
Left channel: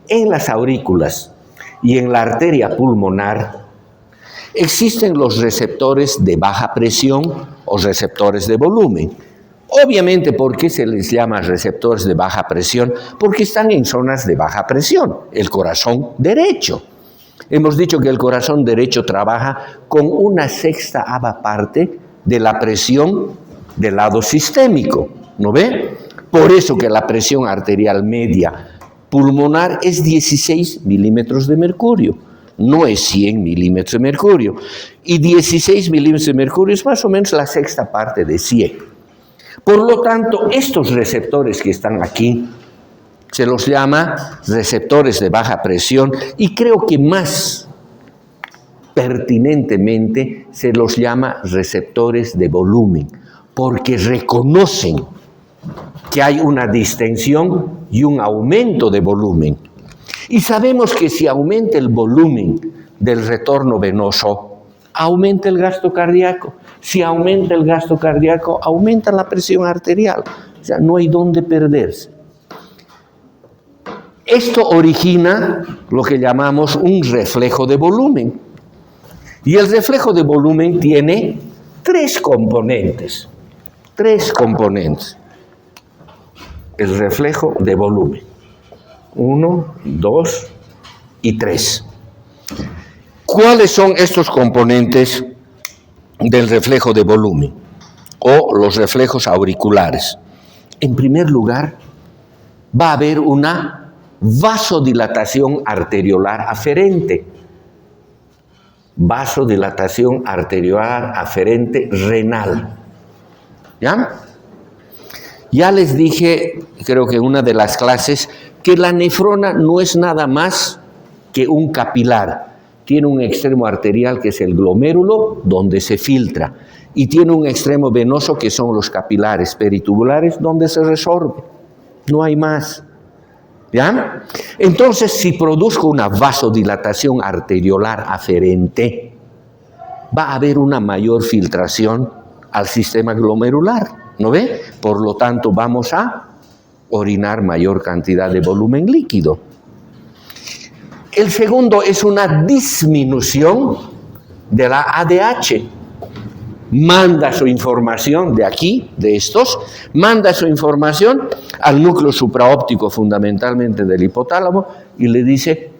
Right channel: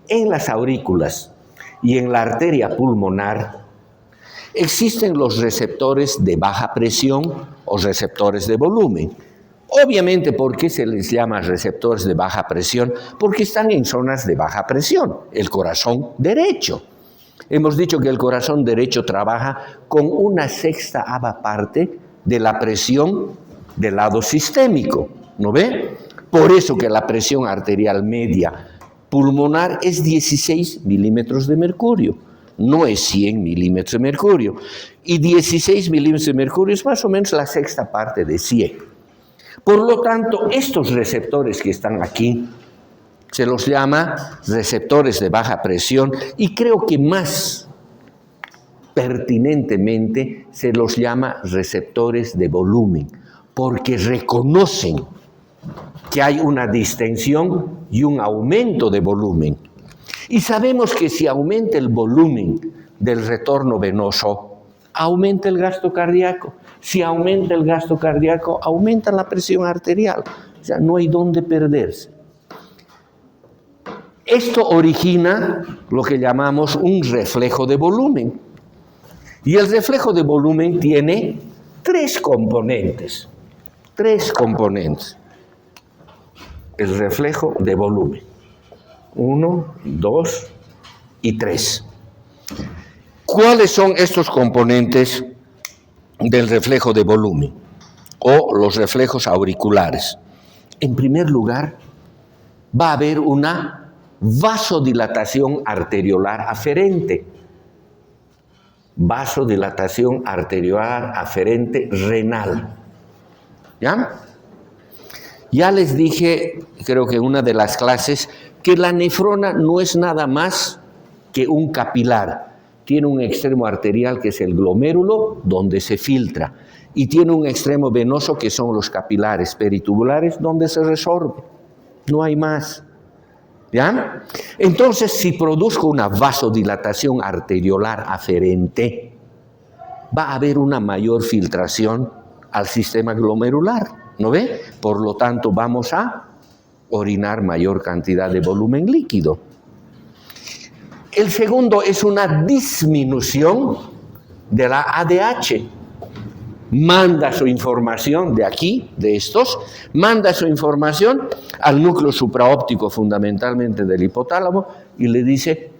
En las aurículas y en la arteria pulmonar existen los receptores de baja presión o receptores de volumen. Obviamente, ¿por qué se les llama receptores de baja presión? Porque están en zonas de baja presión, el corazón derecho. Hemos dicho que el corazón derecho trabaja con 1/6 parte de la presión del lado sistémico, ¿no ve? Por eso que la presión arterial media pulmonar es 16 milímetros de mercurio, no es 100 milímetros de mercurio. Y 16 milímetros de mercurio es más o menos la 1/6 parte de 100. Por lo tanto, estos receptores que están aquí se los llama receptores de baja presión y creo que más pertinentemente se los llama receptores de volumen, porque reconocen que hay una distensión y un aumento de volumen. Y sabemos que si aumenta el volumen del retorno venoso, aumenta el gasto cardíaco. Si aumenta el gasto cardíaco, aumenta la presión arterial. O sea, no hay dónde perderse. Esto origina lo que llamamos un reflejo de volumen. Y el reflejo de volumen tiene tres componentes. El reflejo de volumen. 1, 2 y 3. ¿Cuáles son estos componentes del reflejo de volumen o los reflejos auriculares? En primer lugar, va a haber una vasodilatación arteriolar aferente. Vasodilatación arteriolar aferente renal. ¿Ya? Ya les dije, creo que en una de las clases, que la nefrona no es nada más que un capilar. Tiene un extremo arterial que es el glomérulo, donde se filtra, y tiene un extremo venoso que son los capilares peritubulares, donde se resorbe. No hay más. ¿Ya? Entonces, si produzco una vasodilatación arteriolar aferente, va a haber una mayor filtración al sistema glomerular, ¿no ve? Por lo tanto, vamos a orinar mayor cantidad de volumen líquido. El segundo es una disminución de la ADH. Manda su información de aquí, de estos, manda su información al núcleo supraóptico fundamentalmente del hipotálamo y le dice,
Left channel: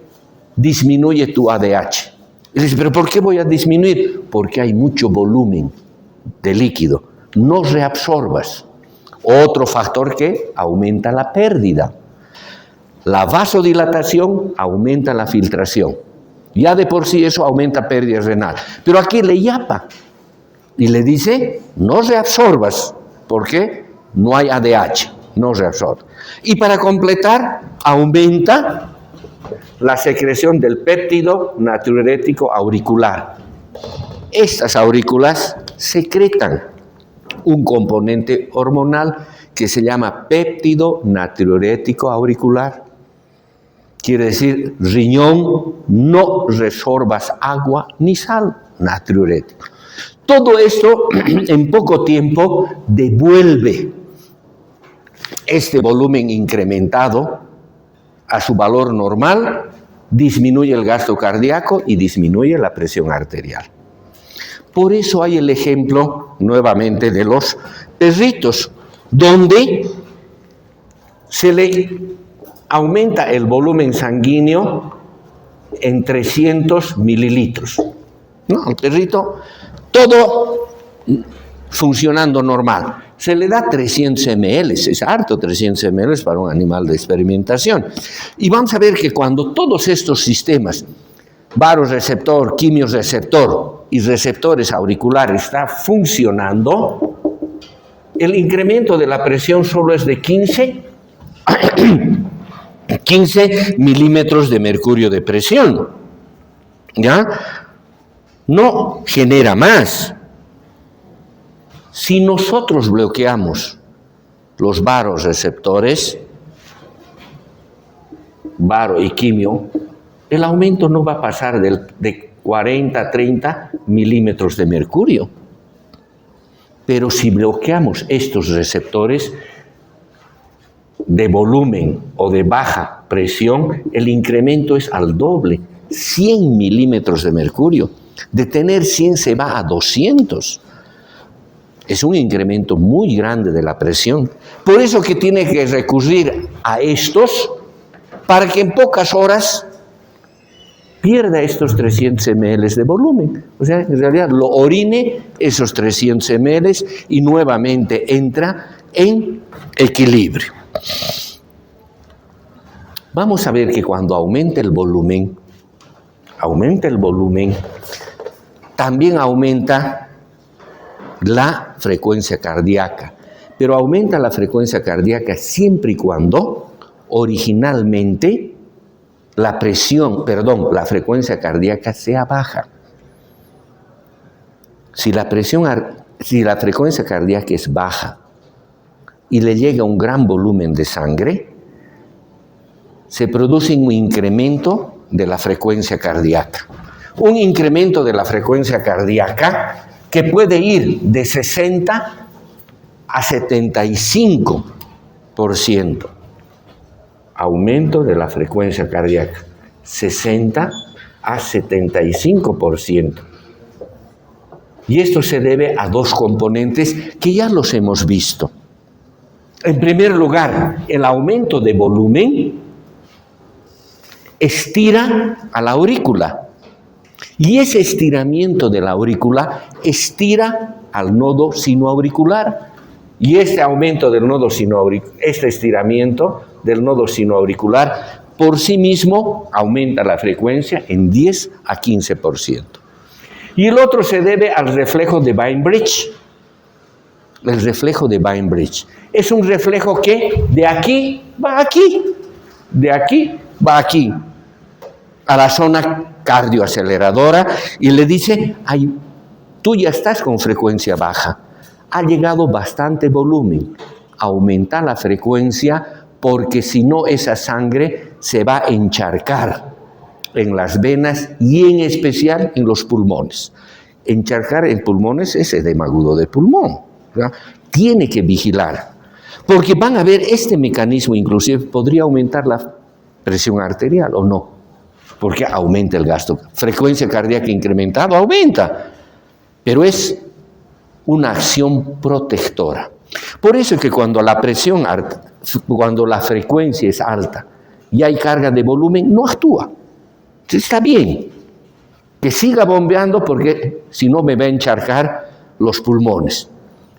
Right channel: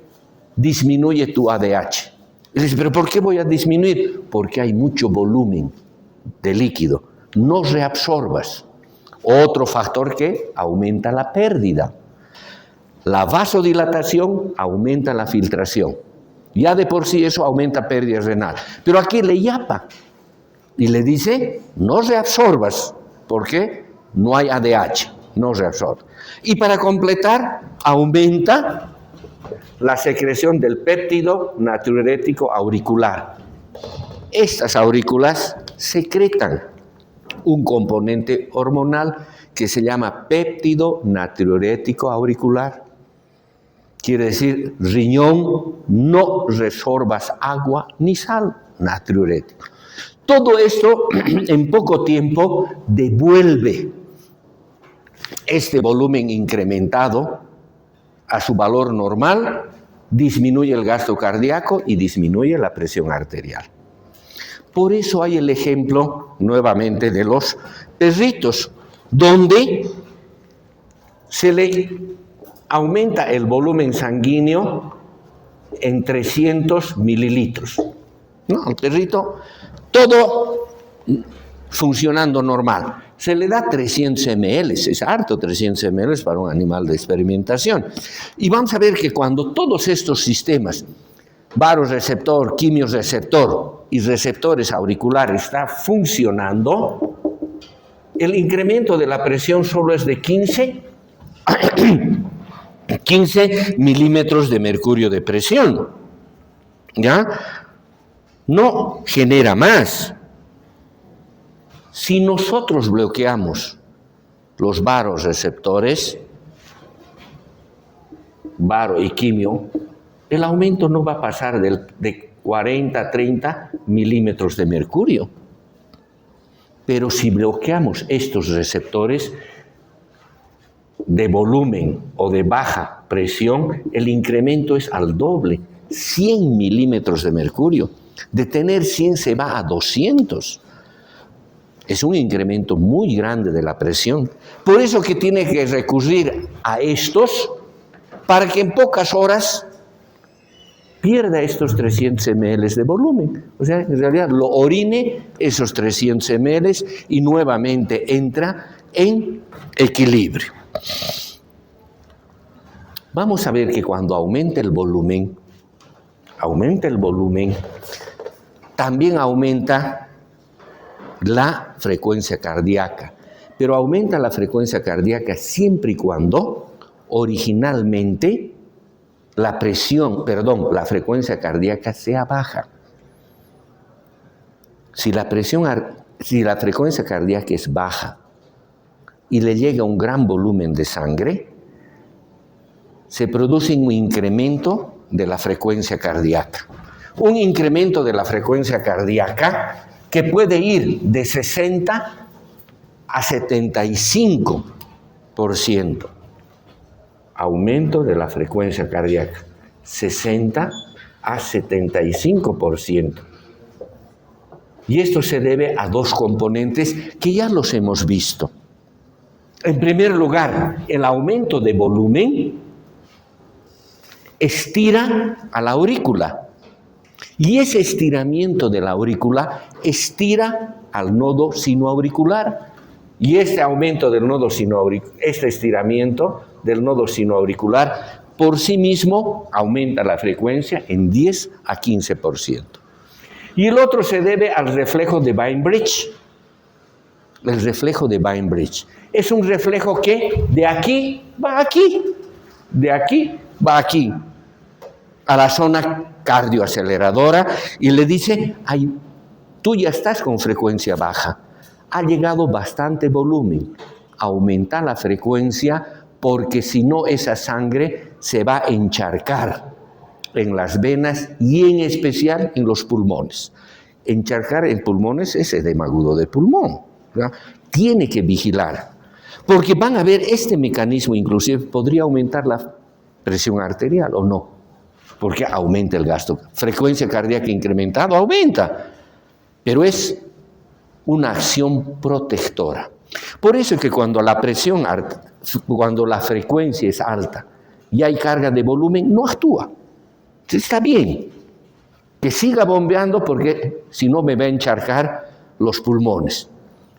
disminuye tu ADH. Y le dice, ¿pero por qué voy a disminuir? Porque hay mucho volumen de líquido. No reabsorbas. Otro factor que aumenta la pérdida. La vasodilatación aumenta la filtración. Ya de por sí eso aumenta pérdida renal. Pero aquí le yapa y le dice, no reabsorbas, porque no hay ADH, no reabsorbe. Y para completar, aumenta la secreción del péptido natriurético auricular. Estas aurículas secretan un componente hormonal que se llama péptido natriurético auricular. Quiere decir, riñón, no resorbas agua ni sal, natriurético. Todo esto en poco tiempo devuelve este volumen incrementado a su valor normal, disminuye el gasto cardíaco y disminuye la presión arterial. Por eso hay el ejemplo, nuevamente, de los perritos, donde se le aumenta el volumen sanguíneo en 300 mililitros. ¿No? Al perrito, todo funcionando normal. Se le da 300 ml, es harto 300 ml para un animal de experimentación. Y vamos a ver que cuando todos estos sistemas, vasoreceptor, quimioreceptor y receptores auriculares están funcionando, el incremento de la presión solo es de 15 milímetros de mercurio de presión. ¿Ya? No genera más. Si nosotros bloqueamos los vasoreceptores, varo y quimio, el aumento no va a pasar de 40 a 30 milímetros de mercurio. Pero si bloqueamos estos receptores de volumen o de baja presión, el incremento es al doble, 100 milímetros de mercurio. De tener 100 se va a 200. Es un incremento muy grande de la presión. Por eso que tiene que recurrir a estos para que en pocas horas pierda estos 300 ml de volumen. O sea, en realidad lo orine esos 300 ml y nuevamente entra en equilibrio. Vamos a ver que cuando aumenta el volumen, también aumenta la frecuencia cardíaca, pero aumenta la frecuencia cardíaca siempre y cuando originalmente la frecuencia cardíaca sea baja. Si la frecuencia cardíaca es baja y le llega un gran volumen de sangre, se produce un incremento de la frecuencia cardíaca. Un incremento de la frecuencia cardíaca que puede ir de 60 a 75%. Aumento de la frecuencia cardíaca, 60 a 75%. Y esto se debe a dos componentes que ya los hemos visto. En primer lugar, el aumento de volumen estira a la aurícula. Y ese estiramiento de la aurícula estira al nodo sinoauricular. Y este aumento del nodo sinoauricular, este estiramiento del nodo sinoauricular por sí mismo aumenta la frecuencia en 10 a 15%. Y el otro se debe al reflejo de Bainbridge. El reflejo de Bainbridge es un reflejo que de aquí va aquí, de aquí va aquí, a la zona cardioaceleradora y le dice, ay, tú ya estás con frecuencia baja, ha llegado bastante volumen, aumenta la frecuencia porque si no esa sangre se va a encharcar en las venas y en especial en los pulmones. Encharcar en pulmones es edema agudo de pulmón, ¿verdad? Tiene que vigilar, porque van a ver este mecanismo, inclusive podría aumentar la presión arterial o no, porque aumenta el gasto. Frecuencia cardíaca incrementada aumenta, pero es una acción protectora. Por eso es que cuando la presión alta, cuando la frecuencia es alta y hay carga de volumen, no actúa. Está bien que siga bombeando porque si no me va a encharcar los pulmones.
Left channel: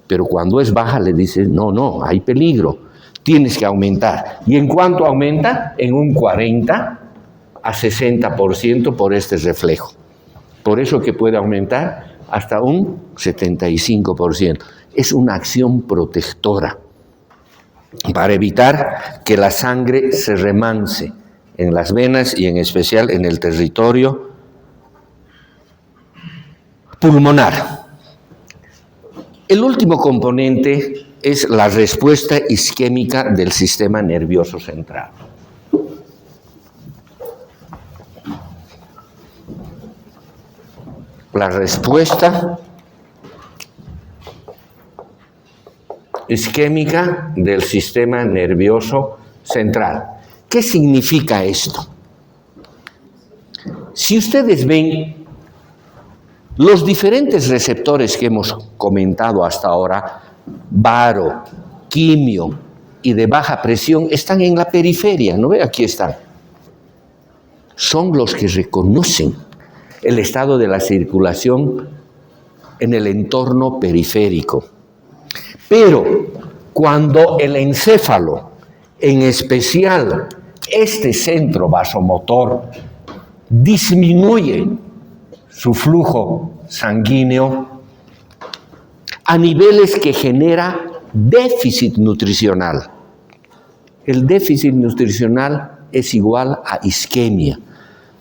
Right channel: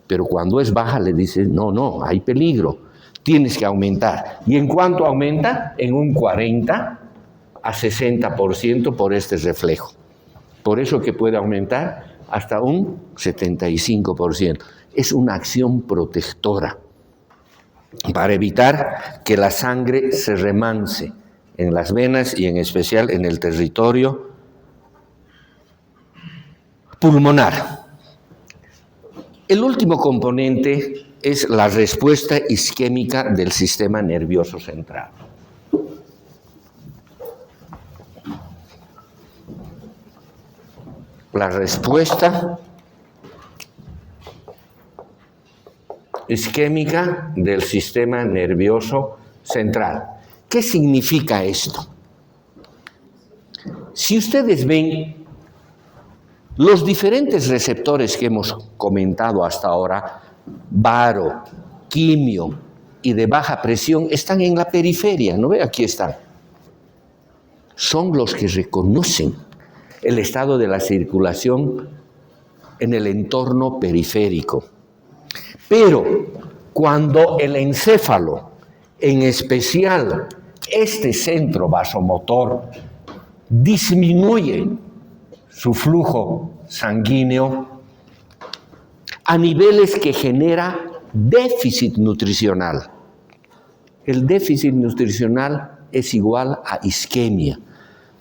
Pero cuando es baja le dices, no, hay peligro, tienes que aumentar. ¿Y en cuánto aumenta? En un 40 a 60% por este reflejo. Por eso que puede aumentar hasta un 75%. Es una acción protectora para evitar que la sangre se remanse en las venas y en especial en el territorio pulmonar. El último componente es la respuesta isquémica del sistema nervioso central. La respuesta isquémica del sistema nervioso central. ¿Qué significa esto? Si ustedes ven, los diferentes receptores que hemos comentado hasta ahora, baro, quimio y de baja presión, están en la periferia, ¿no ve? Aquí están. Son los que reconocen el estado de la circulación en el entorno periférico. Pero cuando el encéfalo, en especial este centro vasomotor, disminuye su flujo sanguíneo a niveles que genera déficit nutricional. El déficit nutricional es igual a isquemia.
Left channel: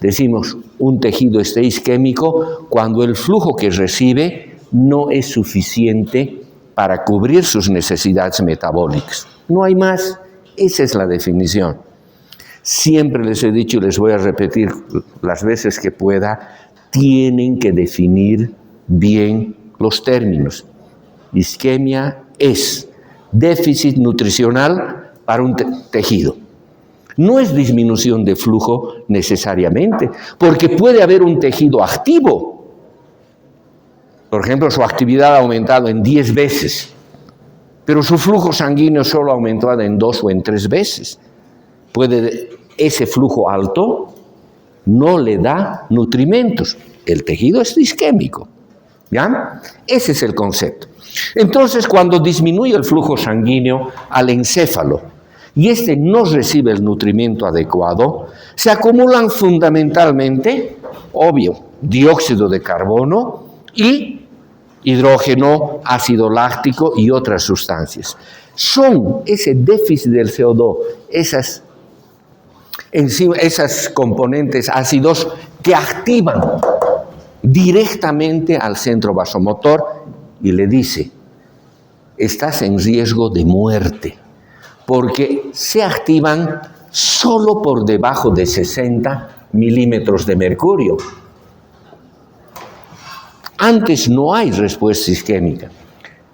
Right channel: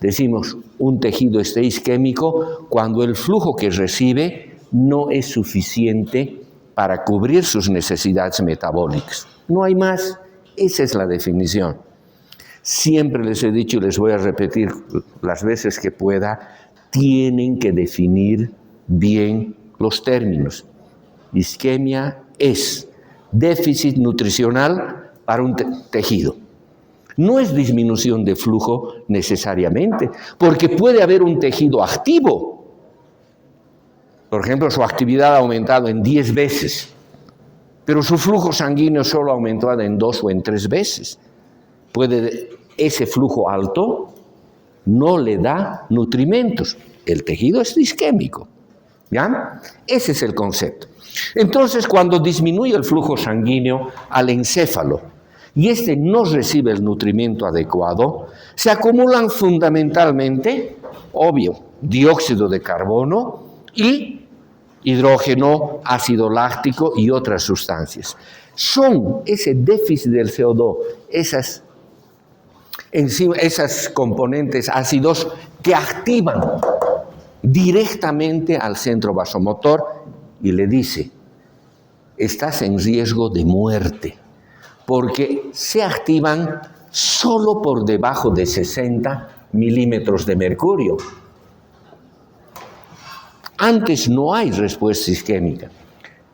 Decimos, un tejido está isquémico cuando el flujo que recibe no es suficiente para cubrir sus necesidades metabólicas. No hay más. Esa es la definición. Siempre les he dicho y les voy a repetir las veces que pueda, tienen que definir bien los términos. Isquemia es déficit nutricional para un tejido. No es disminución de flujo necesariamente, porque puede haber un tejido activo. Por ejemplo, su actividad ha aumentado en 10 veces, pero su flujo sanguíneo solo ha aumentado en 2 o en 3 veces. Ese flujo alto no le da nutrimentos. El tejido es isquémico. ¿Ya? Ese es el concepto. Entonces, cuando disminuye el flujo sanguíneo al encéfalo y este no recibe el nutrimento adecuado, se acumulan fundamentalmente, obvio, dióxido de carbono y hidrógeno, ácido láctico y otras sustancias. Son ese déficit del CO2, esas componentes ácidos que activan directamente al centro vasomotor y le dice, estás en riesgo de muerte, porque se activan solo por debajo de 60 milímetros de mercurio. Antes no hay respuesta isquémica.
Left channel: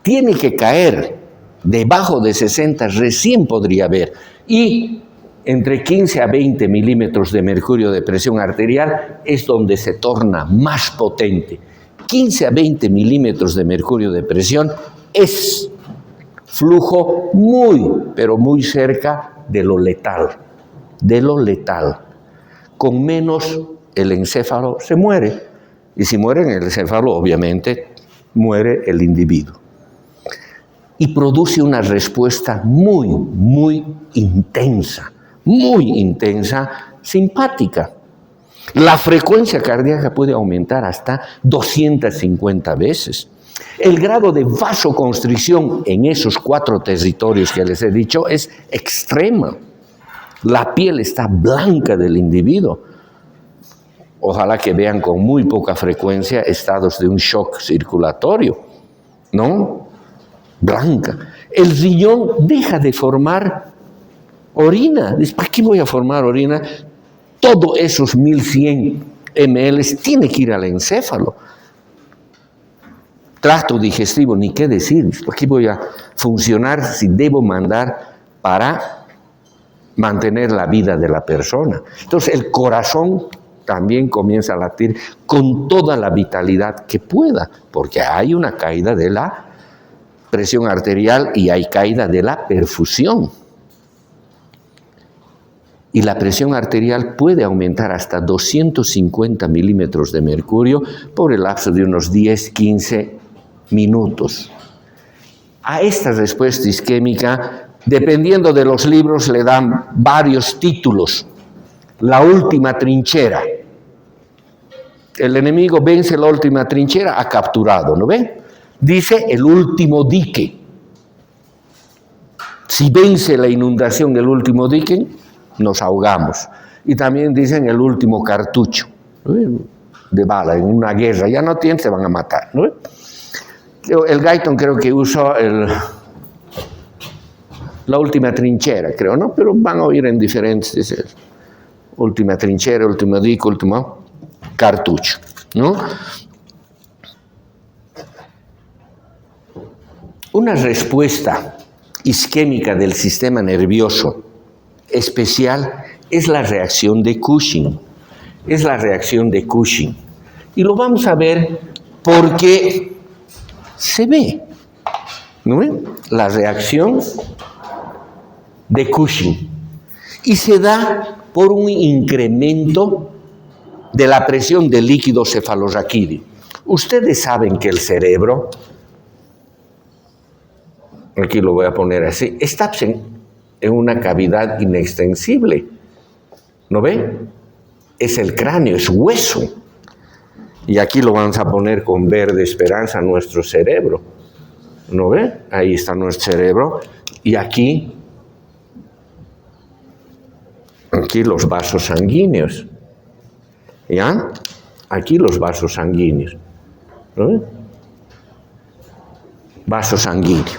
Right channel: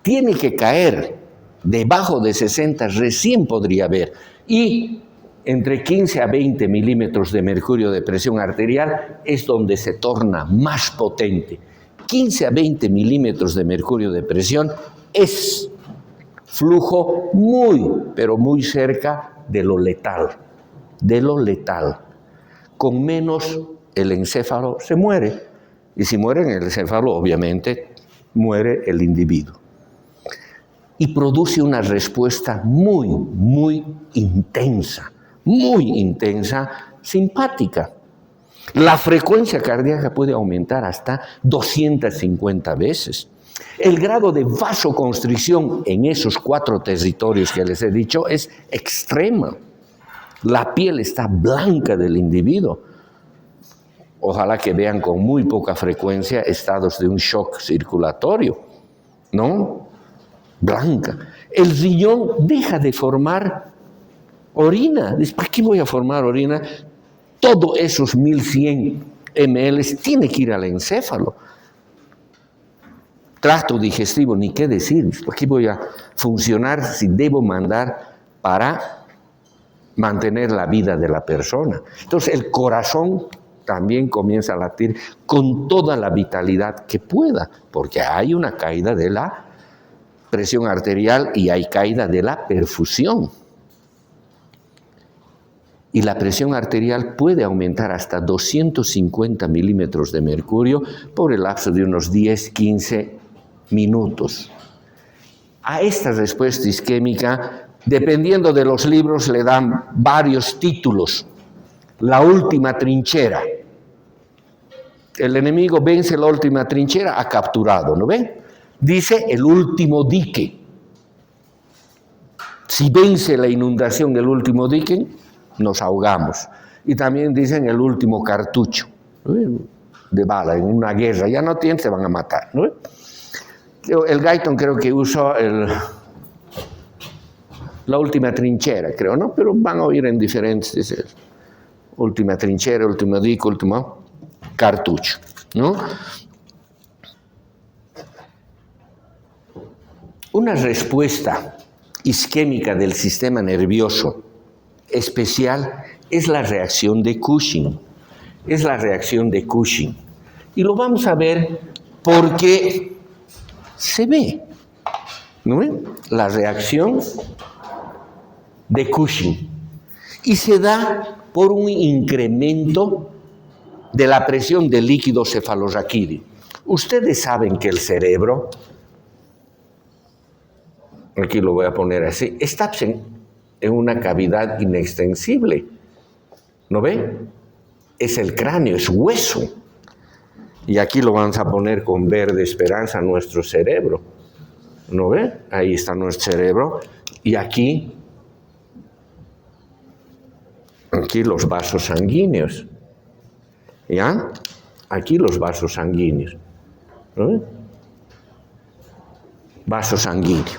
Tiene que caer debajo de 60, recién podría haber. Y entre 15 a 20 milímetros de mercurio de presión arterial es donde se torna más potente. 15 a 20 milímetros de mercurio de presión es flujo muy, pero muy cerca de lo letal. De lo letal. Con menos, el encéfalo se muere. Y si muere en el encéfalo, obviamente, muere el individuo. Y produce una respuesta muy, muy intensa, simpática. La frecuencia cardíaca puede aumentar hasta 250 veces. El grado de vasoconstricción en esos 4 territorios que les he dicho es extrema. La piel está blanca del individuo. Ojalá que vean con muy poca frecuencia estados de un shock circulatorio, ¿no? Blanca. El riñón deja de formar orina. Dice, ¿para qué voy a formar orina? Todos esos 1100 ml tiene que ir al encéfalo. Tracto digestivo, ni qué decir. ¿Para qué voy a funcionar si debo mandar para mantener la vida de la persona? Entonces el corazón también comienza a latir con toda la vitalidad que pueda, porque hay una caída de la presión arterial y hay caída de la perfusión. Y la presión arterial puede aumentar hasta 250 milímetros de mercurio por el lapso de unos 10-15 minutos. A esta respuesta isquémica, dependiendo de los libros, le dan varios títulos. La última trinchera. El enemigo vence la última trinchera, ha capturado, ¿no ve? Dice el último dique. Si vence la inundación el último dique, nos ahogamos. Y también dicen el último cartucho, ¿no? De bala, en una guerra, ya no tienen, se van a matar, ¿no? El Guyton creo que usó la última trinchera, creo, ¿no? Pero van a oír en diferentes, última trinchera, último dique, último cartucho, ¿no? Una respuesta isquémica del sistema nervioso especial es la reacción de Cushing. Es la reacción de Cushing. Y lo vamos a ver porque se ve, ¿no? La reacción de Cushing. Y se da por un incremento de la presión del líquido cefalorraquídeo. Ustedes saben que el cerebro, aquí lo voy a poner así, está en una cavidad inextensible. ¿No ven? Es el cráneo, es hueso. Y aquí lo vamos a poner con verde esperanza, nuestro cerebro. ¿No ven? Ahí está nuestro cerebro. Y aquí los vasos sanguíneos. ¿Ya? Aquí los vasos sanguíneos. ¿No ven? Vaso sanguíneo.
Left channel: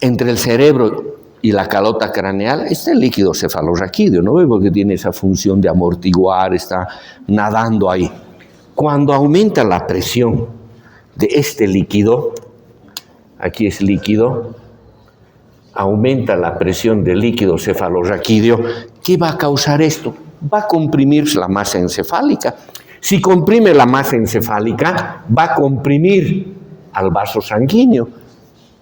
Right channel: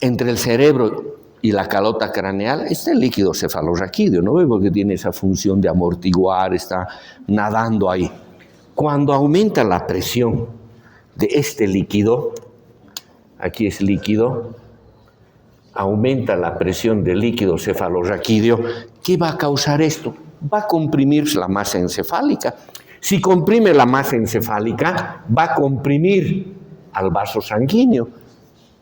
Entre el cerebro y la calota craneal está el líquido cefalorraquídeo, ¿no? Porque tiene esa función de amortiguar, está nadando ahí. Cuando aumenta la presión de este líquido, aquí es líquido, aumenta la presión del líquido cefalorraquídeo, ¿qué va a causar esto? Va a comprimir la masa encefálica. Si comprime la masa encefálica, va a comprimir al vaso sanguíneo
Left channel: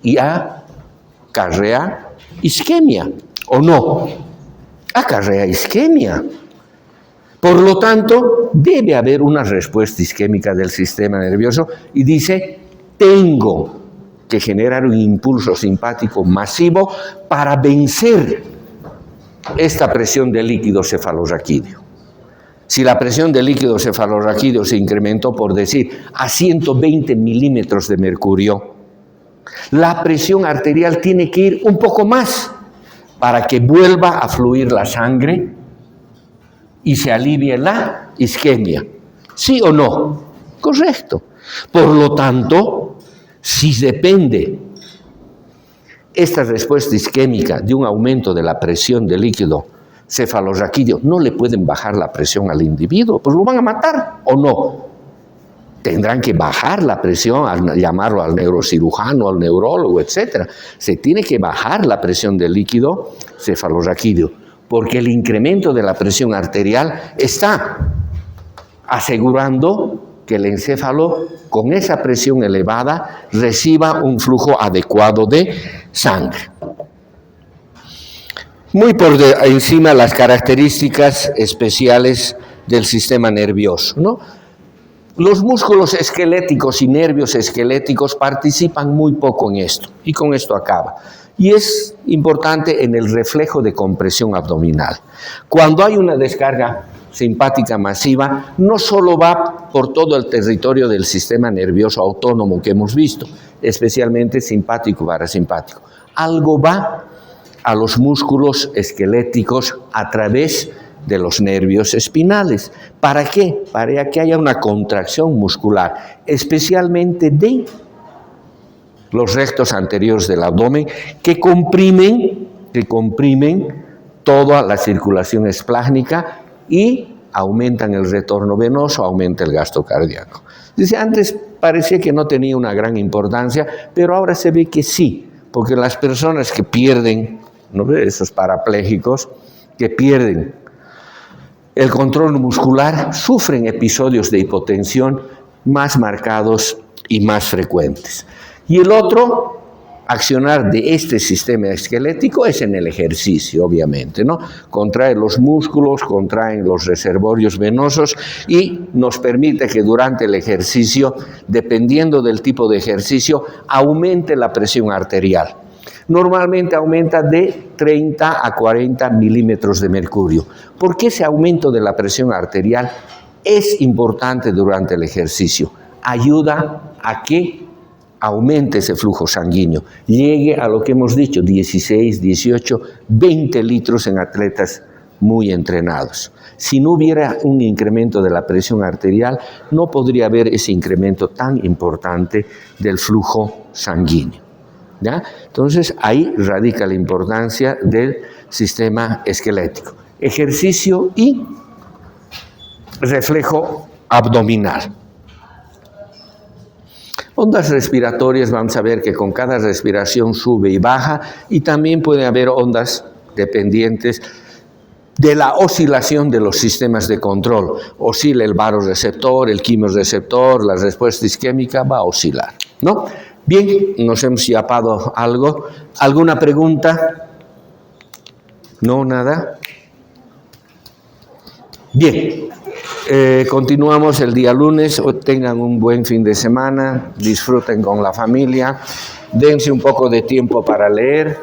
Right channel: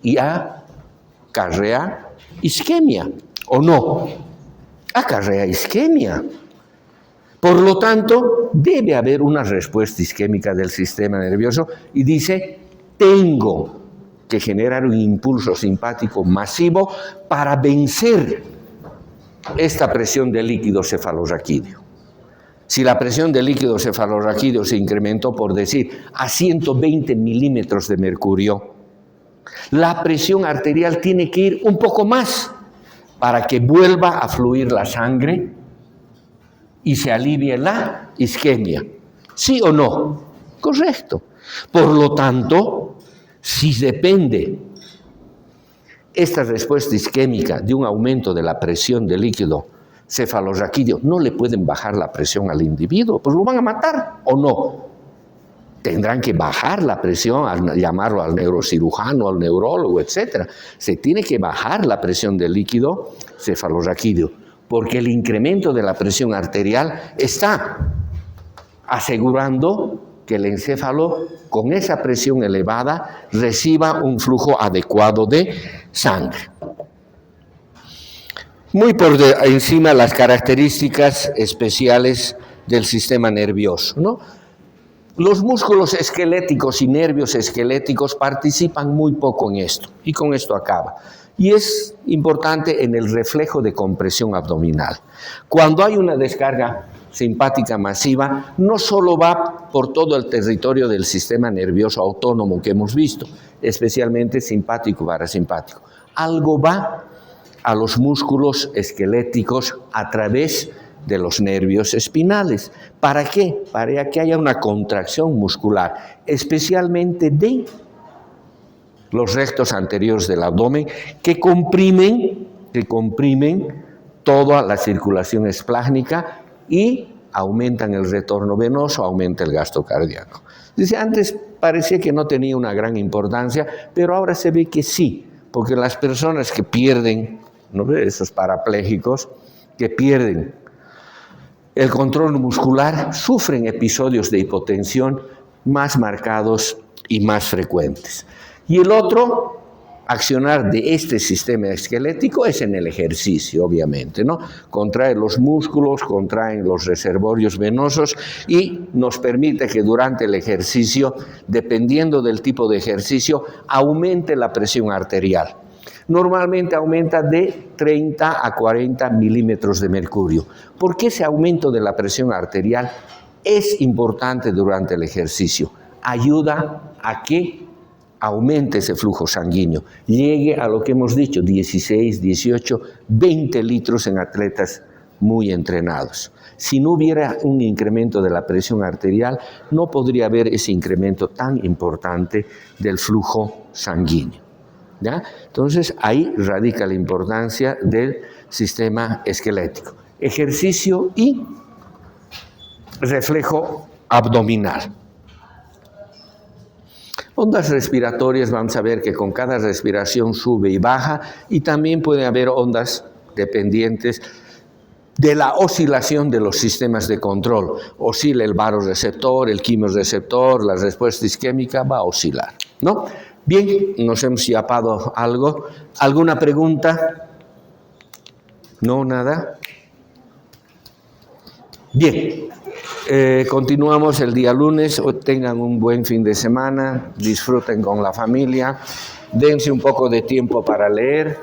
y acarrea isquemia, ¿o no? Acarrea isquemia. Por lo tanto, debe haber una respuesta isquémica del sistema nervioso y dice, tengo que generar un impulso simpático masivo para vencer esta presión del líquido cefalorraquídeo. Si la presión del líquido cefalorraquídeo se incrementó, por decir, a 120 milímetros de mercurio, la presión arterial tiene que ir un poco más para que vuelva a fluir la sangre y se alivie la isquemia. ¿Sí o no? Correcto. Por lo tanto, si depende esta respuesta isquémica de un aumento de la presión del líquido cefalorraquídeo, no le pueden bajar la presión al individuo, pues lo van a matar, ¿o no? Tendrán que bajar la presión, al llamarlo al neurocirujano, al neurólogo, etc. Se tiene que bajar la presión del líquido cefalorraquídeo, porque el incremento de la presión arterial está asegurando que el encéfalo, con esa presión elevada, reciba un flujo adecuado de sangre. Muy por encima las características especiales del sistema nervioso, ¿no? Los músculos esqueléticos y nervios esqueléticos participan muy poco en esto, y con esto acaba. Y es importante en el reflejo de compresión abdominal. Cuando hay una descarga simpática masiva, no solo va por todo el territorio del sistema nervioso autónomo que hemos visto, especialmente simpático y parasimpático. Algo va a los músculos esqueléticos a través de los nervios espinales. ¿Para qué? Para que haya una contracción muscular, especialmente de los rectos anteriores del abdomen, que comprimen toda la circulación esplácnica y aumentan el retorno venoso, aumenta el gasto cardíaco. Dice, antes parecía que no tenía una gran importancia, pero ahora se ve que sí, porque las personas que pierden, ¿no?, esos parapléjicos, que pierden el control muscular, sufren episodios de hipotensión más marcados y más frecuentes. Y el otro accionar de este sistema esquelético es en el ejercicio, obviamente, ¿no? Contrae los músculos, contraen los reservorios venosos y nos permite que durante el ejercicio, dependiendo del tipo de ejercicio, aumente la presión arterial. Normalmente aumenta de 30 a 40 milímetros de mercurio. ¿Por qué ese aumento de la presión arterial es importante durante el ejercicio? Ayuda a que aumente ese flujo sanguíneo, llegue a lo que hemos dicho, 16, 18, 20 litros en atletas muy entrenados. Si no hubiera un incremento de la presión arterial, no podría haber ese incremento tan importante del flujo sanguíneo, ¿ya? Entonces, ahí radica la importancia del sistema esquelético. Ejercicio y reflejo abdominal. Ondas respiratorias, vamos a ver que con cada respiración sube y baja, y también puede haber ondas dependientes de la oscilación de los sistemas de control. Oscila el vasoreceptor, el quimioreceptor, la respuesta isquémica va a oscilar, ¿no? Bien, nos hemos escapado algo. ¿Alguna pregunta? ¿No? ¿Nada? Bien. Continuamos el día lunes. Tengan un buen fin de semana, disfruten con la familia, dense un poco de tiempo para leer.